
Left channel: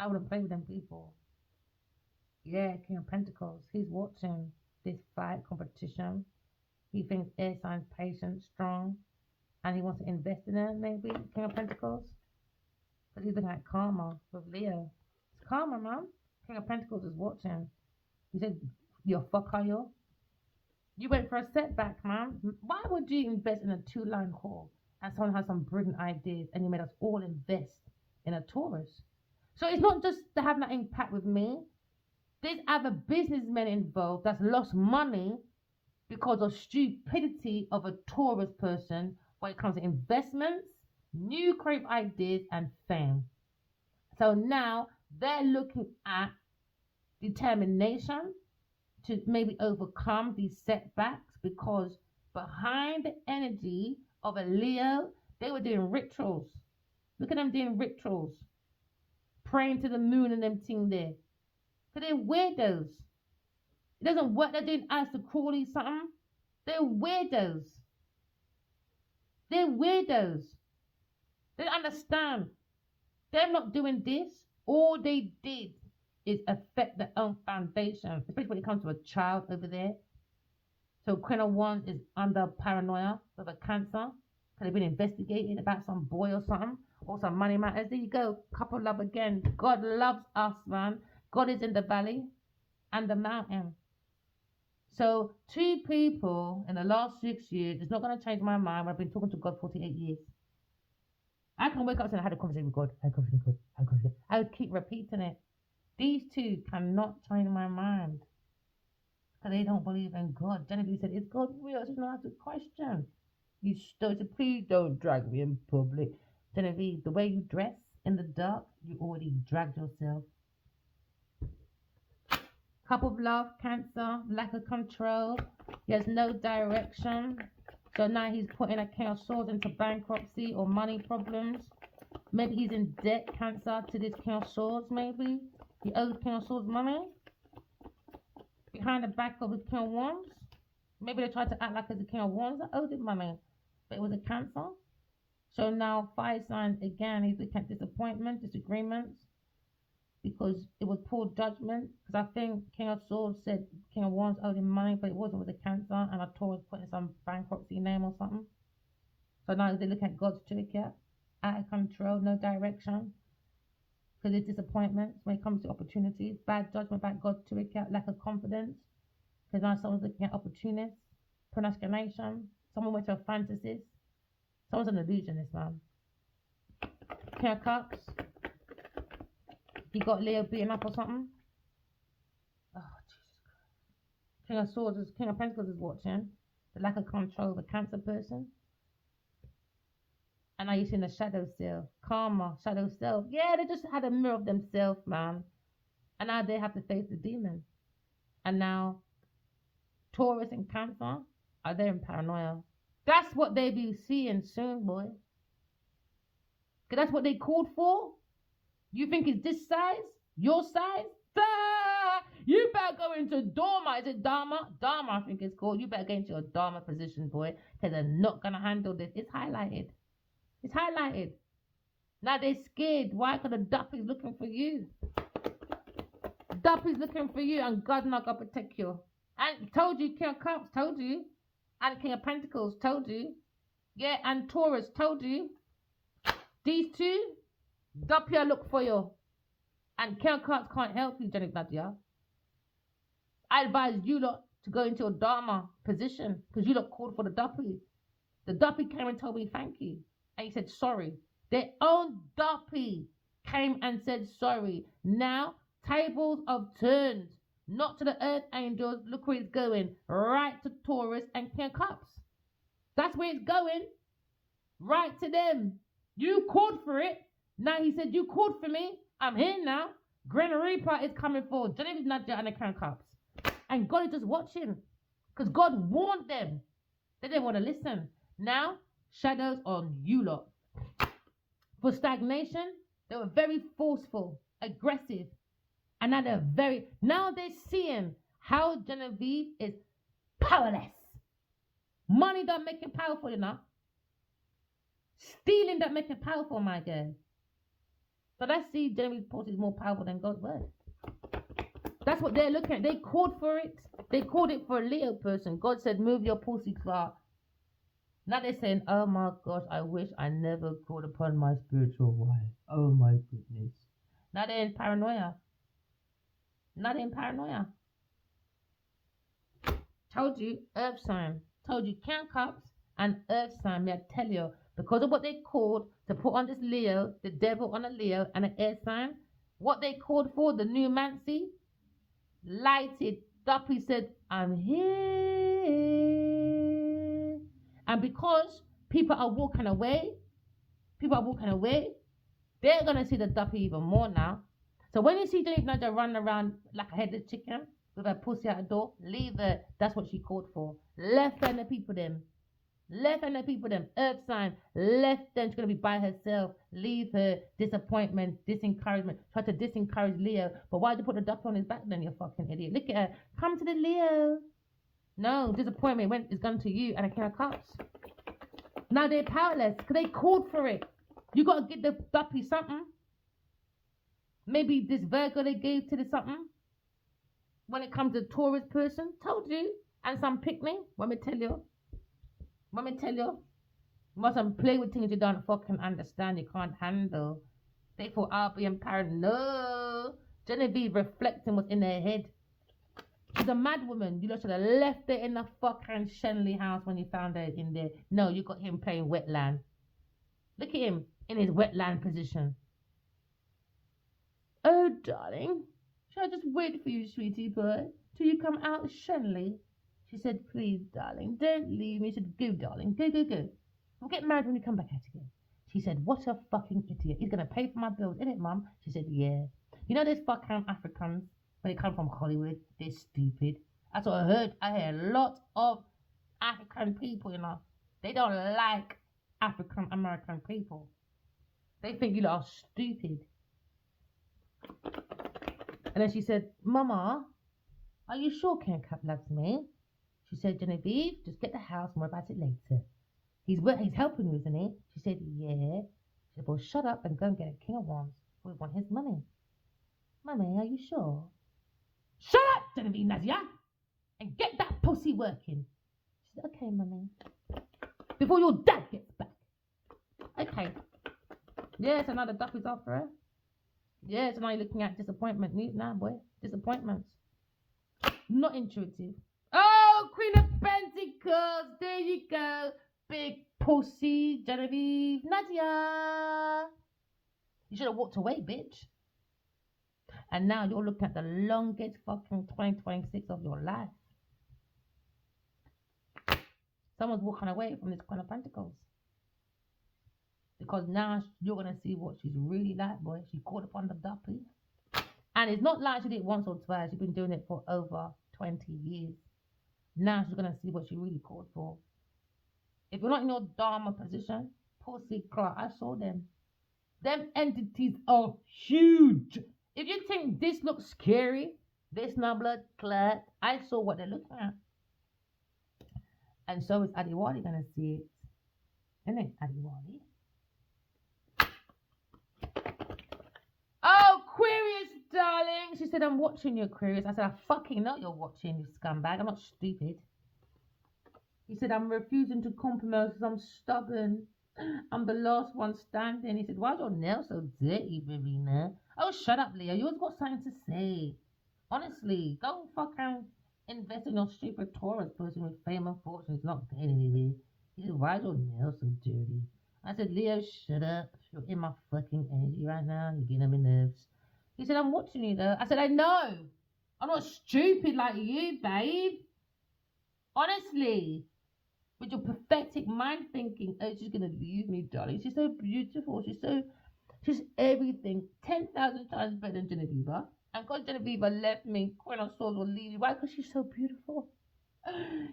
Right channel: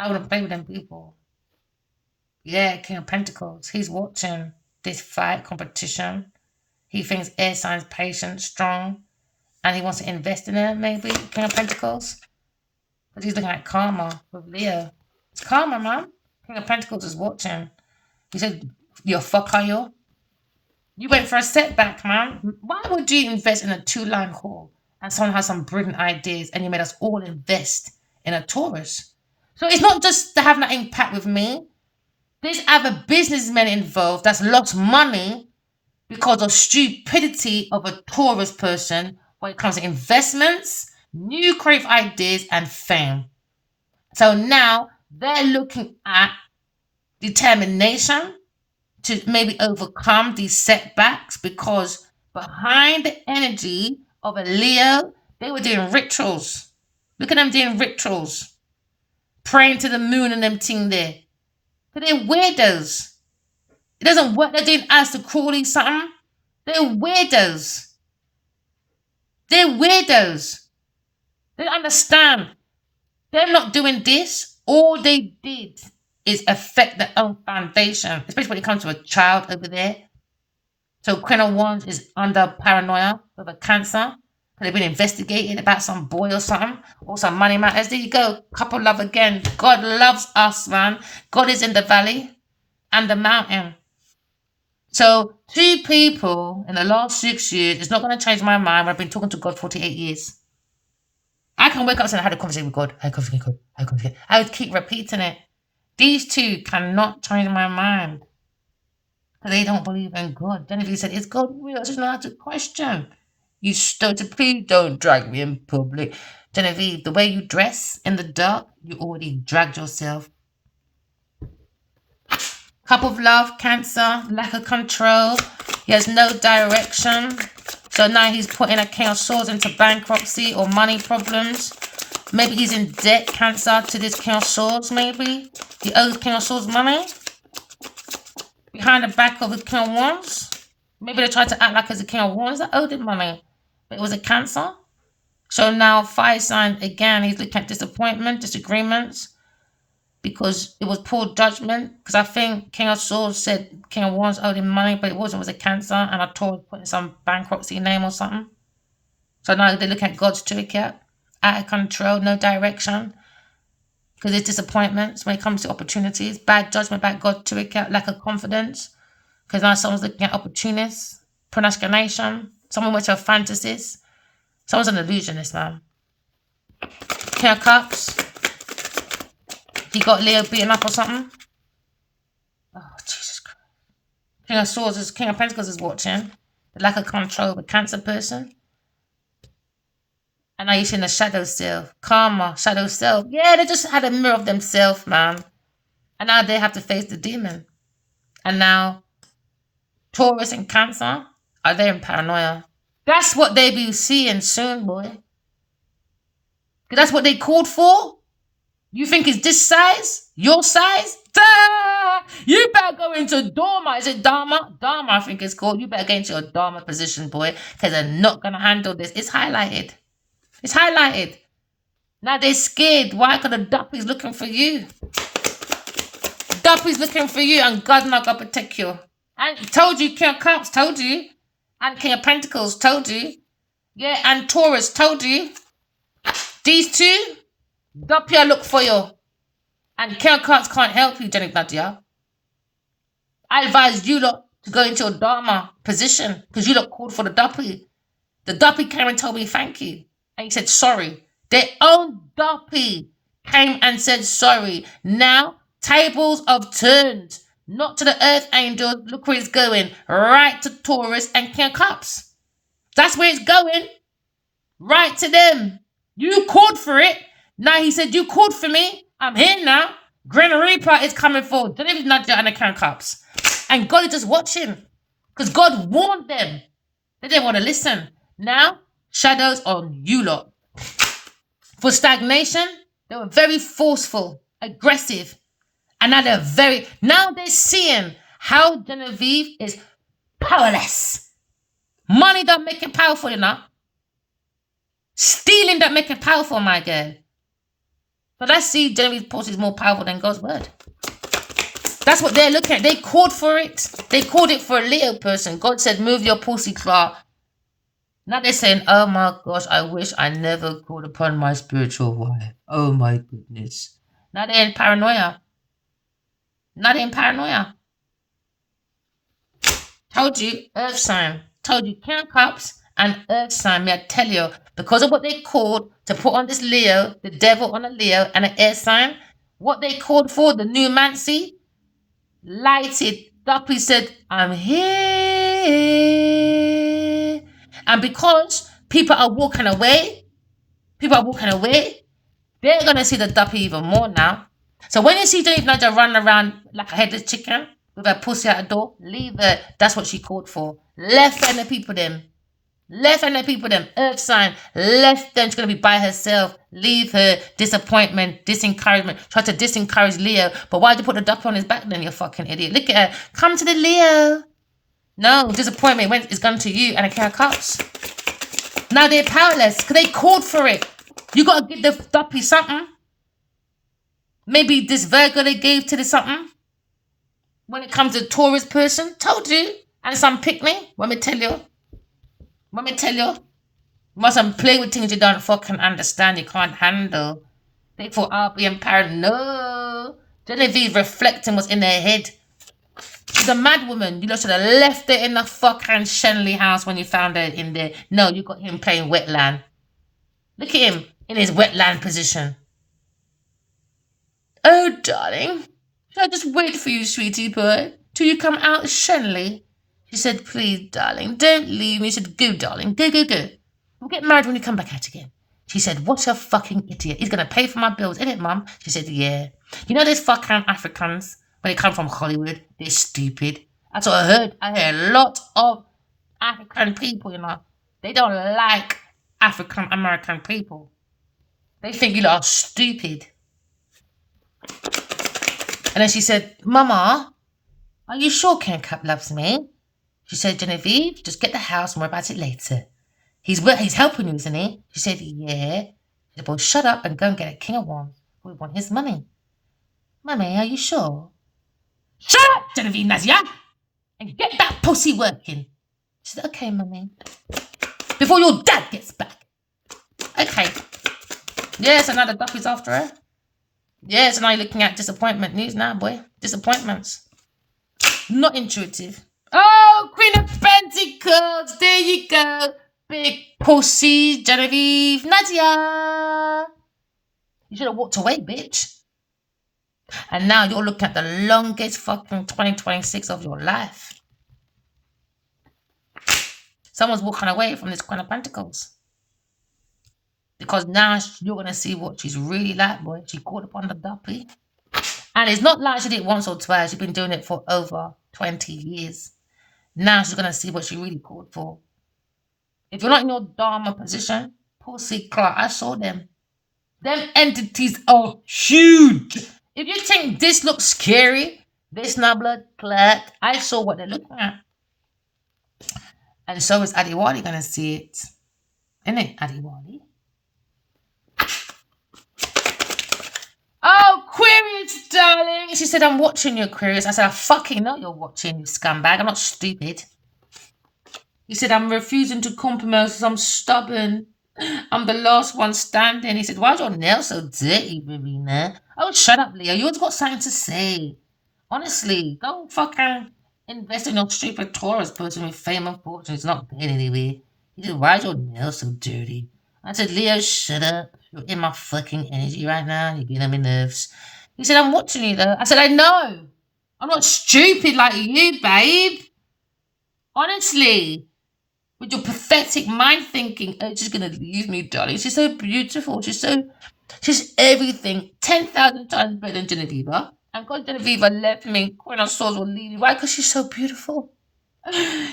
I wouldn't play with them people. Yeah, King of Pentacles. He's watching this fight competition. He thinks air signs patient, strong, and he wants to invest in them, maybe, King of Pentacles. But he's looking at karma with Leo. It's karma, man. King of Pentacles is watching. He said, "You're a fucker, you. You went for a setback, man. Why would you invest in a two-line hall and someone has some brilliant ideas and you made us all invest in a Taurus?" So it's not just to have that impact with me. There's other businessmen involved that's lost money because of stupidity of a Taurus person when it comes to investments, new creative ideas, and fame. So now they're looking at determination to maybe overcome these setbacks because behind the energy of a Leo, they were doing rituals. Look at them doing rituals, praying to the moon and them thing there. So they're weirdos. It doesn't work. They're doing Aleister Crowley something. They're weirdos. They're weirdos. They don't understand. They're not doing this. All they did is affect their own foundation, especially when it comes to a child over there. So Queen of Wands is under paranoia with a Cancer. They've been investigating about some boy or something, or some money matters. There you go. Couple love again. God loves us, man. God is in the valley and the mountain. So 2 people in the last 6 years, it's not going to change my mind. I've been talking to God 48 years. I can wake up and say, I had a conversation with God. I had a conversation with God. I had a conversation. I would keep repeating it. These 2 cannot change my mind. Because they don't believe in God. Genevieve said, is God real? I just know how to question. You stupid, please don't drag me in public. Genevieve, the way you dress in the dark, you already dragged yourself. Cup of love, Cancer, lack of control. He has no direction. So now he's putting a King of Swords into bankruptcy or money problems. Maybe he's in debt, Cancer, to this King of Swords, maybe. He owes King of Swords money. Behind the back of the King of Wands. Maybe they tried to act like it's a King of Wands that owed him money. But it was a Cancer. So now fire sign, again, he's looking at disappointment, disagreements. Because it was poor judgment. Because I think King of Swords said King of Wands owed him money, but it wasn't. It was a Cancer, and I told putting some bankruptcy name or something. So now they look at God's toolkit, out of control, no direction. Because there's disappointments when it comes to opportunities, bad judgment about God's toolkit, lack of confidence. Because now someone's looking at opportunists, procrastination. Someone went to a fantasies. Someone's an illusionist, man. King of Cups. He got Leo beaten up or something. Oh, Jesus Christ. King of Swords is King of Pentacles is watching. The lack of control of a Cancer person. And now you're seeing the shadow self. Karma, shadow self. Yeah, they just had a mirror of themselves, man. And now they have to face the demon. And now Taurus and Cancer are there in paranoia. That's what they be seeing soon, boy. Because that's what they called for. You think it's this size? Your size? You better go into Dharma. Is it Dharma? Dharma, I think it's called. You better get into your Dharma position, boy. Because they're not going to handle this. It's highlighted. It's highlighted. Now they're scared. Why? Because the duppy's looking for you. Duppy's looking for you and God not going to protect you. And told you, King of Cups, told you. And King of Pentacles, told you. Yeah, and Taurus, told you. These 2... Doppia look for you. And King of Cups can't help you, Jenny Nadia. I advise you lot to go into your Dharma position because you lot called for the Duppy. The Duppy came and told me thank you. And he said sorry. Their own Duppy came and said sorry. Now, tables have turned. Not to the Earth Angel. Look where it's going. Right to Taurus and King of Cups. That's where it's going. Right to them. You called for it. Now he said, you called for me. I'm here now. Grim Reaper is coming forward. Genevieve Nadia and the King of Cups. And God is just watching. Because God warned them. They didn't want to listen. Now, shadows on you lot. For stagnation, they were very forceful, aggressive. And now they're seeing how Genevieve is powerless. Money don't make it powerful enough. Stealing don't make it powerful, my girl. But I see Genevieve's pussy is more powerful than God's word. That's what they're looking at. They called for it. They called it for a Leo person. God said, move your pussy clout. Now they're saying, oh my gosh, I wish I never called upon my spiritual wife. Oh my goodness. Now they're in paranoia. Now they're in paranoia. Told you, earth sign. Told you, King of Cups and earth sign. May I tell you, because of what they called to put on this Leo, the devil on a Leo and an air sign, what they called for, the numancy, lighted up. He said, I'm here. And because people are walking away, they're going to see the duppy even more now. So when you see Dave Naja run around like a headless chicken with her pussy out the door, leave her. That's what she called for. Left and the people them. Earth sign. Left them. She's going to be by herself. Leave her. Disappointment. Disencouragement. Try to disencourage Leo. But why'd you put the duppy on his back then, you fucking idiot? Look at her. Come to the Leo. No, disappointment it's gone to you and a King of Cups. Now they're powerless because they called for it. You got to give the duppy something. Maybe this Virgo they gave to the something. When it comes to Taurus person, told you. And some picnic. Let me tell you. You mustn't play with things you don't fucking understand. You can't handle. They thought I'll be empowered. No. Genevieve reflecting what's in their head. She's a mad woman. You should have left her in the fucking Shenley house when you found her in there. No, you got him playing wetland. Look at him in his wetland position. Oh, darling, should I just wait for you, sweetie boy, till you come out Shenley? She said, please, darling, don't leave me. She said, go, darling, go. We'll get married when you come back out again. She said, what a fucking idiot. He's going to pay for my bills, isn't it, Mum? She said, yeah. You know those fucking Africans, when they come from Hollywood, they're stupid. That's what I heard. I heard a lot of African people, They don't like African-American people. They think you lot are stupid. And then she said, Mama, are you sure Ken Cup loves me? She said, Genevieve, just get the house and worry about it later. He's helping you, isn't he? She said, yeah. She said, well, shut up and go and get a King of Wands. We want his money. Mummy, are you sure? Shut up, Genevieve Nazia, and get that pussy working. She said, okay, Mummy. Before your dad gets back. Okay. Yeah, so now the duck is after her. Yeah, so now you're looking at disappointment news now, boy. Disappointments. Not intuitive. Oh, Queen of Pentacles. There you go. Big pussy, Genevieve Nadia. You should have walked away, bitch. And now you're looking at the longest fucking 2026 of your life. Someone's walking away from this Queen of Pentacles. Because now you're going to see what she's really like, boy. She caught up on the duppy. And it's not like she did it once or twice. She's been doing it for over 20 years. Now she's going to see what she really called for. If you're not in your Dharma position, pussy clock, I saw them. Them entities are huge. If you think this looks scary, this not blood clot, I saw what they're looking at. And so is Adiwali going to see it. Isn't it, Adiwali? Oh, Aquarius, darling. She said, I'm watching you, Aquarius. I said, I fucking know you're watching, you scumbag. I'm not stupid. He said, I'm refusing to compromise because I'm stubborn. I'm the last one standing. He said, why's your nails so dirty, Verena? Oh, shut up, Leo. You always got something to say. Honestly, don't fucking invest in your stupid Taurus person with fame and fortune. It's not going anywhere. He said, why's your nails so dirty? I said, Leo, shut up. You're in my fucking energy right now. You're getting on my nerves. He said, I'm watching you, though. I said, I know. I'm not stupid like you, babe. Honestly. With your pathetic mind thinking, oh, she's going to leave me, darling. She's so beautiful. She's everything. 10,000 times better than Genevieve. And God, Genevieve left me. Queen of Swords will leave me. Why? Because she's so beautiful.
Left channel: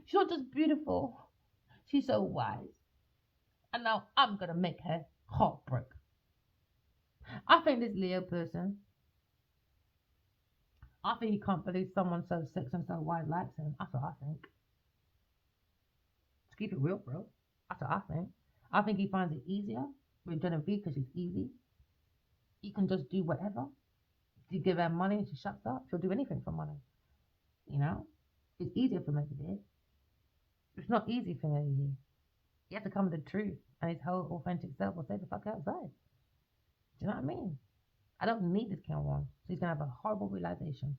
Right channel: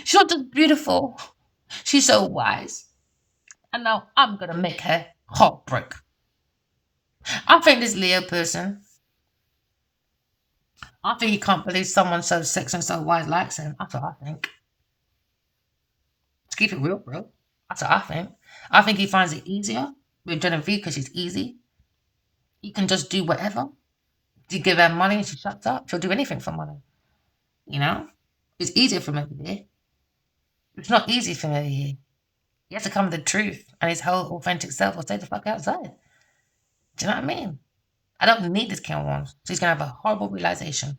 She's not just beautiful. She's so wise. And now I'm going to make her heartbreak. I think this Leo person, I think he can't believe someone so sexy and so wise likes him. That's what I think. To keep it real, bro. That's what I think. I think he finds it easier with Genevieve because she's easy. He can just do whatever. You give her money and she shuts up. She'll do anything for money. You know? It's easier for him over there. It's not easy for him over here. He has to come to the truth and his whole authentic self will stay the fuck outside. Do you know what I mean? I don't need this King one. So he's going to have a horrible realization.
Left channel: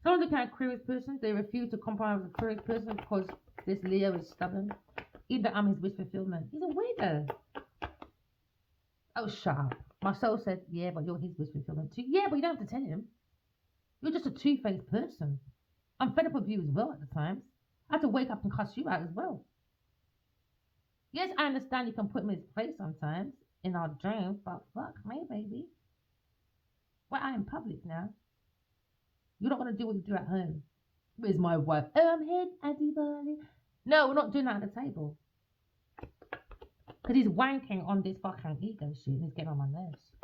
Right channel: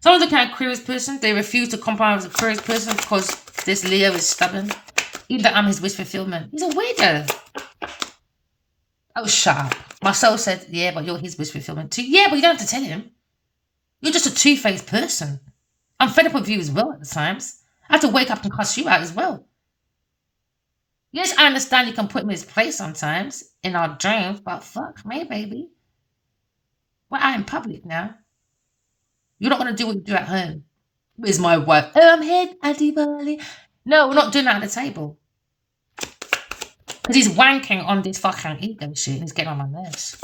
Some of the kind of Aquarius person, they refuse to compromise with Aquarius person because this Leo is stubborn. Even though I'm his wish fulfillment. He's a weirdo. Oh, shut up. My soul said, yeah, but you're his wish fulfillment too. Yeah, but you don't have to tell him. You're just a two-faced person. I'm fed up with you as well at the times. I have to wake up and cuss you out as well. Yes, I understand you can put me in his place sometimes in our dreams, but fuck me, baby. We're out in public now. You're not going to do what you do at home. Where's my wife? Oh, I'm here, Auntie Barley. No, we're not doing that at the table. Because he's wanking on this fucking ego shit and he's getting on my nerves.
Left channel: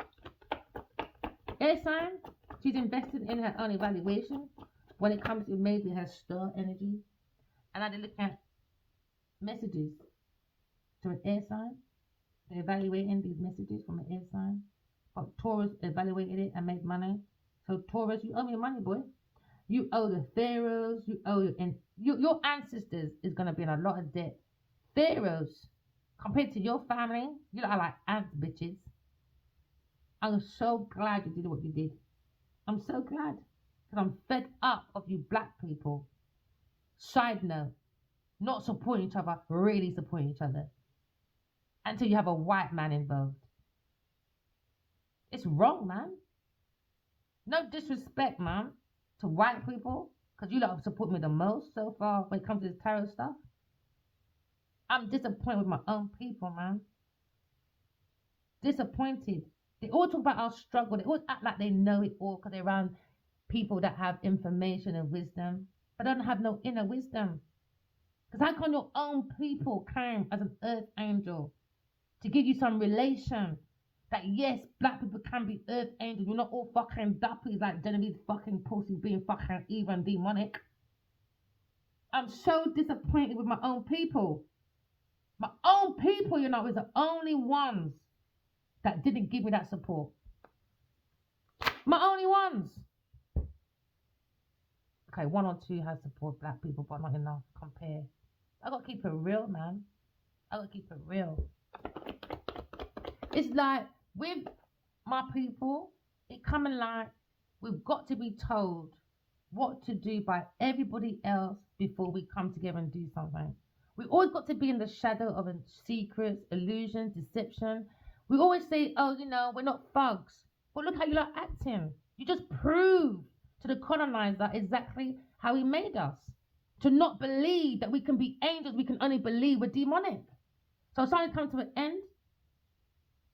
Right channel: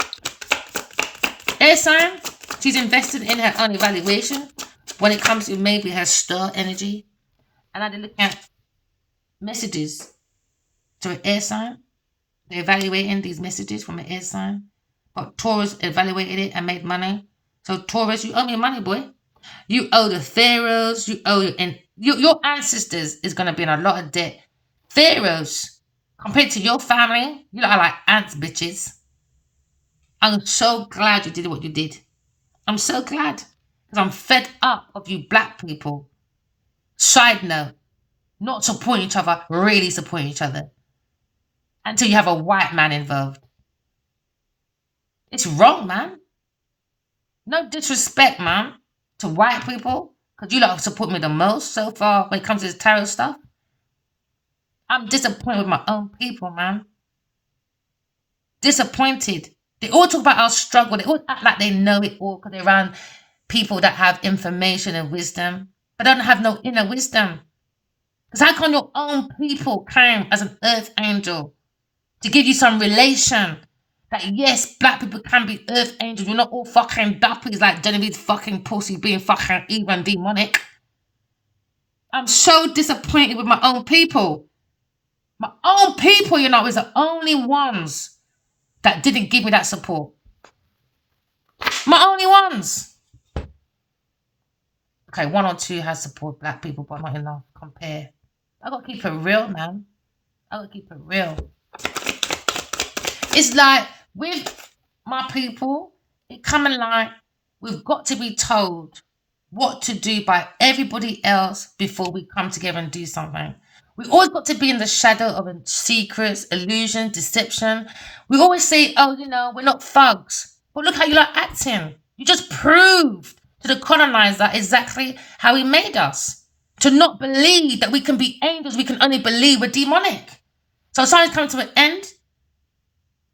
Air sign, she's invested in her own evaluation when it comes to maybe her star energy. And I did look at messages to an air sign. They're evaluating these messages from an air sign. But Taurus evaluated it and made money. So Taurus, you owe me money, boy. You owe the pharaohs. You owe your ancestors is going to be in a lot of debt. Pharaohs, compared to your family, you lot are like ants, bitches. I'm so glad you did what you did. I'm so glad. Because I'm fed up of you black people. Side note, not supporting each other, really supporting each other. Until you have a white man involved. It's wrong, man. No disrespect, man, to white people. Because you lot have supported me the most so far when it comes to this tarot stuff. I'm disappointed with my own people, man. Disappointed. They all talk about our struggle. They all act like they know it all because they're around people that have information and wisdom, but don't have no inner wisdom. Because how come your own people came as an earth angel to give you some relation that yes, black people can be earth angels. We're not all fucking duppies like Genevieve's fucking pussy being fucking evil and demonic. I'm so disappointed with my own people. My own people, you know, is the only ones that didn't give me that support. My only ones. Okay, 1 or 2 has support black people, but not enough. Compare. I gotta keep it real, man. I gotta keep it real. It's like with my people, it coming like we've got to be told what to do by everybody else before we come together and do something. We always got to be in the shadow of secrets, illusion, deception. We always say, oh, you know, we're not thugs. But look how you like acting. You just proved to the colonizer exactly how he made us. To not believe that we can be angels, we can only believe we're demonic. So something's coming to an end.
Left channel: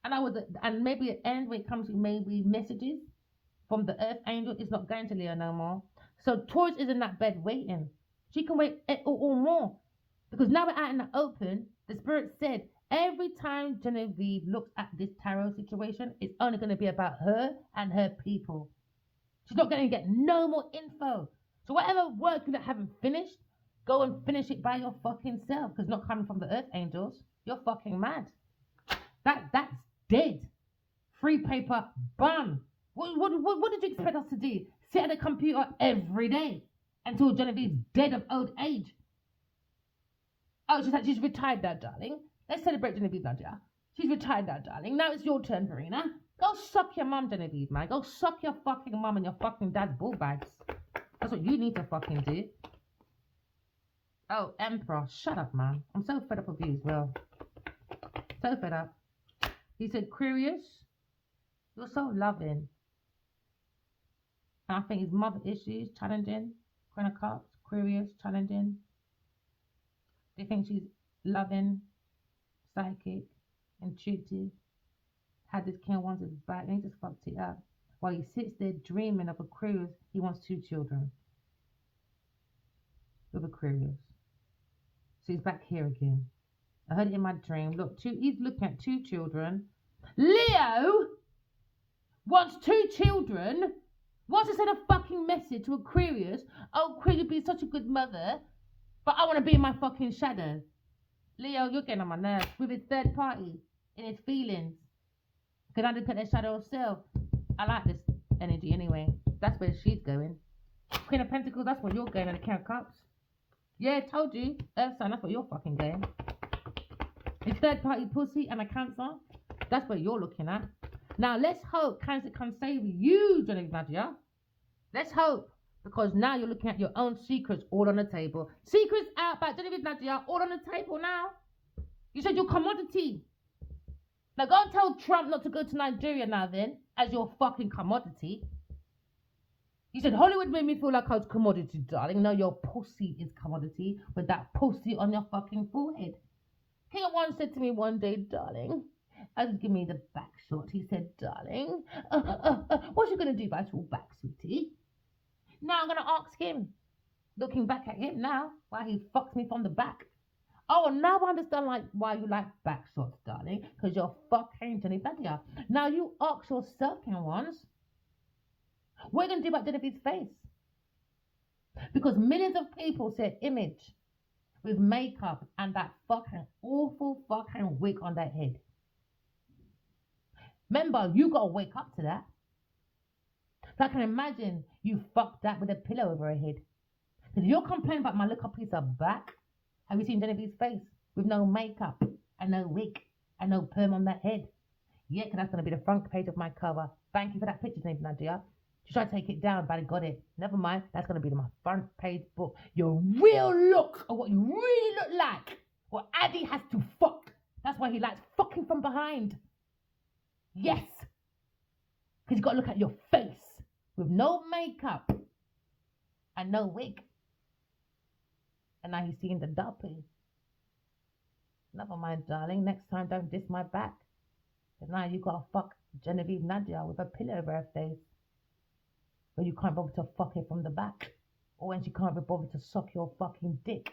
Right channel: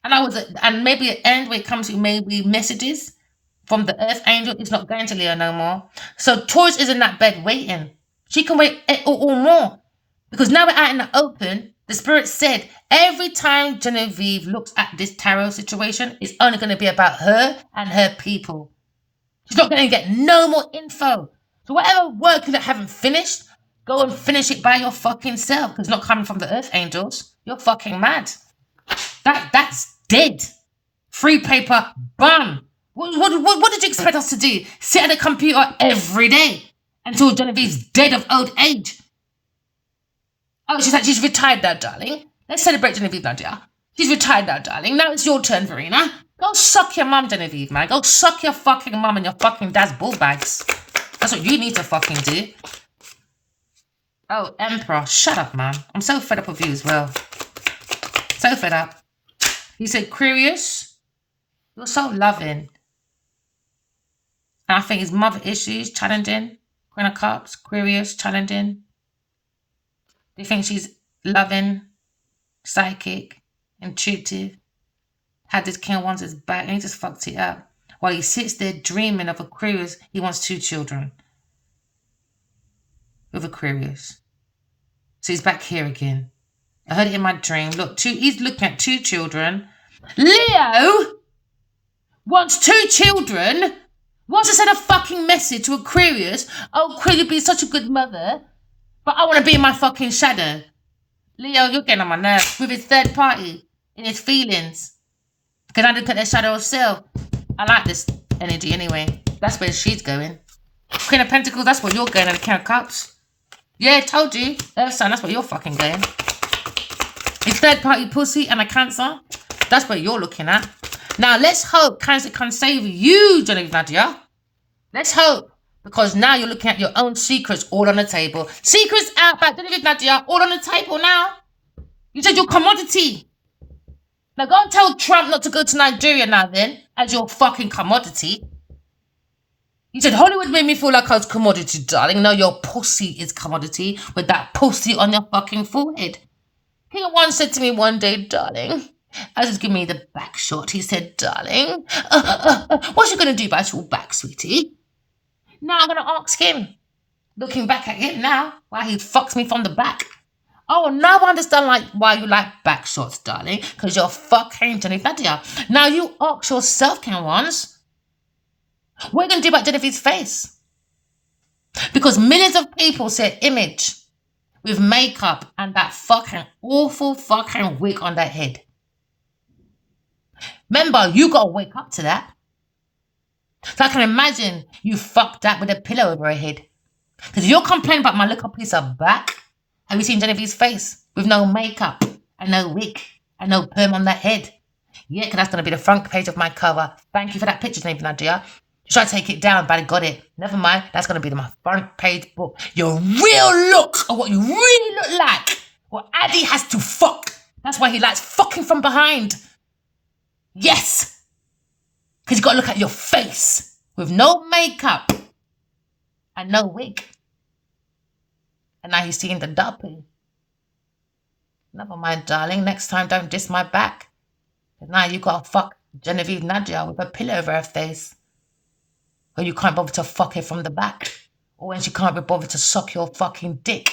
And maybe an end where it comes to maybe messages from the earth angel. It's not going to Leo no more. So Taurus is in that bed waiting. She can wait or more. Because now we're out in the open, the spirit said every time Genevieve looks at this tarot situation, it's only going to be about her and her people. She's not going to get no more info. So whatever work you haven't finished, go and finish it by your fucking self. Because it's not coming from the earth angels. You're fucking mad. That's dead. Free paper, bam. What did you expect us to do? Sit at a computer every day until Genevieve's dead of old age. Oh, she's retired now, darling. Let's celebrate Genevieve, Nadia. She's retired now, darling. Now it's your turn, Verena. Go suck your mum, Genevieve, man. Go suck your fucking mum and your fucking dad's bull bags. That's what you need to fucking do. Oh, Emperor, shut up, man. I'm so fed up with you as well. So fed up. He said, Curious, you're so loving. And I think his mother issues, challenging. Queen of Cups, Curious, challenging. Do you think she's loving, psychic, intuitive? Had this King wants his back and he just fucked it up. While he sits there dreaming of Aquarius, he wants 2 children. With Aquarius. So he's back here again. I heard it in my dream. Look, he's looking at 2 children. Leo wants 2 children. Wants to send a fucking message to Aquarius. Oh, could you be such a good mother? But I want to be in my fucking shadow. Leo, you're getting on my nerves with his third party in his feelings. Can I look at their shadow of self? I like this energy anyway. That's where she's going. Queen of Pentacles, that's where you're going, and the King of Cups. Yeah, told you. Earth sign, that's where you're fucking going. It's third party pussy and a Cancer. That's what you're looking at. Now, let's hope Cancer can save you, Genevieve Nadia. Let's hope. Because now you're looking at your own secrets all on the table. Secrets out by Genevieve Nadia, all on the table now. You said your commodity. Now go and tell Trump not to go to Nigeria now then, as your fucking commodity. You said Hollywood made me feel like I was commodity, darling. No, your pussy is commodity with that pussy on your fucking forehead. King of Wands said to me one day, darling, as he's giving me the back shot, he said, darling, what's you going to do about your back, sweetie? Now I'm going to ask him, looking back at him now, why he fucks me from the back. Oh, now I understand why you like back shots, darling, because you're fucking Genevieve Nadia. Now you ask yourself, King of Wands, what are you going to do about Genevieve's face? Because millions of people said image with makeup and that fucking awful fucking wig on their head. Remember, you got to wake up to that. So I can imagine you fucked that with a pillow over her head. Because you're complaining about my little piece of back. Have you seen Genevieve's face with no makeup and no wig and no perm on that head? Yeah, because that's going to be the front page of my cover. Thank you for that picture, Genevieve Nadia. Should I take it down, but I got it. Never mind. That's going to be my front page book. Your real look of what you really look like. What Addy has to fuck. That's why he likes fucking from behind. Yes. Because you got to look at your face with no makeup and no wig. And now he's seeing the duppy. Never mind, darling. Next time, don't diss my back. Because now you got to fuck Genevieve Nadia with a pillow over her face. Or you can't bother to fuck her from the back. Or when she can't be bothered to suck your fucking dick.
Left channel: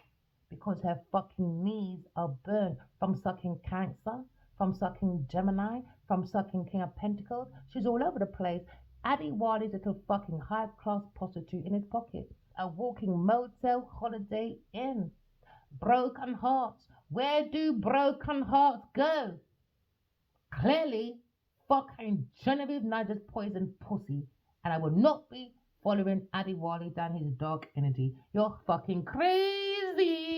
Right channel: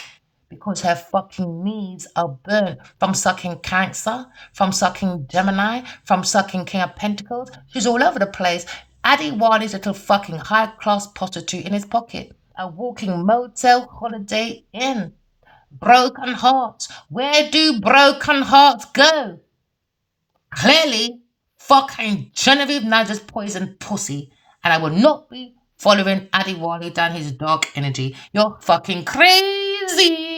Because her fucking knees are burnt from sucking Cancer, from sucking Gemini, from sucking King of Pentacles. She's all over the place. Addy Wali's little fucking high-class prostitute in his pocket. A walking motel holiday inn. Broken hearts. Where do broken hearts go? Clearly, fucking Genevieve Nadia's poison pussy. And I will not be following Addy Wali down his dark energy. You're fucking crazy.